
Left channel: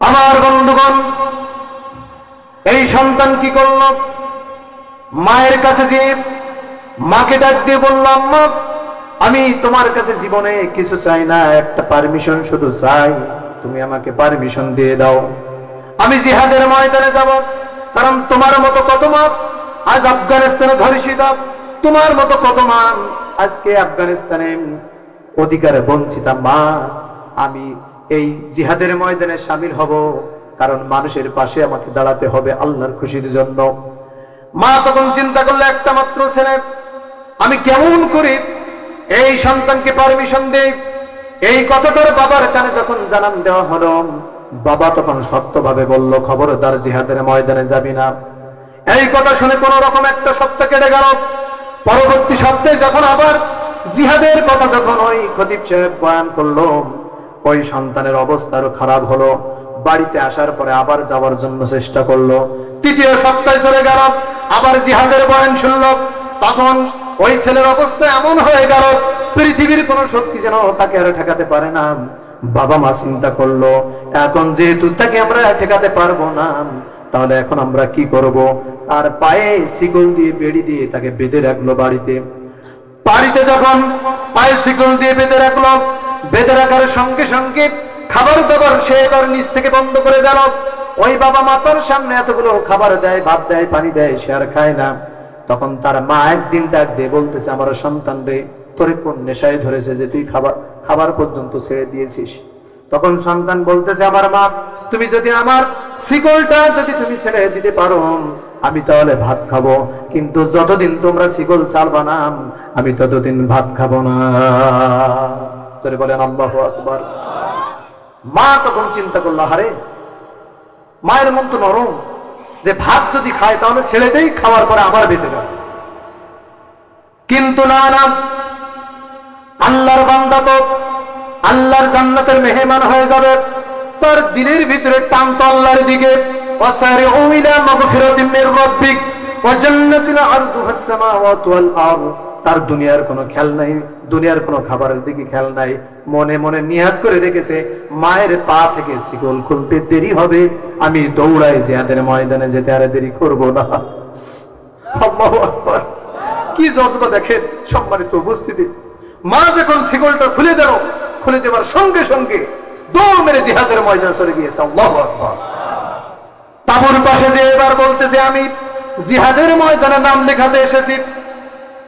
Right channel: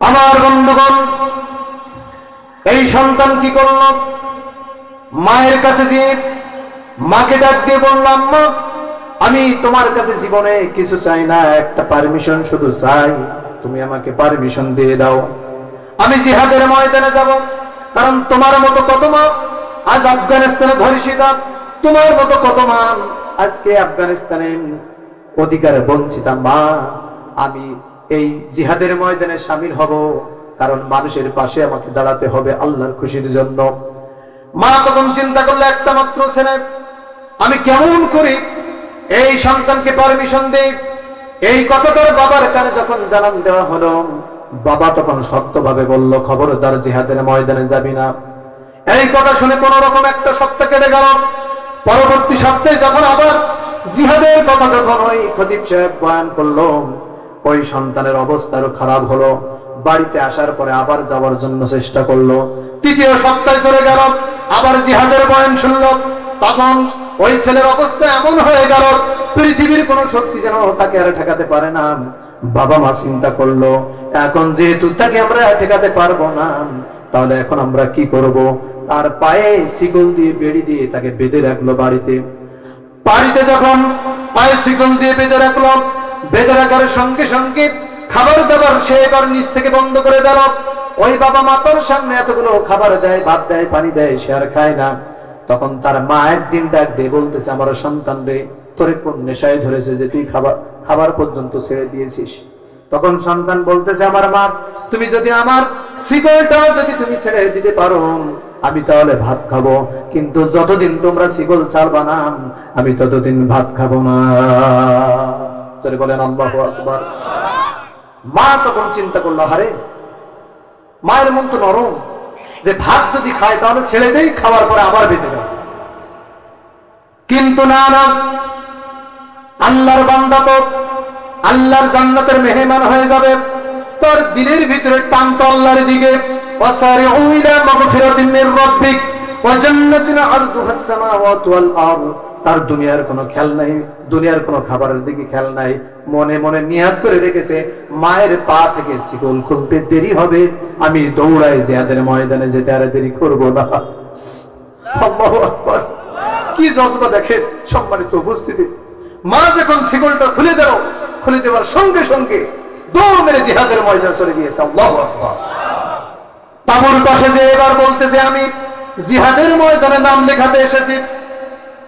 আমার বন্ধুগণ, এই সন্তান কি করল? মায়ের কাছে যেয়ে মাকে ডাক দিয়ে বললাম, মা, আমি তোমার কাছে জীবনে কিছু চাই না, একটা পারমিশন শুধু চাই, তুমি আমাকে পারমিশন দিয়ে দাও, আমি জিহাদের ময়দানে যাব। কারণ তোমার মতো কত মা আজ আফগানিস্তানে ধর্ষিত, তোমার মতো কত মা আজকে আফগানিস্তানে অধিকারে বঞ্চিত। মা, আমি এই জিহাদের ময়দানে শামিল হব, কারণ মানুষের পাশে আমাকে দাঁড়াতে হবে আল্লাহর খুশির জন্য। মা তখন চিন্তা করলে, একটা মাত্র ছেলে, আমি কেমন করে এই সন্তানকে পারমিশন দেই? এই কথাটার বাবার কানে যখন জানান দেওয়া হলো, বাবা তখন শক্তভাবে বলল, খবরদার জিহাদের ময়দানে যাবি না। এই কথা শুনে কোন রকম একটা সপ্তাহ কেটে গেল। পরবর্তী সপ্তাহে যখন আবার জিহাদের কথা যখন ওই খতিব সাহেব বয়ান করলো, ওই সন্তানের অবস্থা আরো খারাপ হলো। বাড়িতে আসার পরে আবার যাওয়ার জন্য চেষ্টা করলো। তৃতীয় সপ্তাহে চলে গেল, আবার জিহাদের বয়ান শুনলো। তখন ওই ছেলের অবস্থা এমন হয়ে গেল, পৃথিবীর কোন শক্তি যেন তাকে আর ঠেকাতে পারে না। বাবা মা চিন্তা করলো, এখন যেহেতু তাকে আমরা ঠেকাতে পারবো না, তাহলে এখন আমরা কি করব? তার পায়ে শিকল দিয়ে বেড়ি দিয়ে তাকে বেঁধে রাখলো বাড়িতে। বাড়িতে যখন পায়ে শিকল দিয়ে বেঁধে রাখলো, বেঁধে রাখার সঙ্গে সঙ্গে খাবার দাবার সে এবার নিচ থেকে বন্ধ করে দিল। ওই বাবা মাতার সামনে এতগুলো খাবার দেয়, ভাত দেয়, পানি দেয়, সে আর খায় না। তখন তার মা একদিন ডাক দিয়ে বলতেছে, আমার সন্তান রে, তোরে কোন নেশায় ধরেছে যে তুই খাবার পর্যন্ত ছেড়ে দিয়েছিস? তখন সন্তান বলতেছে, আমার মা, তুমি যদি আমার শিকলটা যদি তুমি ছেড়ে দিতে পারো, আমি তাহলে ভাত খাবো, কিন্তু যতদিন তোমরা শিকল ছাড়বা না, আমি ততদিন ভাত খাবো না। চলে বলেন আল্লাহু আকবার। মা তখন চিন্তা করলো, হারে, মায়ের মন তো নরম, যে ভাত যদি খায় তাহলে ছেড়ে দেই, খাওয়ার পরে আবার বেঁধে দেয়। কিন্তু না না, আল্লাহর বান্দা তো আল্লাহর জান্নাতের মেহমান হয়ে যাবে। তার দিলের ভিতরে টান তো আল্লাহর দিকে। ওয়াসারিউ ইলা মাগফিরাতিন মির রাব্বিক ওয়া জান্নাতিন আরদুহাস সামাওয়াতু ওয়াল আরদ। তার দুনিয়ার কোনো খেয়াল নাই, দুনিয়ার কোনো খাবারের দিকে খেয়াল নাই। মনে মনে নিয়াত করে রেখেছে, মায়ের পা থেকে শিকল খুলতে দেরি হবে, আমি দৌড়াই জিহাদের ময়দানে যেতে আর দেরি করব না। আল্লাহু আকবার। কি জজবা দেখেন সম্মানিত উপস্থিতি। মা যখন শিকলটা খুলে দিল, খুলে দেওয়ার সঙ্গে সঙ্গে দৌড় মেরে জিহাদের ময়দানে চলে গিয়েছে। আল্লাহু আকবার। তাবুর পাশে যে এবার বলতেছে, আমি জিহাদের ময়দানে নাম লেখাতে এসেছি।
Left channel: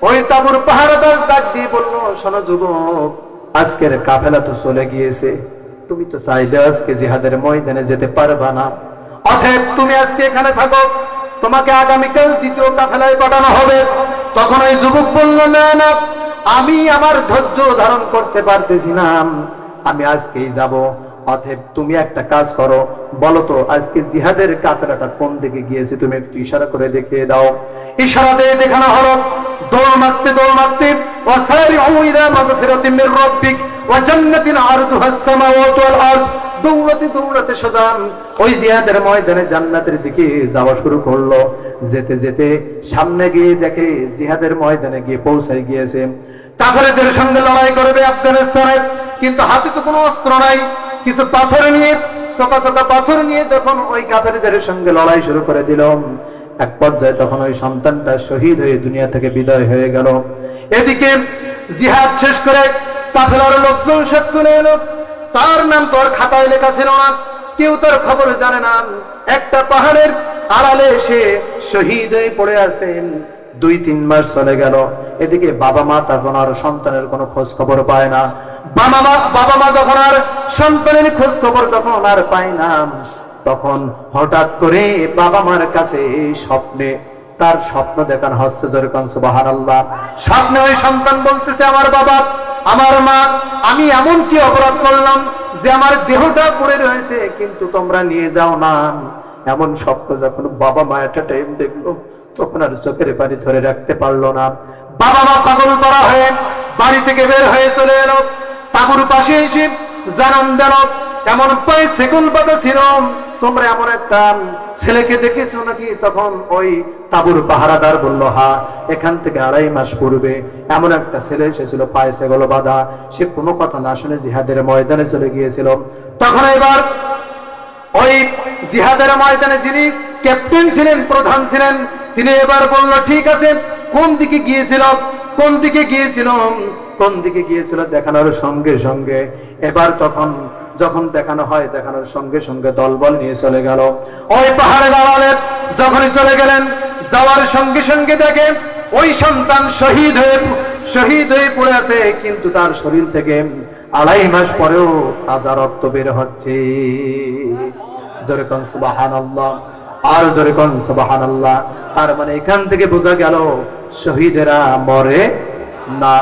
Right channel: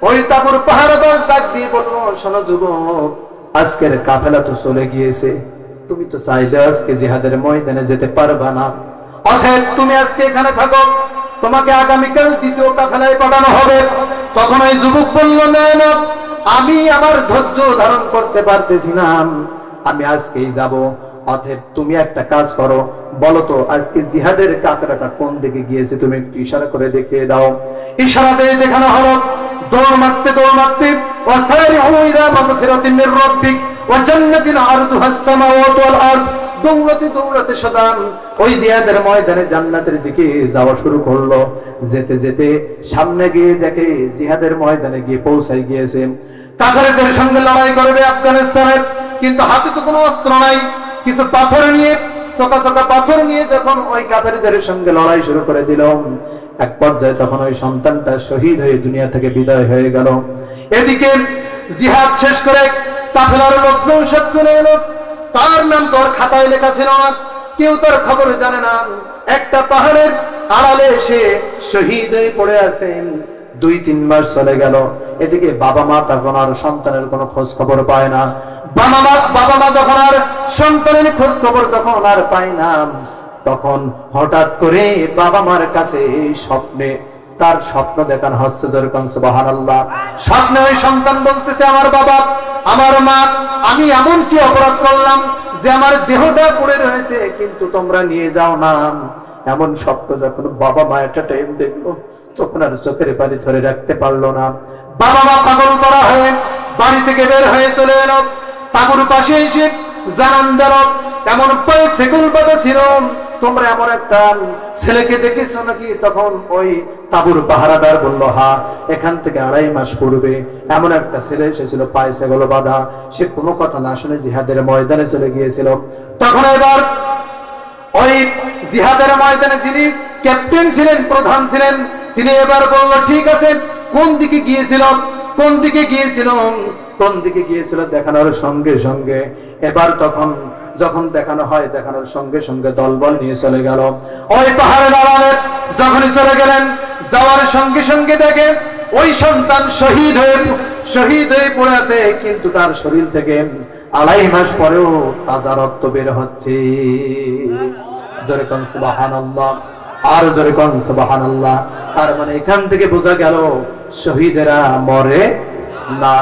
ওই তাবুর পাহারাদার ডাক দিয়ে বললো, শোনো যুবক, আজকের কাফেলা তো চলে গিয়েছে, তুমি তো চাইলে আজকে জিহাদের ময়দানে যেতে পারবা না। অতএব তুমি আজকে এখানে থাকো, তোমাকে আগামীকাল দ্বিতীয় কাফেলায় পাঠানো হবে। তখন ওই যুবক বলল, না না, আমি আমার ধৈর্য ধারণ করতে পারতেছি না, আমি আজকেই যাব। অতএব তুমি একটা কাজ করো, বলো তো আজকে জিহাদের কাফেলাটা কোন দিকে গিয়েছে, তুমি একটু ইশারা করে দেখিয়ে দাও। ইশারাতে দেখানো হলো, দৌড় মারতে দৌড় মারতে, ওয়াসারিউ ইলা মাগফিরাতিন মির রাব্বিক ওয়া জান্নাতিন আরদুহা আস-সামাওয়াতু ওয়াল আরদ, দৌড়াতে দৌড়াতে সাজান ওই জিহাদের ময়দানে জান্নাতের দিকে যাওয়া শুরু করলো। যেতে যেতে সামনে গিয়ে দেখে জিহাদের ময়দানে গিয়ে পৌঁছাই গিয়েছেন। কাফেরদের সঙ্গে লড়াই করবে আফগানিস্তানে, কিন্তু হাতে তো কোনো অস্ত্র নাই, কিছু পাথর নিয়ে, চকা চকা পাথর নিয়ে যখন ওই কাফেরদের সঙ্গে লড়াই শুরু করে দিল, এক পর্যায়ে তখন ওই সন্তানটা শহীদ হয়ে দুনিয়া থেকে বিদায় হয়ে গেল। এদিকে জিহাদ শেষ করে কাফেলার লোকজন সব চলে এলো। তার নাম তো আর খাতায় লেখা ছিল না, কেউ তার খবর জানে না। একটা পাহাড়ের আড়ালে এসে শহীদ হয়ে পড়ে আছেন। 2-3 মাস চলে গেল। এদিকে বাবা মা তখন আর সন্তানের কোনো খোঁজ খবর পায় না। বাবা মা যখন আর সন্তানের খোঁজ খবর যখন আর পায় না, তখন হঠাৎ করে বাবা মার কাছে স্বপ্নে তার স্বপ্ন দেখানো হচ্ছে। যেরকম সুবহানাল্লাহ, স্বপ্নে ওই সন্তান বলতেছে, আমার বাবা, আমার মা, আমি এমন কি অপরাধ করলাম যে আমার দেহটা পড়ে রয়েছে কিন্তু তোমরা নিয়ে যাও না। এমন স্বপ্ন যখন বাবা মা একটা টাইম দেখলো, তখন আর চোখের পানি ধরে রাখতে পারলো না। বাবা মা পাগল করা হয়ে বাড়ি থেকে বের হয়ে চলে এলো। তাঁবুর পাশে এসে জানান দিল, এমন পায়ে সেকুল বাঁধা ছিল, তোমরা এমন একটা ছেলেকে দেখেছো নাকি? তখন ওই তাঁবুর পাহারাদার বলল, হ্যাঁ, এখান থেকে 2.5 মাস পূর্বে এমন একটা ছেলে এসেছিল পায়ে সেগুলো বাঁধা, সে কোনো কথা না শুনে জিহাদের ময়দানে চলে গিয়েছিল। তখন এবার ওই জিহাদের ময়দানে যিনি ক্যাপ্টেন ছিলেন, প্রধান ছিলেন, তিনি এবার বলল, ঠিক আছে, কোন দিকে গিয়েছিল, কোন দিকে গিয়েছিল, কোন দিকে গিয়েছিল দেখানোর সঙ্গে সঙ্গে এবার তখন যখন দেখানো হয়, দেখানোর সঙ্গে সঙ্গে দলবল নিয়ে চলে গেল ওই পাহাড়ের আড়ালে। যখনই চলে গেলেন, যাওয়ার সঙ্গে সঙ্গে দেখেন ওই সন্তান শহীদ হয়ে পড়ে আছে, কিন্তু তার শরীর থেকে 2.5 মাস পরেও তাজা রক্ত বের হচ্ছে। জোরে কোন সুবহানাল্লাহ, আর জোরে কোন সুবহানাল্লাহ। তার মানে এখান থেকে বোঝা গেল শহীদেরা মরে না।